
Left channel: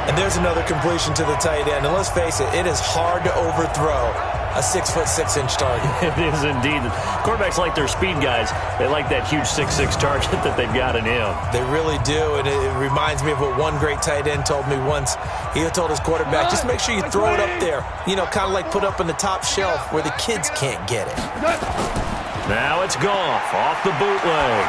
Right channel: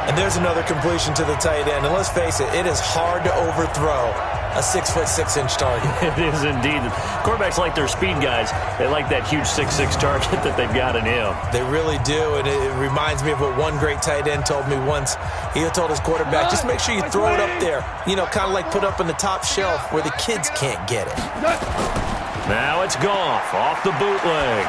And there's another completion to the tight end. And let's face it, it is hard to overthrow a 6'6" target. It is indeed. Quarterbacks like their speed guys. They like that huge 6'6" target that they've got in him. They really do, and it reminds me of what one great tight end told me once. He told his quarterback, just make sure you throw it up there. You know, kind of like put up on the top shelf where the kids can't get it. Now it's Goff off the bootleg.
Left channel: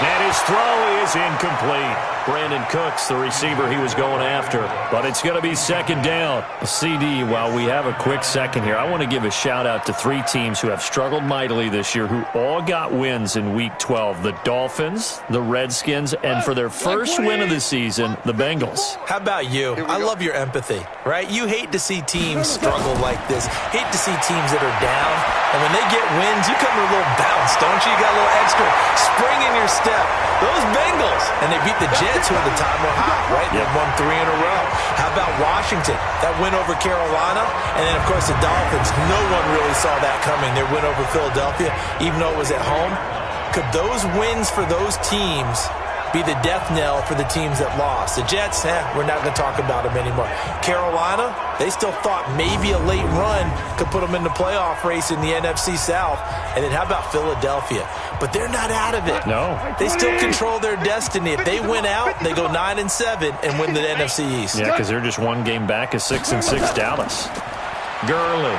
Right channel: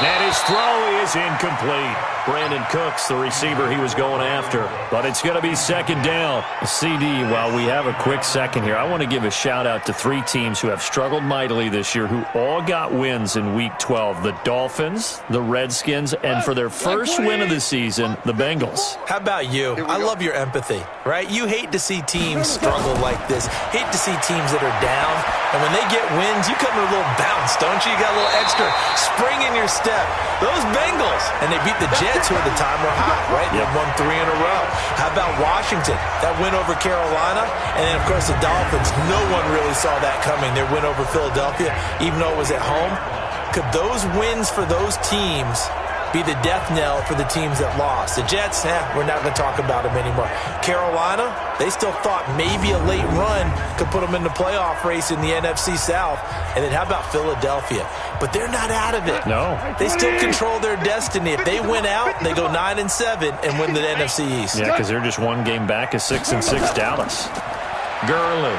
And his throw is incomplete. Brandon Cooks, the receiver he was going after. But it's going to be 2nd down. CD, while we have a quick second here, I want to give a shout-out to 3 teams who have struggled mightily this year, who all got wins in Week 12. The Dolphins, the Redskins, and for their first win of the season, the Bengals. How about you? I love your empathy, right? You hate to see teams struggle like this. Hate to see teams that are down. And when they get wins, you come with a little bounce, don't you? You got a little extra spring in your step. Those Bengals, and they beat the Jets, who at the time were hot, right? They won 3 in a row. How about Washington? That win over Carolina. And then, of course, the Dolphins. No one really saw that coming. Their win over Philadelphia, even though it was at home. Could those wins for those teams be the death knell for the teams that lost? The Jets, we're not going to talk about them anymore. Carolina, they still thought maybe a late run could put them in the playoff race in the NFC South. And then how about Philadelphia? But they're not out of it. No. They still control their destiny. If they win out, they go 9-7 and win the NFC East. Yeah, because they're just 1 game back of 6-6 Dallas. Gurley.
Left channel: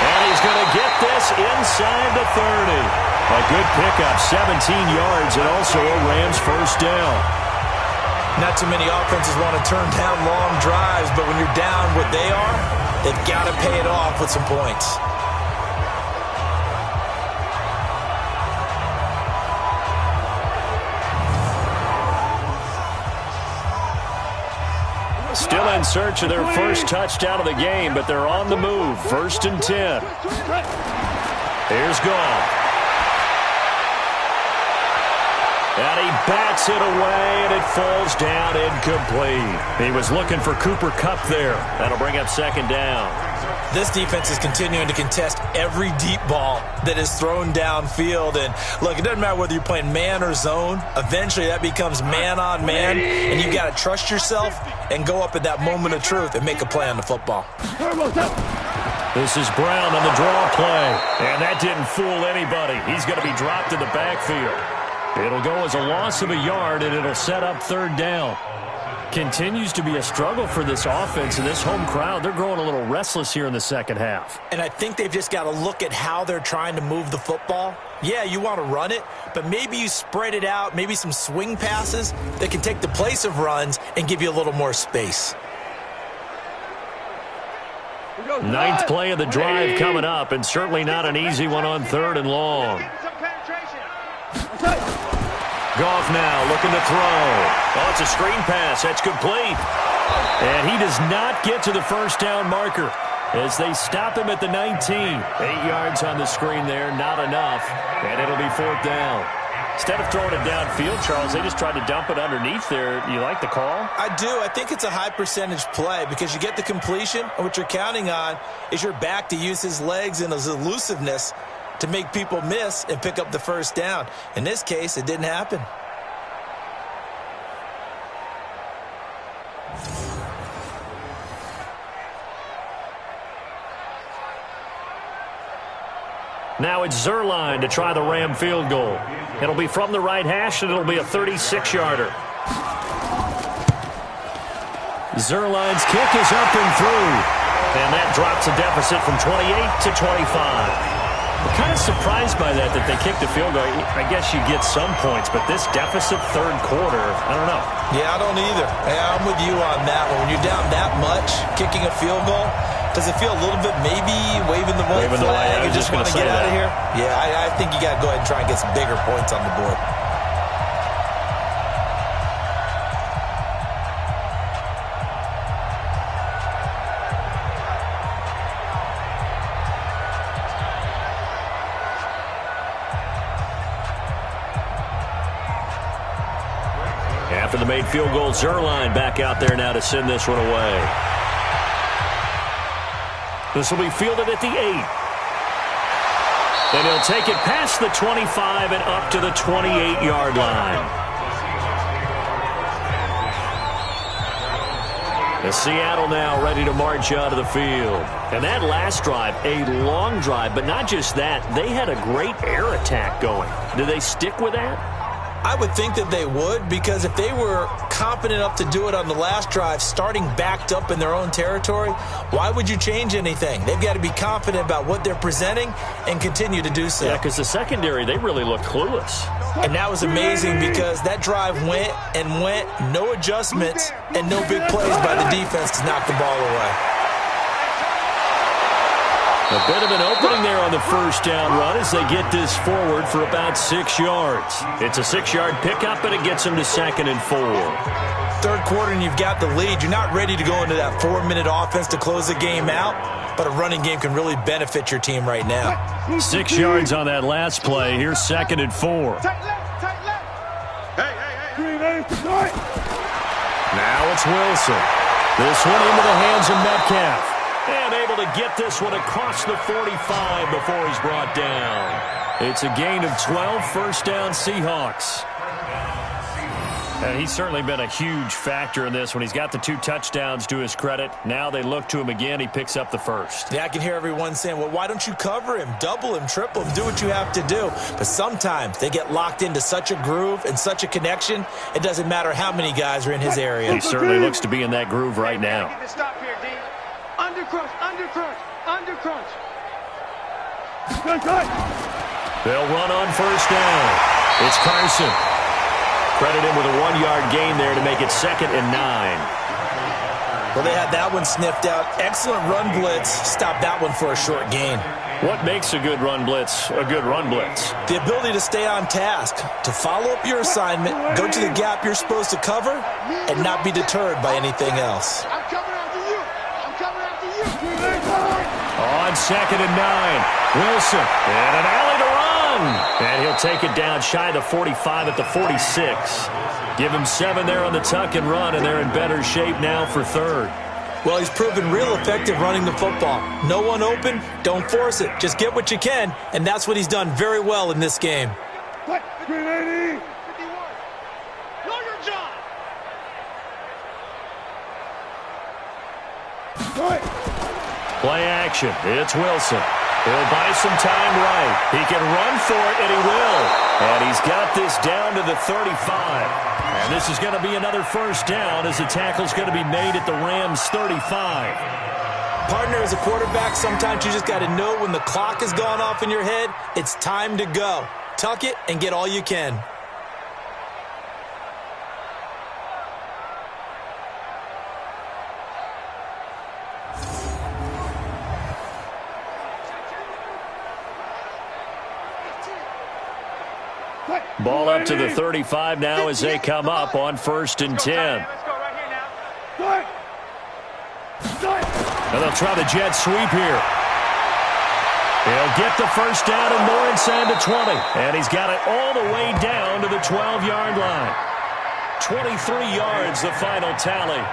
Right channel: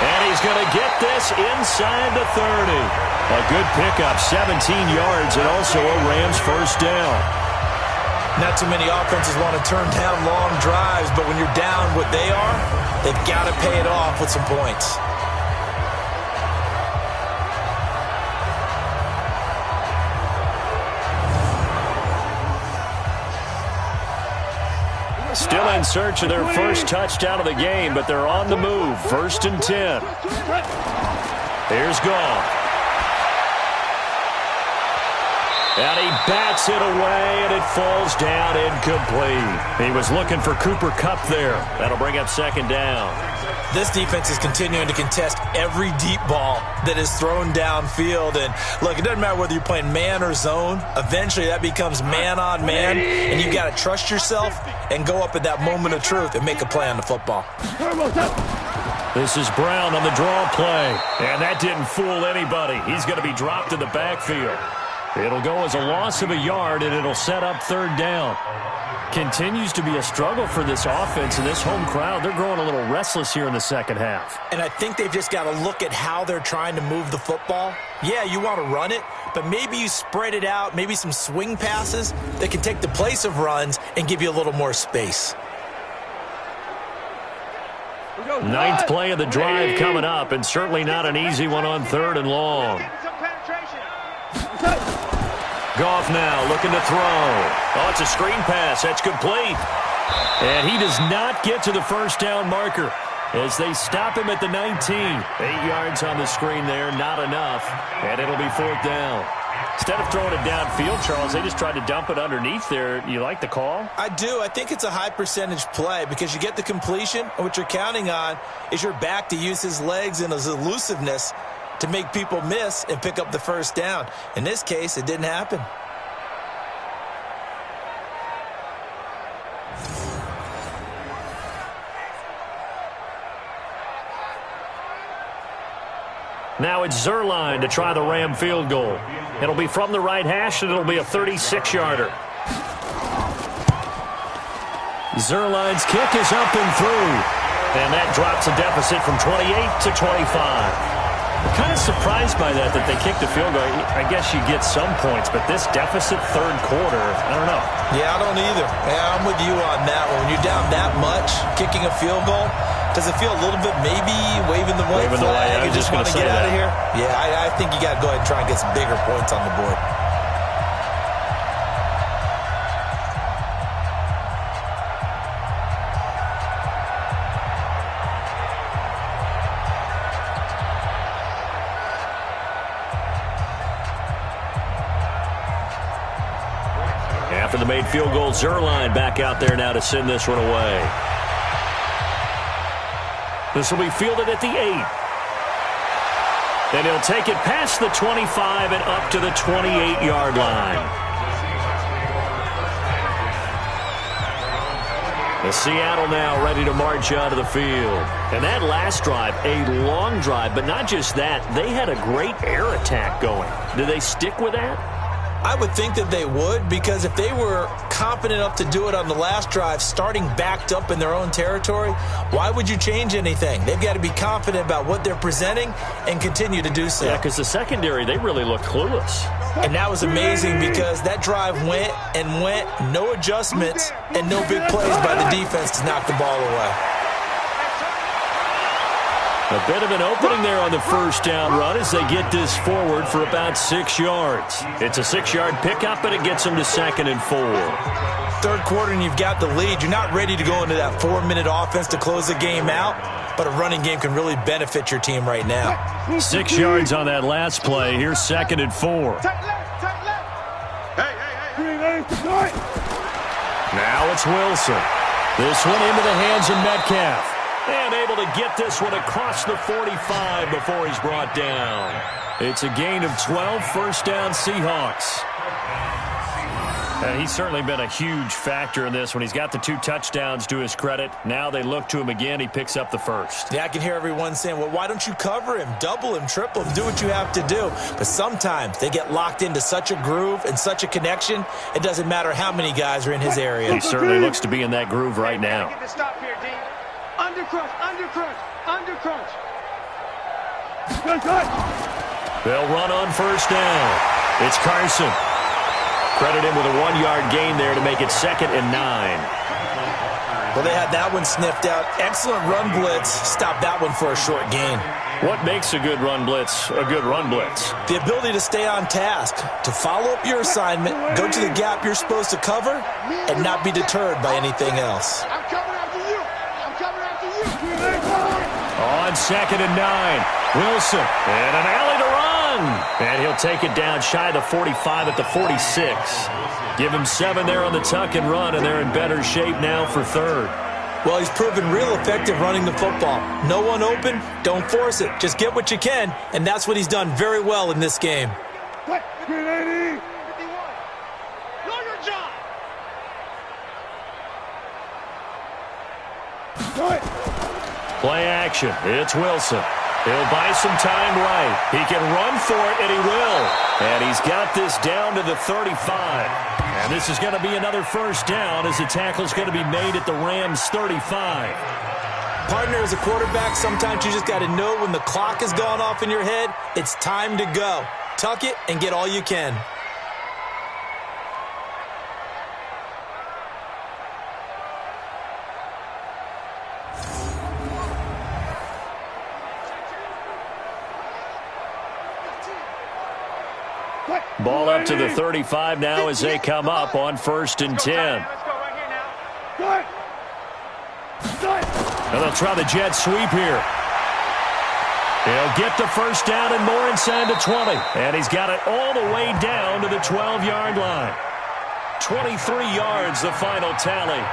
And he's going to get this inside the 30. A good pickup, 17 yards, and also a Rams 1st down. Not too many offenses want to turn down long drives, but when you're down what they are, they've got to pay it off with some points. Still in search of their first touchdown of the game, but they're on the move. 1st and 10. Here's Goff. And he bats it away, and it falls down incomplete. He was looking for Cooper Kupp there. That'll bring up 2nd down. This defense is continuing to contest every deep ball that is thrown downfield. And, look, it doesn't matter whether you're playing man or zone. Eventually, that becomes man-on-man, and you got to trust yourself and go up at that moment of truth and make a play on the football. This is Brown on the draw play, and that didn't fool anybody. He's going to be dropped in the backfield. It'll go as a loss of a yard, and it'll set up 3rd down. Continues to be a struggle for this offense, and this home crowd, they're growing a little restless here in the second half. And I think they've just got to look at how they're trying to move the football. Yeah, you want to run it, but maybe you spread it out, maybe some swing passes that can take the place of runs and give you a little more space. 9th play of the drive coming up, and certainly not an easy one on 3rd and long. Goff now looking to throw. Oh, it's a screen pass. That's complete. And he does not get to the 1st down marker. as they stop him at the 19. 8 yards on the screen there, not enough, and it'll be 4th down. Instead of throwing it downfield, Charles, they just tried to dump it underneath there. You like the call? I do. I think it's a high percentage play because you get the completion, and what you're counting on is your back to use his legs and his elusiveness to make people miss and pick up the first down. In this case, it didn't happen. Now it's Zerline to try the Ram field goal. It'll be from the right hash, and it'll be a 36-yarder. Zerline's kick is up and through. And that drops a deficit from 28 to 25. I'm kind of surprised by that they kicked the field goal. I guess you get some points, but this deficit third quarter, I don't know. Yeah, I don't either. Yeah, I'm with you on that one. When you're down that much, kicking a field goal, does it feel a little bit maybe waving the white flag and just want to get out of here? Yeah, I think you got to go ahead and try and get some bigger points on the board. After the made field goal, Zerline back out there now to send this one away. This will be fielded at the 8. And he'll take it past the 25 and up to the 28-yard line. The Seattle now ready to march out of the field. And that last drive, a long drive, but not just that. They had a great air attack going. Do they stick with that? I would think that they would, because if they were confident enough to do it on the last drive, starting backed up in their own territory, why would you change anything? They've got to be confident about what they're presenting and continue to do so. Yeah, because the secondary, they really looked clueless. And that was amazing because that drive went and went, no adjustments, and no big plays by the defense to knock the ball away. A bit of an opening there on the first down run as they get this forward for about 6 yards. It's a 6-yard pickup, and it gets them to 2nd and 4. Third quarter, and you've got the lead. You're not ready to go into that 4-minute offense to close the game out, but a running game can really benefit your team right now. 6 yards on that last play. Here's 2nd and 4. Tight left, tight left. Hey. Now it's Wilson. This one into the hands of Metcalf. And able to get this one across the 45 before he's brought down. It's a gain of 12, first down Seahawks. And he's certainly been a huge factor in this when he's got the 2 touchdowns to his credit. Now they look to him again. He picks up the first. Yeah, I can hear everyone saying, well, why don't you cover him, double him, triple him, do what you have to do. But sometimes they get locked into such a groove and such a connection, it doesn't matter how many guys are in his area. He certainly looks to be in that groove right now. Get the stop here, D. Under crunch, under crunch, under crunch. They'll run on first down. It's Carson. Credit him with a 1-yard gain there to make it 2nd and 9. Well, they had that one sniffed out. Excellent run blitz. Stop that one for a short gain. What makes a good run blitz a good run blitz? The ability to stay on task, to follow up your assignment, go to the gap you're supposed to cover, and not be deterred by anything else. I'm coming after you. I'm coming after you. On 2nd and 9, Wilson, and an alley to run. And he'll take it down shy of the 45 at the 46. Give him 7 there on the tuck and run, and they're in better shape now for 3rd. Well, he's proven real effective running the football. No one open, don't force it. Just get what you can, and that's what he's done very well in this game. 380. 51. Know your job. Play action. It's Wilson. He'll buy some time right. He can run for it, and he will. And he's got this down to the 35. And this is going to be another first down as the tackle's going to be made at the Rams' 35. Partner, as a quarterback, sometimes you just got to know when the clock has gone off in your head, it's time to go. Tuck it and get all you can. Ball up to the 35 now as they come up on 1st and 10. Let's go right here now. And they'll try the jet sweep here. He'll get the first down and more inside the 20. And he's got it all the way down to the 12-yard line. 23 yards, the final tally.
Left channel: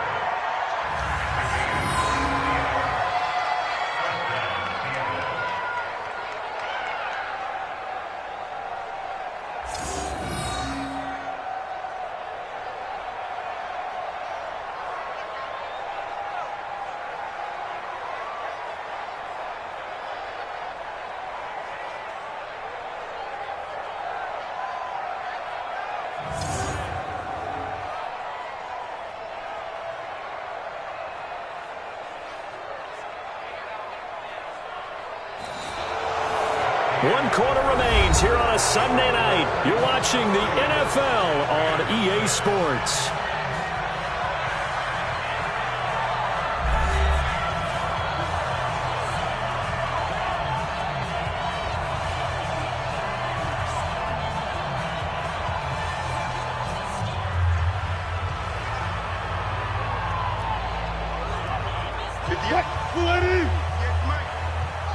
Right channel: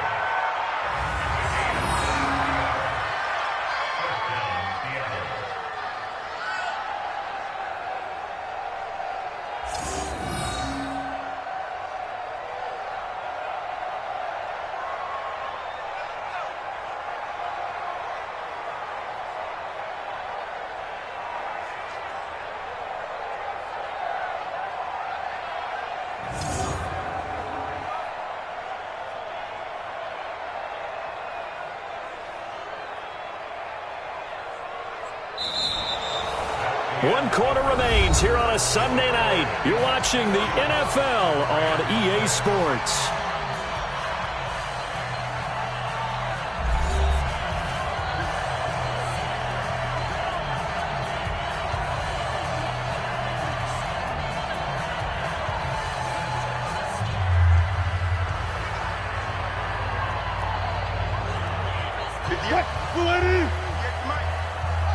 One quarter remains here on a Sunday night. You're watching the NFL on EA Sports.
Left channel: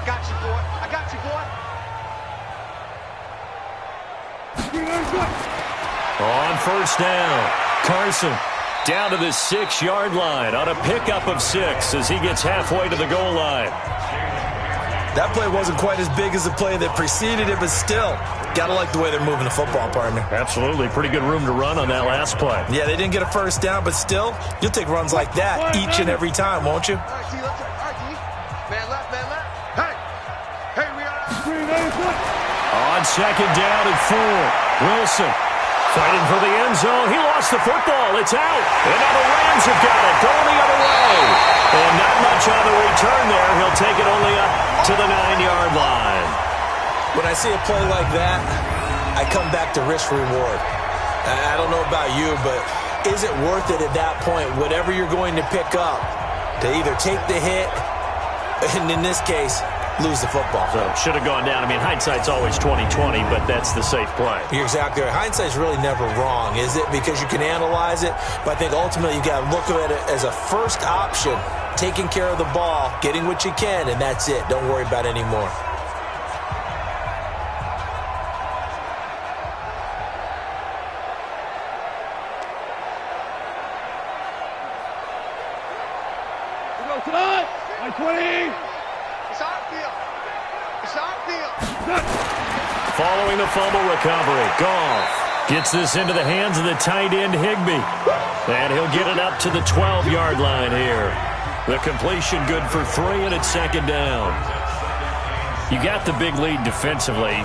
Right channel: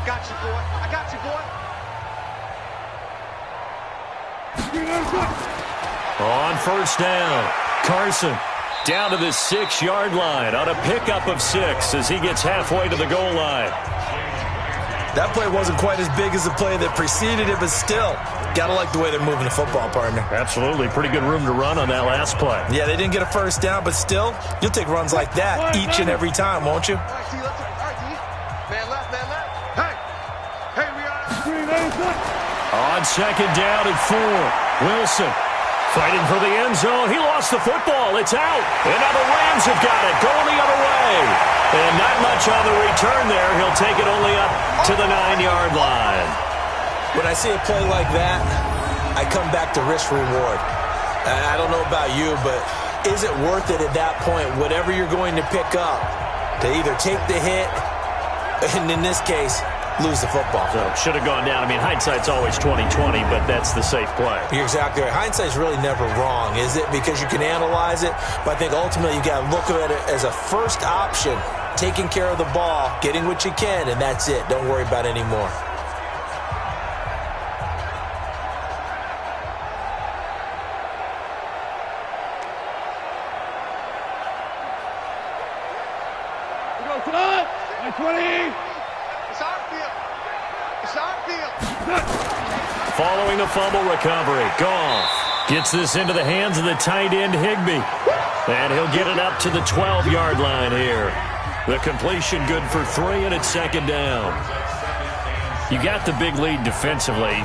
Got you, boy. I got you, boy. On first down, Carson down to the 6-yard line on a pickup of 6 as he gets halfway to the goal line. That play wasn't quite as big as the play that preceded it, but still, gotta like the way they're moving the football, partner. Absolutely. Pretty good room to run on that last play. Yeah, they didn't get a first down, but still, you'll take runs like that each and every time, won't you? All right, T, let's all right, T. Man left, man left. Hey, we are. On second down and 4, Wilson fighting for the end zone. He lost the football. It's out. And now the Rams have got it. Going the other way. And not much on the return there. He'll take it only up to the 9-yard line. When I see a play like that, I come back to risk-reward. I don't know about you, but is it worth it at that point, whatever you're going to pick up, to either take the hit, and in this case, lose the football? So should have gone down. I mean, hindsight's always 20/20, but that's the safe play. You're exactly right. Hindsight's really never wrong, is it? Because you can analyze it, but I think ultimately you got to look at it as a first option, taking care of the ball, getting what you can, and that's it. Don't worry about any more. We go tonight. 20. It's our field. It's our field. Following the fumble recovery, Goff gets this into the hands of the tight end Higbee. And he'll get it up to the 12-yard line here. The completion good for 3, and it's second down. You got the big lead defensively.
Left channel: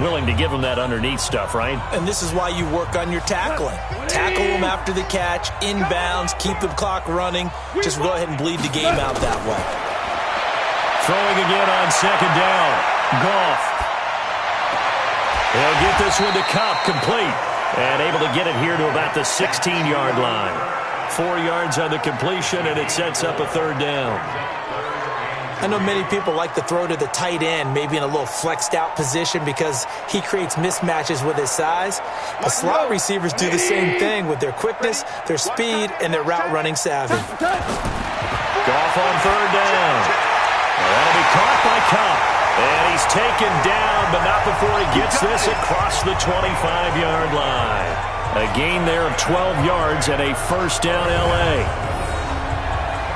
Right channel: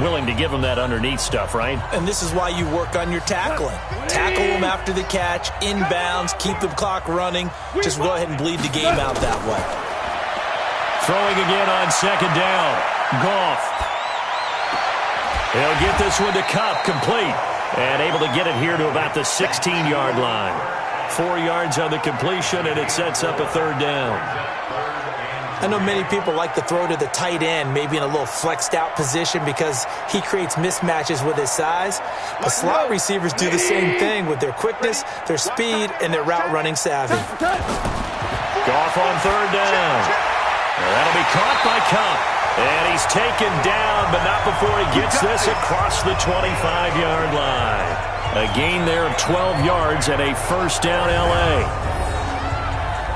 Willing to give them that underneath stuff, right? And this is why you work on your tackling. Tackle them after the catch, inbounds, keep the clock running. Just go ahead and bleed the game out that way. Throwing again on second down. Goff. He'll get this one to Kupp, complete. And able to get it here to about the 16-yard line. 4 yards on the completion, and it sets up a third down. I know many people like to throw to the tight end, maybe in a little flexed out position because he creates mismatches with his size. But slot receivers do the same thing with their quickness, their speed, and their route running savvy. Goff on third down. That'll be caught by Kupp. And he's taken down, but not before he gets this across the 25-yard line. A gain there of 12 yards and a first down L.A.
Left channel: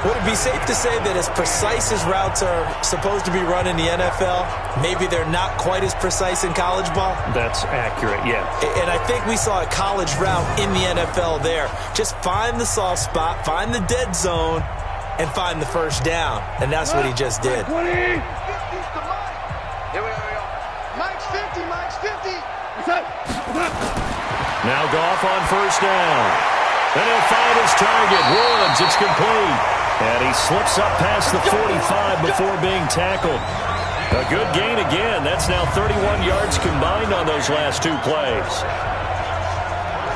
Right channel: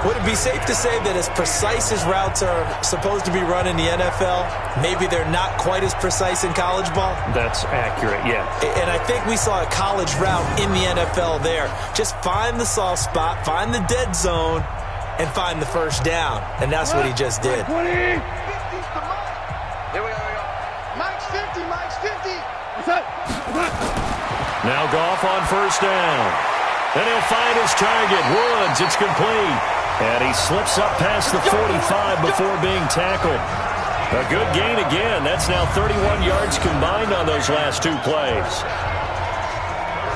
Would it be safe to say that as precise as routes are supposed to be run in the NFL, maybe they're not quite as precise in college ball? That's accurate, yeah. And I think we saw a college route in the NFL there. Just find the soft spot, find the dead zone, and find the first down. And that's what he just did. 20. 50's to Mike. Here we go. Mike's 50. Mike's 50. What's up? Now Goff on first down. Then he'll find his target. Woods, it's complete. And he slips up past the 45 before being tackled. A good gain again. That's now 31 yards combined on those last 2 plays.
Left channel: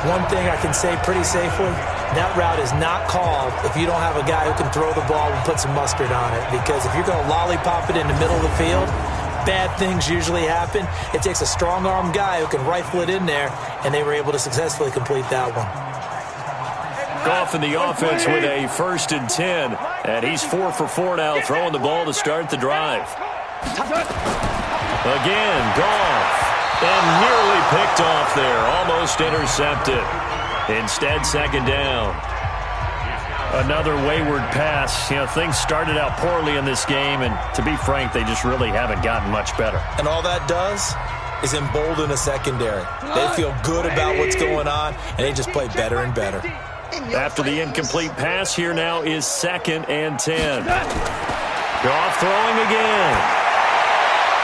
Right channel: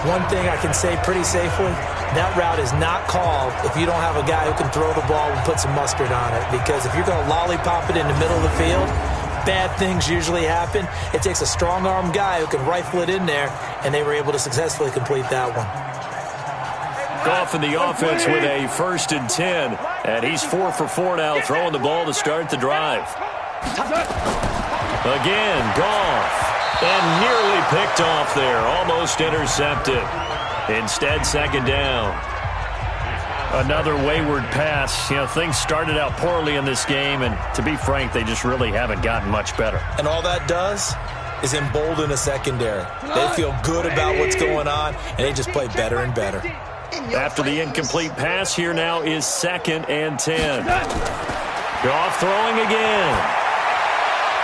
One thing I can say pretty safely, that route is not called if you don't have a guy who can throw the ball and put some mustard on it. Because if you're going to lollipop it in the middle of the field, bad things usually happen. It takes a strong-arm guy who can rifle it in there, and they were able to successfully complete that one. Goff in the offense with a 1st and 10 And he's 4 for 4 now, throwing the ball to start the drive. Again, Goff. And nearly picked off there. Almost intercepted. Instead, second down. Another wayward pass. You know, things started out poorly in this game, and to be frank, they just really haven't gotten much better. And all that does is embolden a secondary. They feel good about what's going on, and they just play better and better. After the incomplete pass, here now is 2nd and 10. Goff throwing again.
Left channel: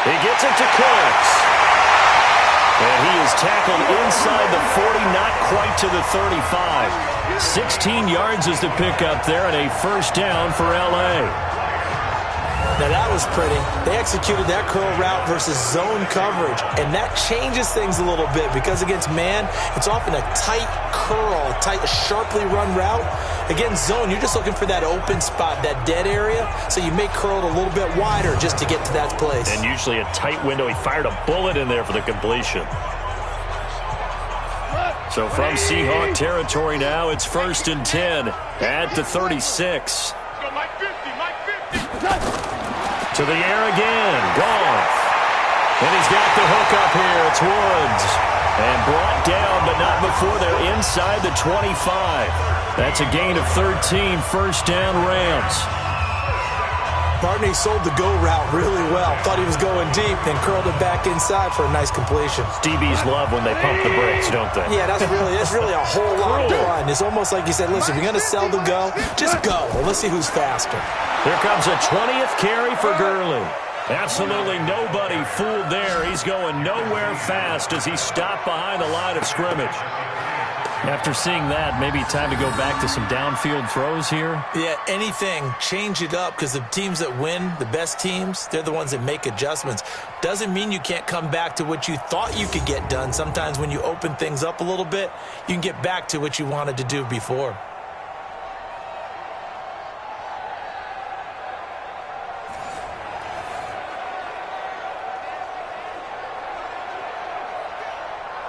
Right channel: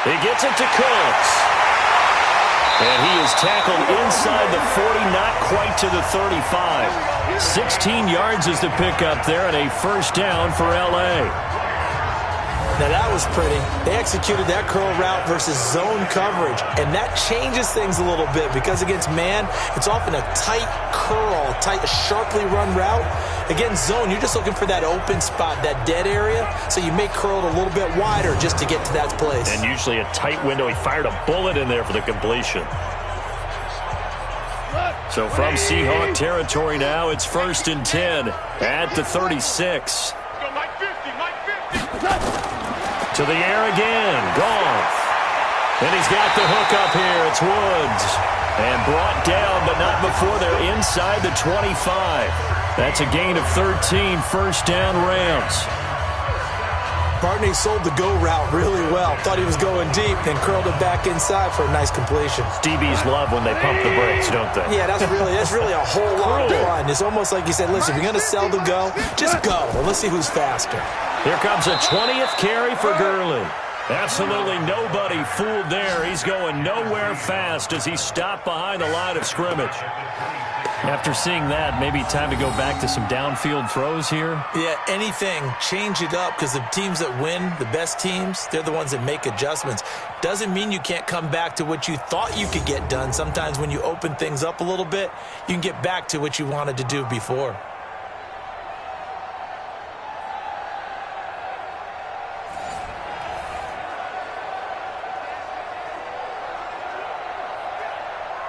He gets it to Cooks. And he is tackled inside the 40, not quite to the 35. 16 yards is the pickup there, and a first down for L.A. Now, that was pretty. They executed that curl route versus zone coverage, and that changes things a little bit because against man, it's often a tight curl, tight, sharply run route. Against zone, you're just looking for that open spot, that dead area, so you may curl it a little bit wider just to get to that place. And usually a tight window. He fired a bullet in there for the completion. So from Seahawk territory now, it's 1st and 10 at the 36. Go, Mike 50, Mike 50. To the air again, Goff. And he's got the hook up here. It's Woods. And brought down, but not before they're inside the 25. That's a gain of 13, first down Rams. Barney sold the go route really well. Thought he was going deep, then curled it back inside for a nice completion. DBs love when they pump the brakes, don't they? Yeah, that's really a whole lot of fun. It's almost like you said, listen, if you're going to sell the go, just go. Well, let's see who's faster. Here comes a 20th carry for Gurley. Absolutely nobody fooled there. He's going nowhere fast as he stopped behind the line of scrimmage. After seeing that, maybe time to go back to some downfield throws here. Yeah, anything. Change it up because the teams that win, the best teams, they're the ones that make adjustments. Doesn't mean you can't come back to what you thought you could get done. Sometimes when you open things up a little bit, you can get back to what you wanted to do before.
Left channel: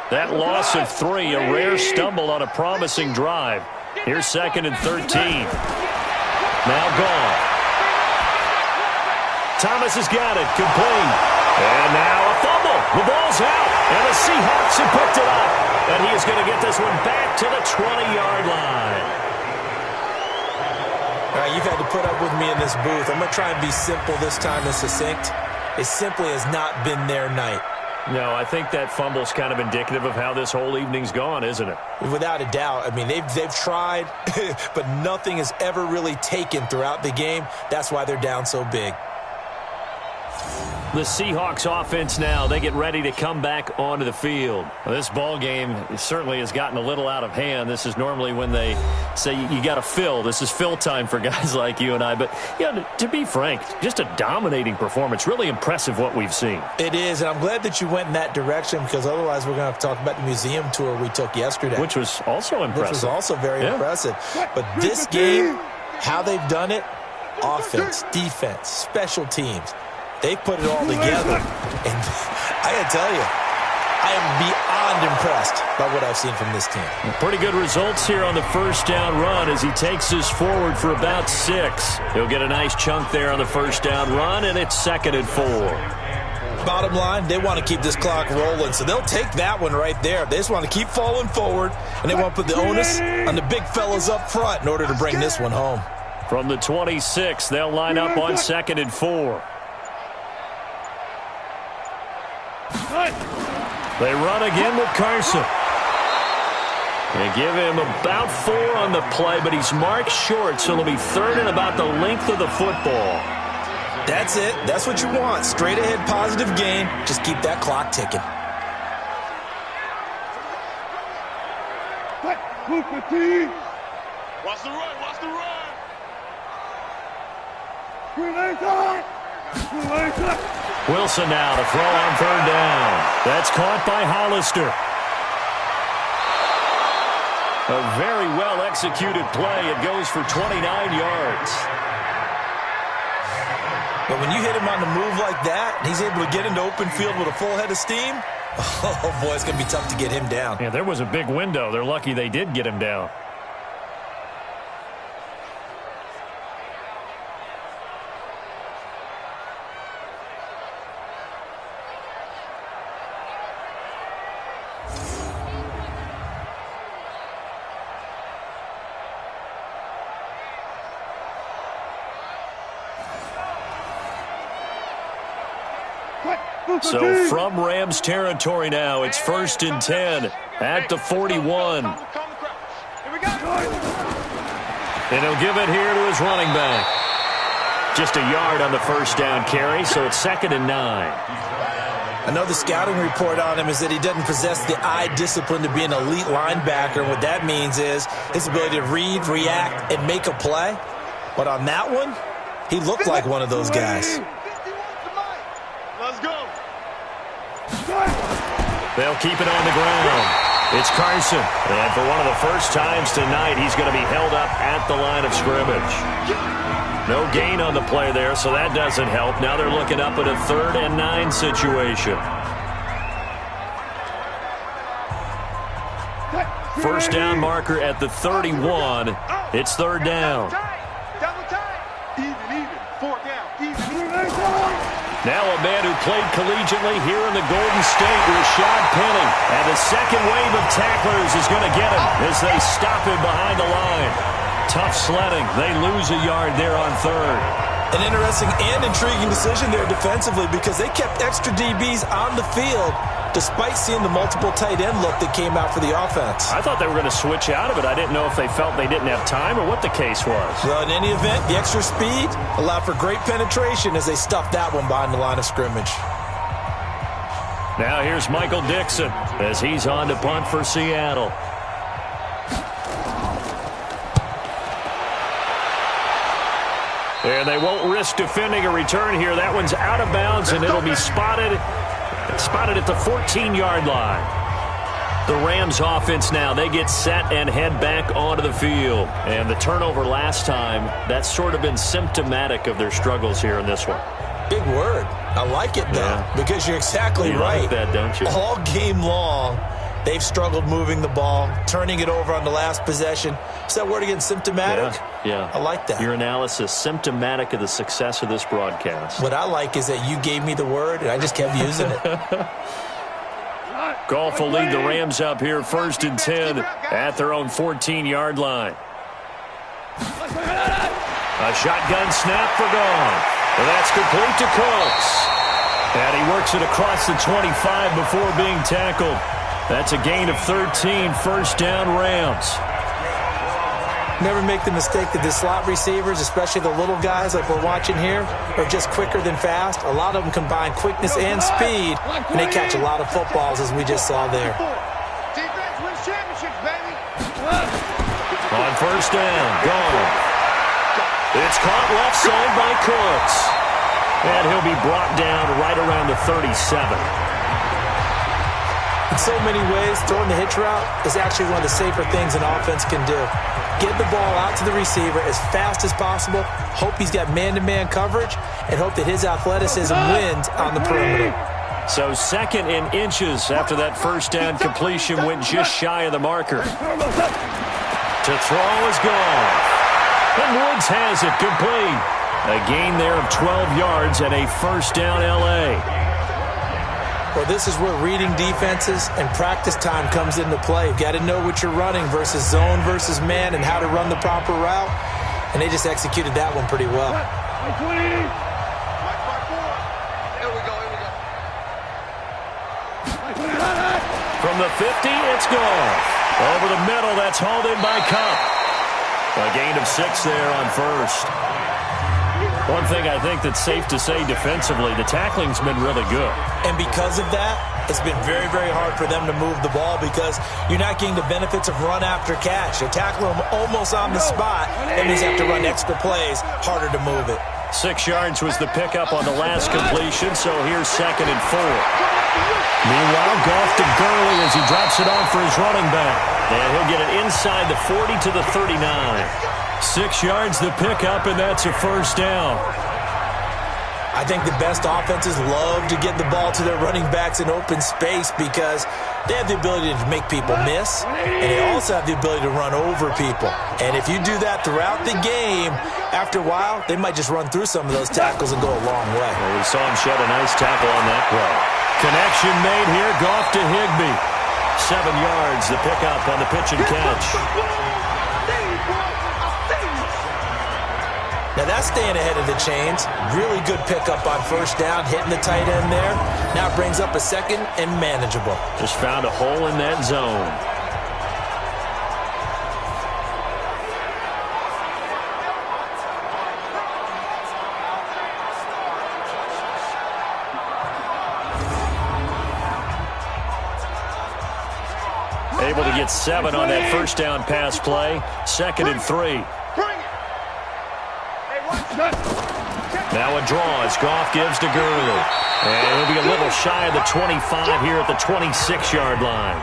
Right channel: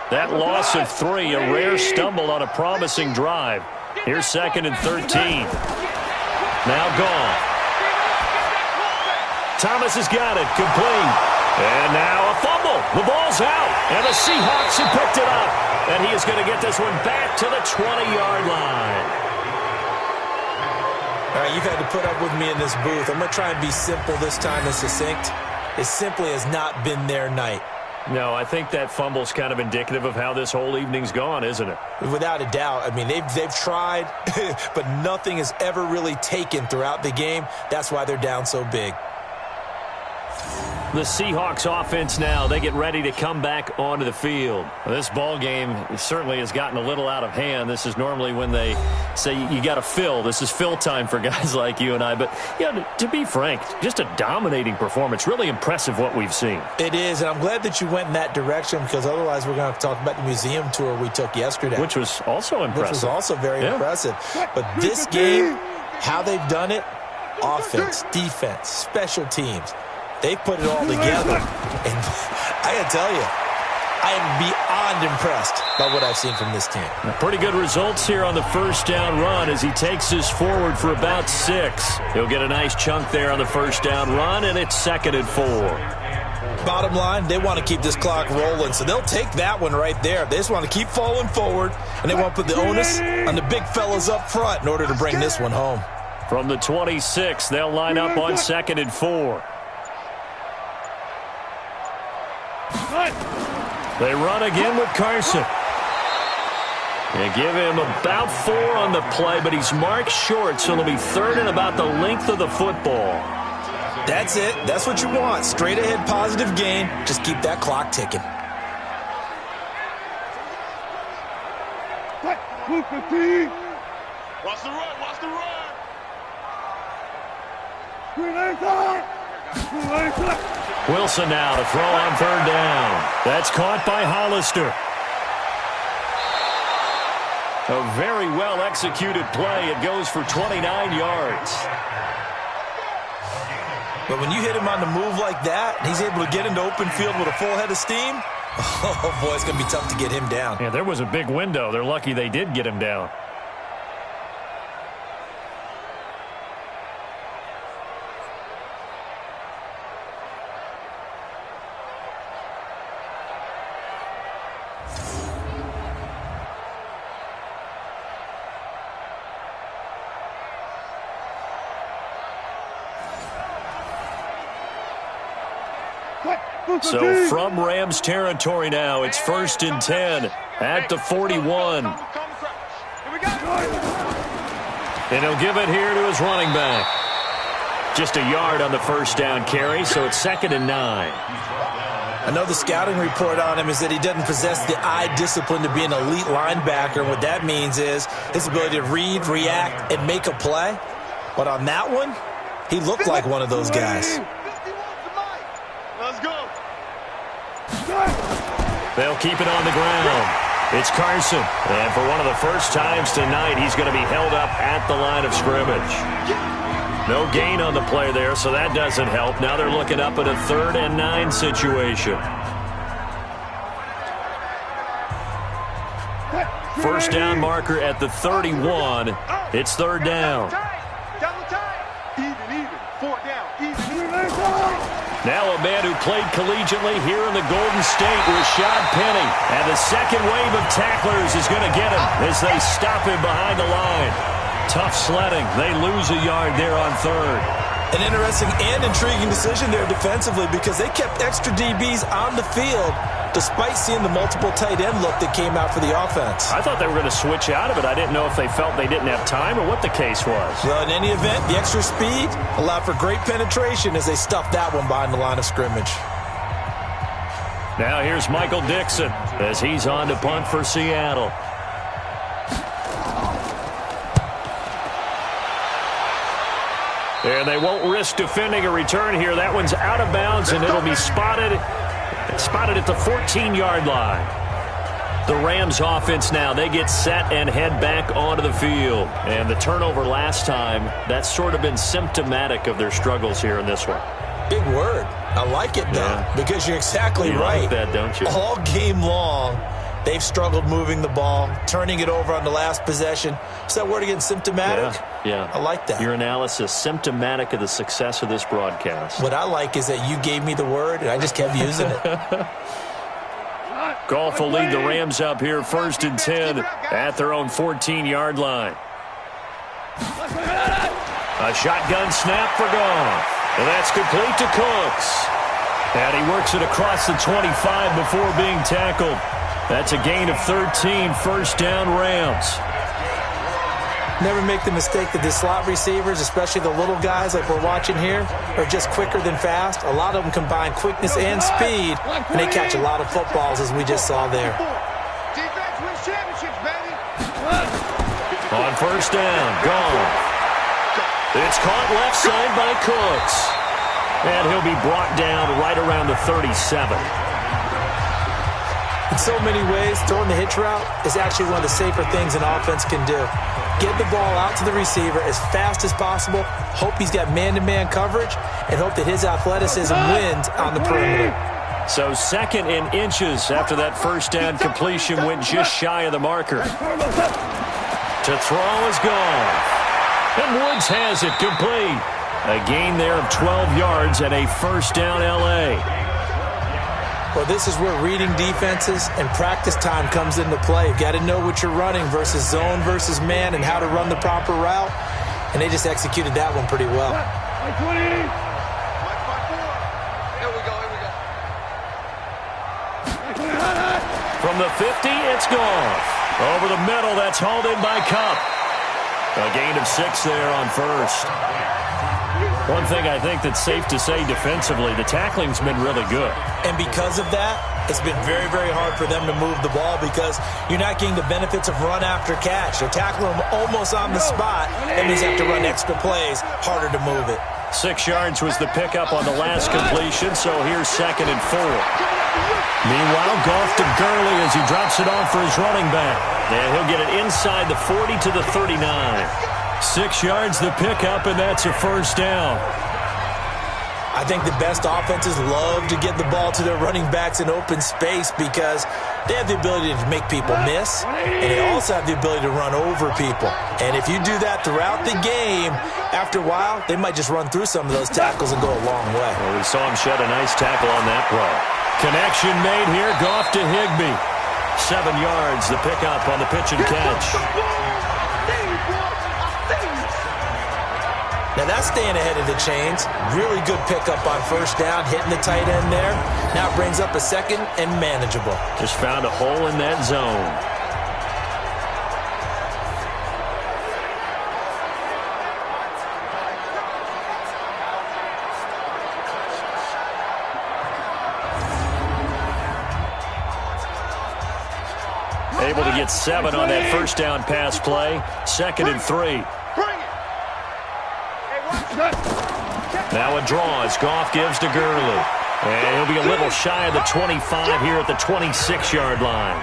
That loss of 3, a rare stumble on a promising drive. Here's 2nd and 13. Now Goff. Thomas has got it, complete. And now a fumble. The ball's out, and the Seahawks have picked it up. And he is going to get this one back to the 20-yard line. All right, you've had to put up with me in this booth. I'm going to try and be simple this time and succinct. It simply has not been their night. No, I think that fumble's kind of indicative of how this whole evening's gone, isn't it? Without a doubt. I mean, they've tried, but nothing is ever really taken throughout the game. That's why they're down so big. The Seahawks offense now, they get ready to come back onto the field. Well, this ball game certainly has gotten a little out of hand. This is normally when they say you got to fill. This is fill time for guys like you and I. But, you know, to be frank, just a dominating performance. Really impressive what we've seen. It is, and I'm glad that you went in that direction because otherwise we're going to have to talk about the museum tour we took yesterday. Which was also impressive. Which was also very impressive. But this game, how they've done it, offense, defense, special teams, they put it all together. And I got to tell you, I am beyond impressed by what I've seen from this team. Pretty good results here on the first down run as he takes this forward for about 6. He'll get a nice chunk there on the first down run, and it's 2nd and 4. Bottom line, they want to keep this clock rolling, so they'll take that one right there. They just want to keep falling forward, and they want to put the onus on the big fellas up front in order to bring this one home. From the 26, they'll line up on 2nd and 4. They run again with Carson. They give him about 4 on the play, but he's marked short, so it'll be 3rd and about the length of the football. That's it. That's what you want. Straight ahead, positive gain. Just keep that clock ticking. Watch the run, watch the run. Wilson now to throw on 3rd down. That's caught by Hollister. A very well-executed play. It goes for 29 yards. But when you hit him on the move like that, and he's able to get into open field with a full head of steam, oh, boy, it's going to be tough to get him down. Yeah, there was a big window. They're lucky they did get him down. So from Rams territory now, it's 1st and 10 at the 41. And he'll give it here to his running back. Just a yard on the first down carry, so it's 2nd and 9. I know the scouting report on him is that he doesn't possess the eye discipline to be an elite linebacker. What that means is his ability to read, react, and make a play. But on that one, he looked like one of those guys. Let's go. They'll keep it on the ground. It's Carson. And for one of the first times tonight, he's going to be held up at the line of scrimmage. No gain on the play there, so that doesn't help. Now they're looking up at a 3rd and 9 situation. First down marker at the 31. It's 3rd down. Double tie. Even. 4 down. Even. Now a man who played collegiately here in the Golden State, Rashad Penny. And the second wave of tacklers is going to get him as they stop him behind the line. Tough sledding. They lose a yard there on 3rd. An interesting and intriguing decision there defensively because they kept extra DBs on the field despite seeing the multiple tight end look that came out for the offense. I thought they were going to switch out of it. I didn't know if they felt they didn't have time or what the case was. Well, in any event, the extra speed allowed for great penetration as they stuffed that one behind the line of scrimmage. Now here's Michael Dixon as he's on to punt for Seattle. And they won't risk defending a return here. That one's out of bounds, and it'll be spotted at the 14-yard line. The Rams offense now, they get set and head back onto the field. And the turnover last time, that's sort of been symptomatic of their struggles here in this one. Big word. I like it, though, because you're exactly right. You like that, don't you? All game long, they've struggled moving the ball, turning it over on the last possession. Is that word again, symptomatic? Yeah. I like that. Your analysis, symptomatic of the success of this broadcast. What I like is that you gave me the word, and I just kept using it. Goff will lead the Rams up here 1st and 10 at their own 14-yard line. A shotgun snap for Goff. And that's complete to Cooks. And he works it across the 25 before being tackled. That's a gain of 13, 1st down Rams. Never make the mistake that the slot receivers, especially the little guys like we're watching here, are just quicker than fast. A lot of them combine quickness and speed, and they catch a lot of footballs, as we just saw there. Defense wins championships, baby. On 1st down, Goff. It's caught left side by Cooks. And he'll be brought down right around the 37. In so many ways, throwing the hitch route is actually one of the safer things an offense can do. Get the ball out to the receiver as fast as possible, hope he's got man-to-man coverage, and hope that his athleticism wins on the perimeter. So 2nd and inches after that 1st down completion went just shy of the marker. To throw is Goff. And Woods has it complete. A gain there of 12 yards and a 1st down L.A. Well, this is where reading defenses and practice time comes into play. You've got to know what you're running versus zone versus man and how to run the proper route. And they just executed that one pretty well. Mike 20. Mike 5-4. Here we go. From the 50, it's Goff. Over the middle, that's hauled in by Cup. A gain of 6 there on 1st. One thing I think that's safe to say defensively, the tackling's been really good. And because of that, it's been very, very hard for them to move the ball because you're not getting the benefits of run after catch. They're tackling them almost on the spot. That means you have to run extra plays, harder to move it. 6 yards was the pickup on the last completion, so here's 2nd and 4. Meanwhile, Goff to Gurley as he drops it off for his running back. And he'll get it inside the 40 to the 39. 6 yards the pickup, and that's a 1st down. I think the best offenses love to get the ball to their running backs in open space because they have the ability to make people miss, and they also have the ability to run over people. And if you do that throughout the game, after a while, they might just run through some of those tackles and go a long way. Well, we saw him shed a nice tackle on that play. Connection made here, Goff to Higbee. 7 yards, the pickup on the pitch and catch. Now that's staying ahead of the chains. Really good pickup on first down, hitting the tight end there. Now it brings up a second and manageable. Just found a hole in that zone. Able to get 7 on that first down pass play. 2nd and 3. Now a draw as Goff gives to Gurley. And he'll be a little shy of the 25 here at the 26-yard line.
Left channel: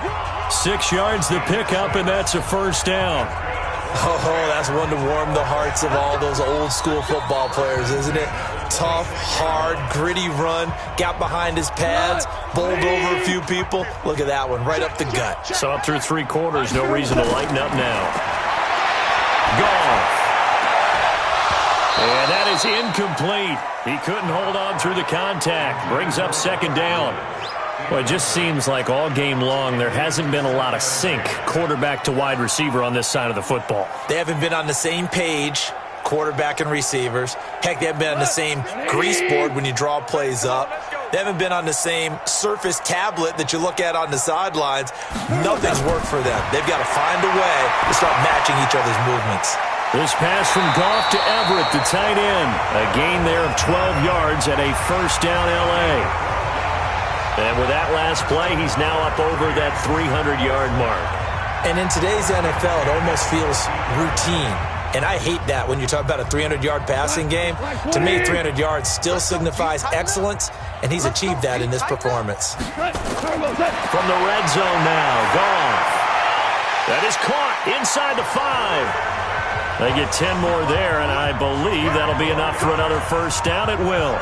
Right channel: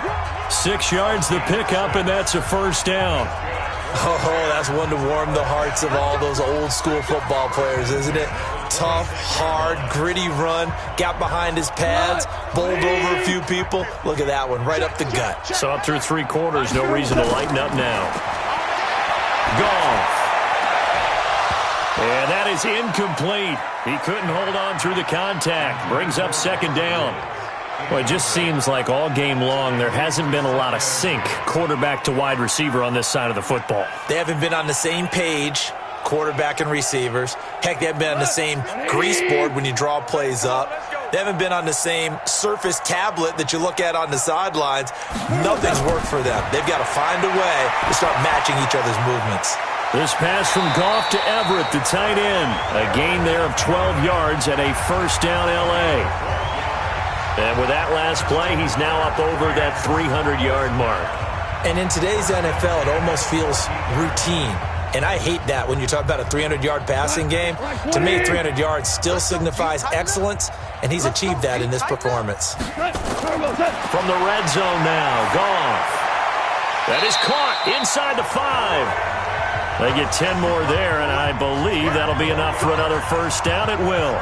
6 yards the pickup, and that's a first down. Oh, that's one to warm the hearts of all those old-school football players, isn't it? Tough, hard, gritty run. Got behind his pads, bowled over a few people. Look at that one, right up the gut. Saw it through 3 quarters. No reason to lighten up now. Goff. And that is incomplete. He couldn't hold on through the contact. Brings up 2nd down. Well, it just seems like all game long there hasn't been a lot of sync quarterback to wide receiver on this side of the football. They haven't been on the same page, quarterback and receivers. Heck, they haven't been on the same grease board when you draw plays up. They haven't been on the same Surface tablet that you look at on the sidelines. Nothing's worked for them. They've got to find a way to start matching each other's movements. This pass from Goff to Everett, the tight end. A gain there of 12 yards at a first down L.A. And with that last play, he's now up over that 300-yard mark. And in today's NFL, it almost feels routine. And I hate that when you talk about a 300-yard passing game. To me, 300 yards still signifies excellence, and he's achieved that in this performance. From the red zone now, Goff. That is caught inside the 5. They get 10 more there, and I believe that'll be enough for another first down. It will.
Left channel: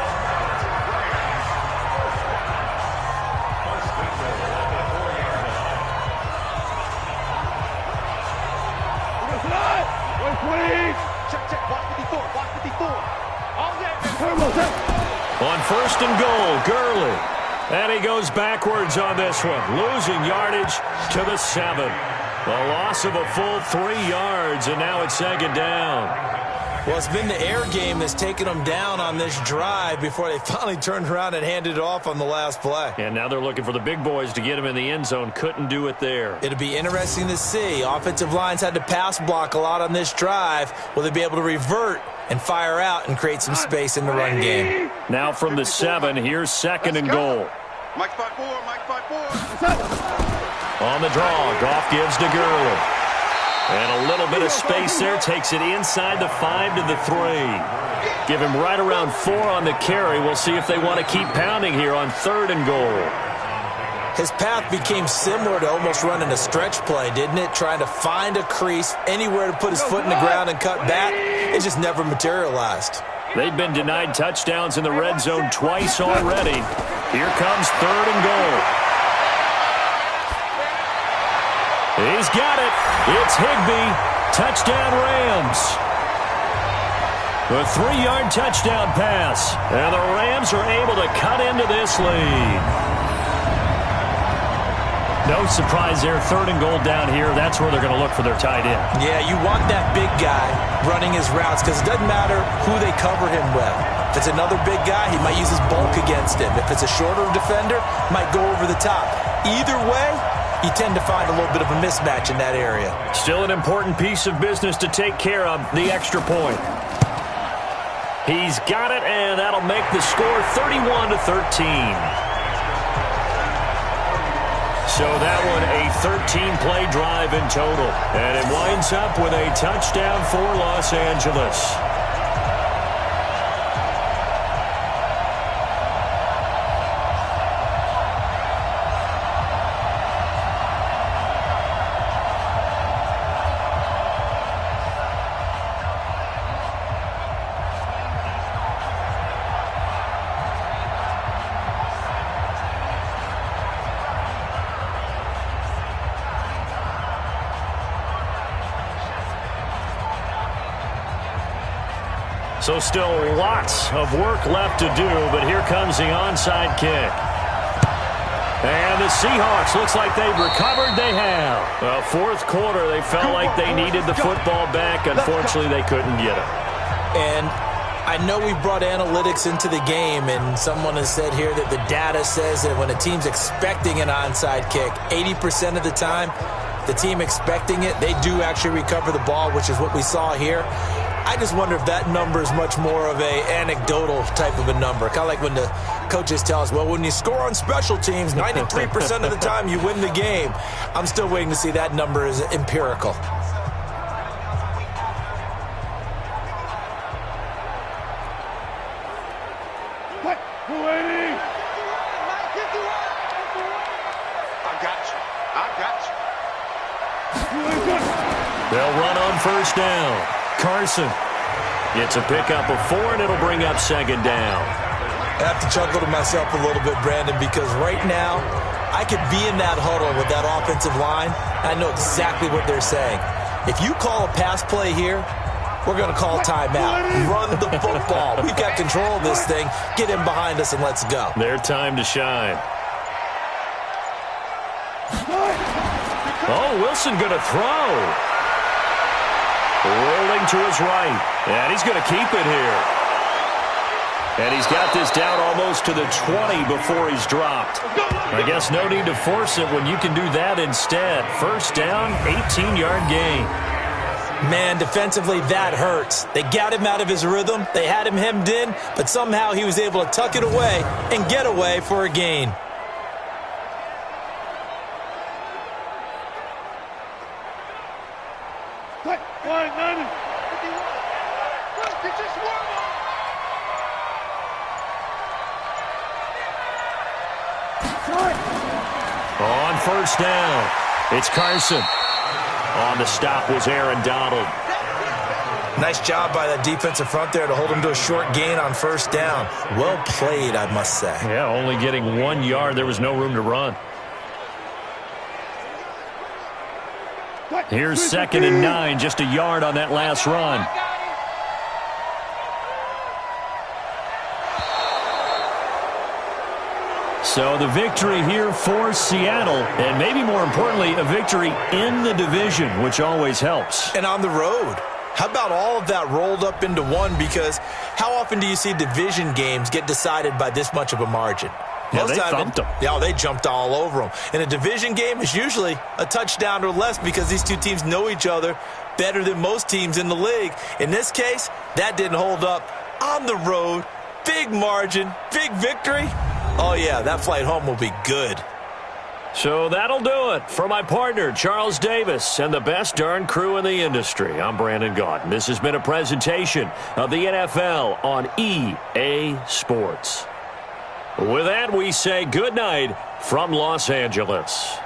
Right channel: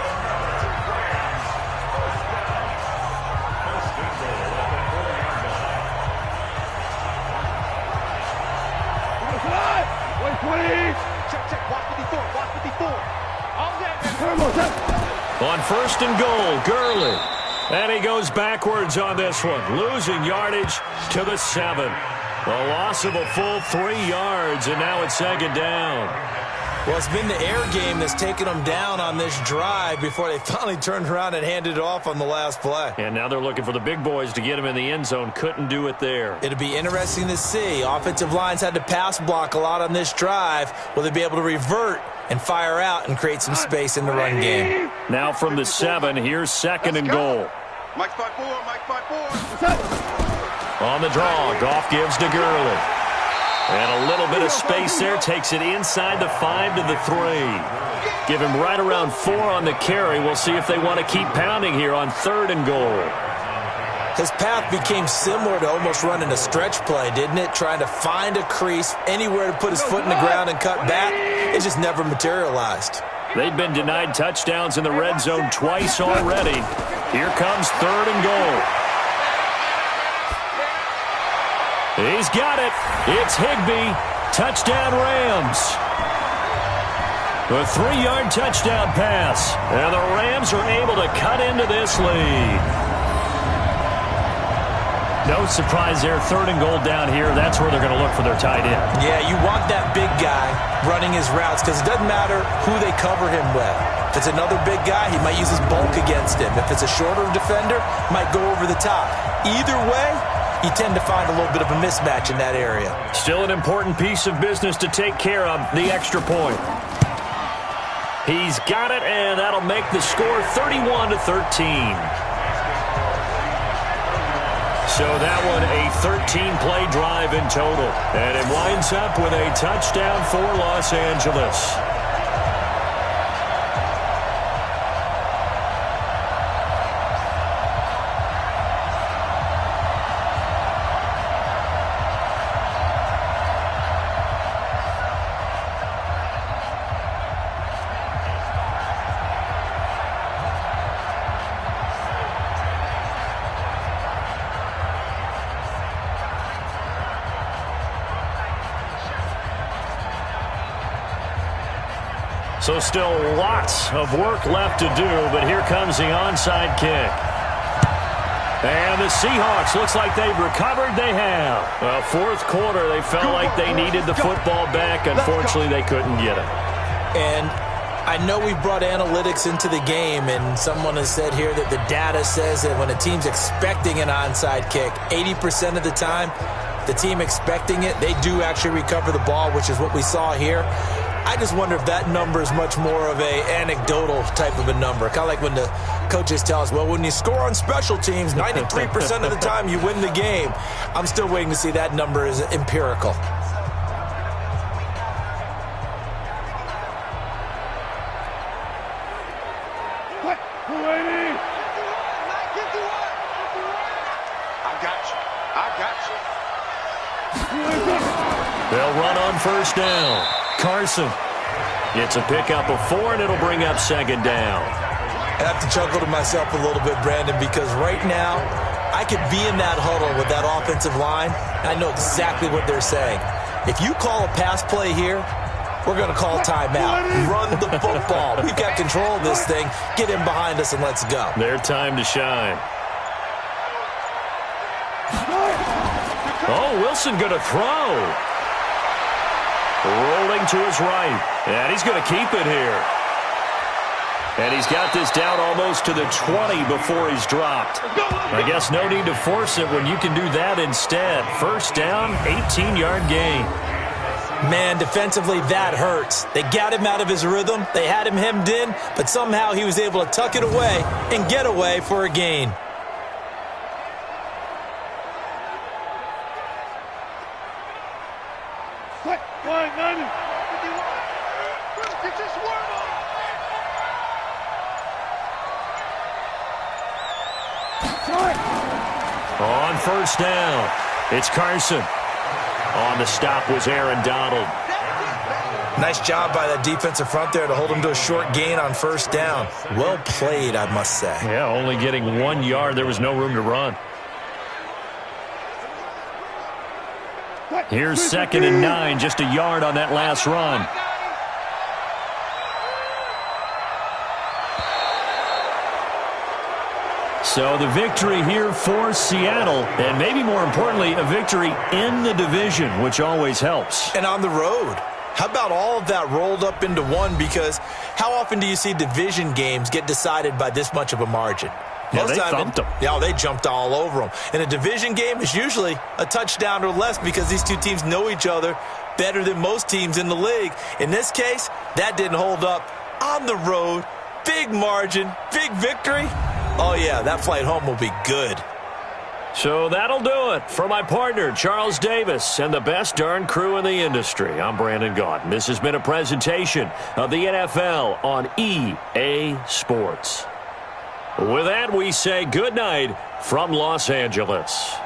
Check. Watch 54. All that. On 1st and goal, Gurley. And he goes backwards on this one, losing yardage to the 7. The loss of a full 3 yards, and now it's 2nd down. Well, it's been the air game that's taken them down on this drive before they finally turned around and handed it off on the last play. And now they're looking for the big boys to get him in the end zone. Couldn't do it there. It'll be interesting to see. Offensive lines had to pass block a lot on this drive. Will they be able to revert and fire out and create some space in the run game? Now from the 7, here's 2nd and goal. Mike 5-4. On the draw, Goff gives to Gurley. And a little bit of space there, takes it inside the 5 to the 3. Give him right around 4 on the carry. We'll see if they want to keep pounding here on 3rd and goal. His path became similar to almost running a stretch play, didn't it? Trying to find a crease, anywhere to put his foot in the ground and cut back. It just never materialized. They've been denied touchdowns in the red zone twice already. Here comes 3rd and goal. He's got it. It's Higbee. Touchdown Rams. A 3-yard touchdown pass. And the Rams are able to cut into this lead. No surprise there. 3rd and goal down here. That's where they're going to look for their tight end. Yeah, you want that big guy running his routes because it doesn't matter who they cover him with. If it's another big guy, he might use his bulk against him. If it's a shorter defender, might go over the top. Either way, you tend to find a little bit of a mismatch in that area. Still an important piece of business to take care of, the extra point. He's got it, and that'll make the score 31-13. So that one, a 13-play drive in total. And it winds up with a touchdown for Los Angeles. So still lots of work left to do, but here comes the onside kick. And the Seahawks, looks like they've recovered. They have. Well, 4th quarter, they felt like they needed the football back. Unfortunately, they couldn't get it. And I know we brought analytics into the game, and someone has said here that the data says that when a team's expecting an onside kick, 80% of the time, the team expecting it, they do actually recover the ball, which is what we saw here. I just wonder if that number is much more of a anecdotal type of a number. Kind of like when the coaches tell us, well, when you score on special teams, 93% of the time you win the game. I'm still waiting to see that number is empirical. They'll run on first down. Carson gets a pickup of 4, and it'll bring up second down. I have to chuckle to myself a little bit, Brandon, because right now I could be in that huddle with that offensive line. I know exactly what they're saying. If you call a pass play here, we're going to call timeout. Run the football. We've got control of this thing. Get in behind us and let's go. Their time to shine. Oh, Wilson going to throw. Rolling to his right. And he's going to keep it here. And he's got this down almost to the 20 before he's dropped. I guess no need to force it when you can do that instead. First down, 18-yard gain. Man, defensively, that hurts. They got him out of his rhythm. They had him hemmed in, but somehow he was able to tuck it away and get away for a gain. On first down, it's Carson. On the stop was Aaron Donald. Nice job by that defensive front there to hold him to a short gain on first down. Well played, I must say. Yeah, only getting 1 yard. There was no room to run. Here's 2nd and 9, just a yard on that last run. So the victory here for Seattle, and maybe more importantly, a victory in the division, which always helps. And on the road. How about all of that rolled up into one? Because how often do you see division games get decided by this much of a margin? Yeah, they thumped them. Yeah, they jumped all over them. In a division game, it's usually a touchdown or less because these two teams know each other better than most teams in the league. In this case, that didn't hold up. On the road, big margin, big victory. Oh, yeah, that flight home will be good. So that'll do it. For my partner, Charles Davis, and the best darn crew in the industry, I'm Brandon Gaudin. This has been a presentation of the NFL on EA Sports. With that, we say good night from Los Angeles.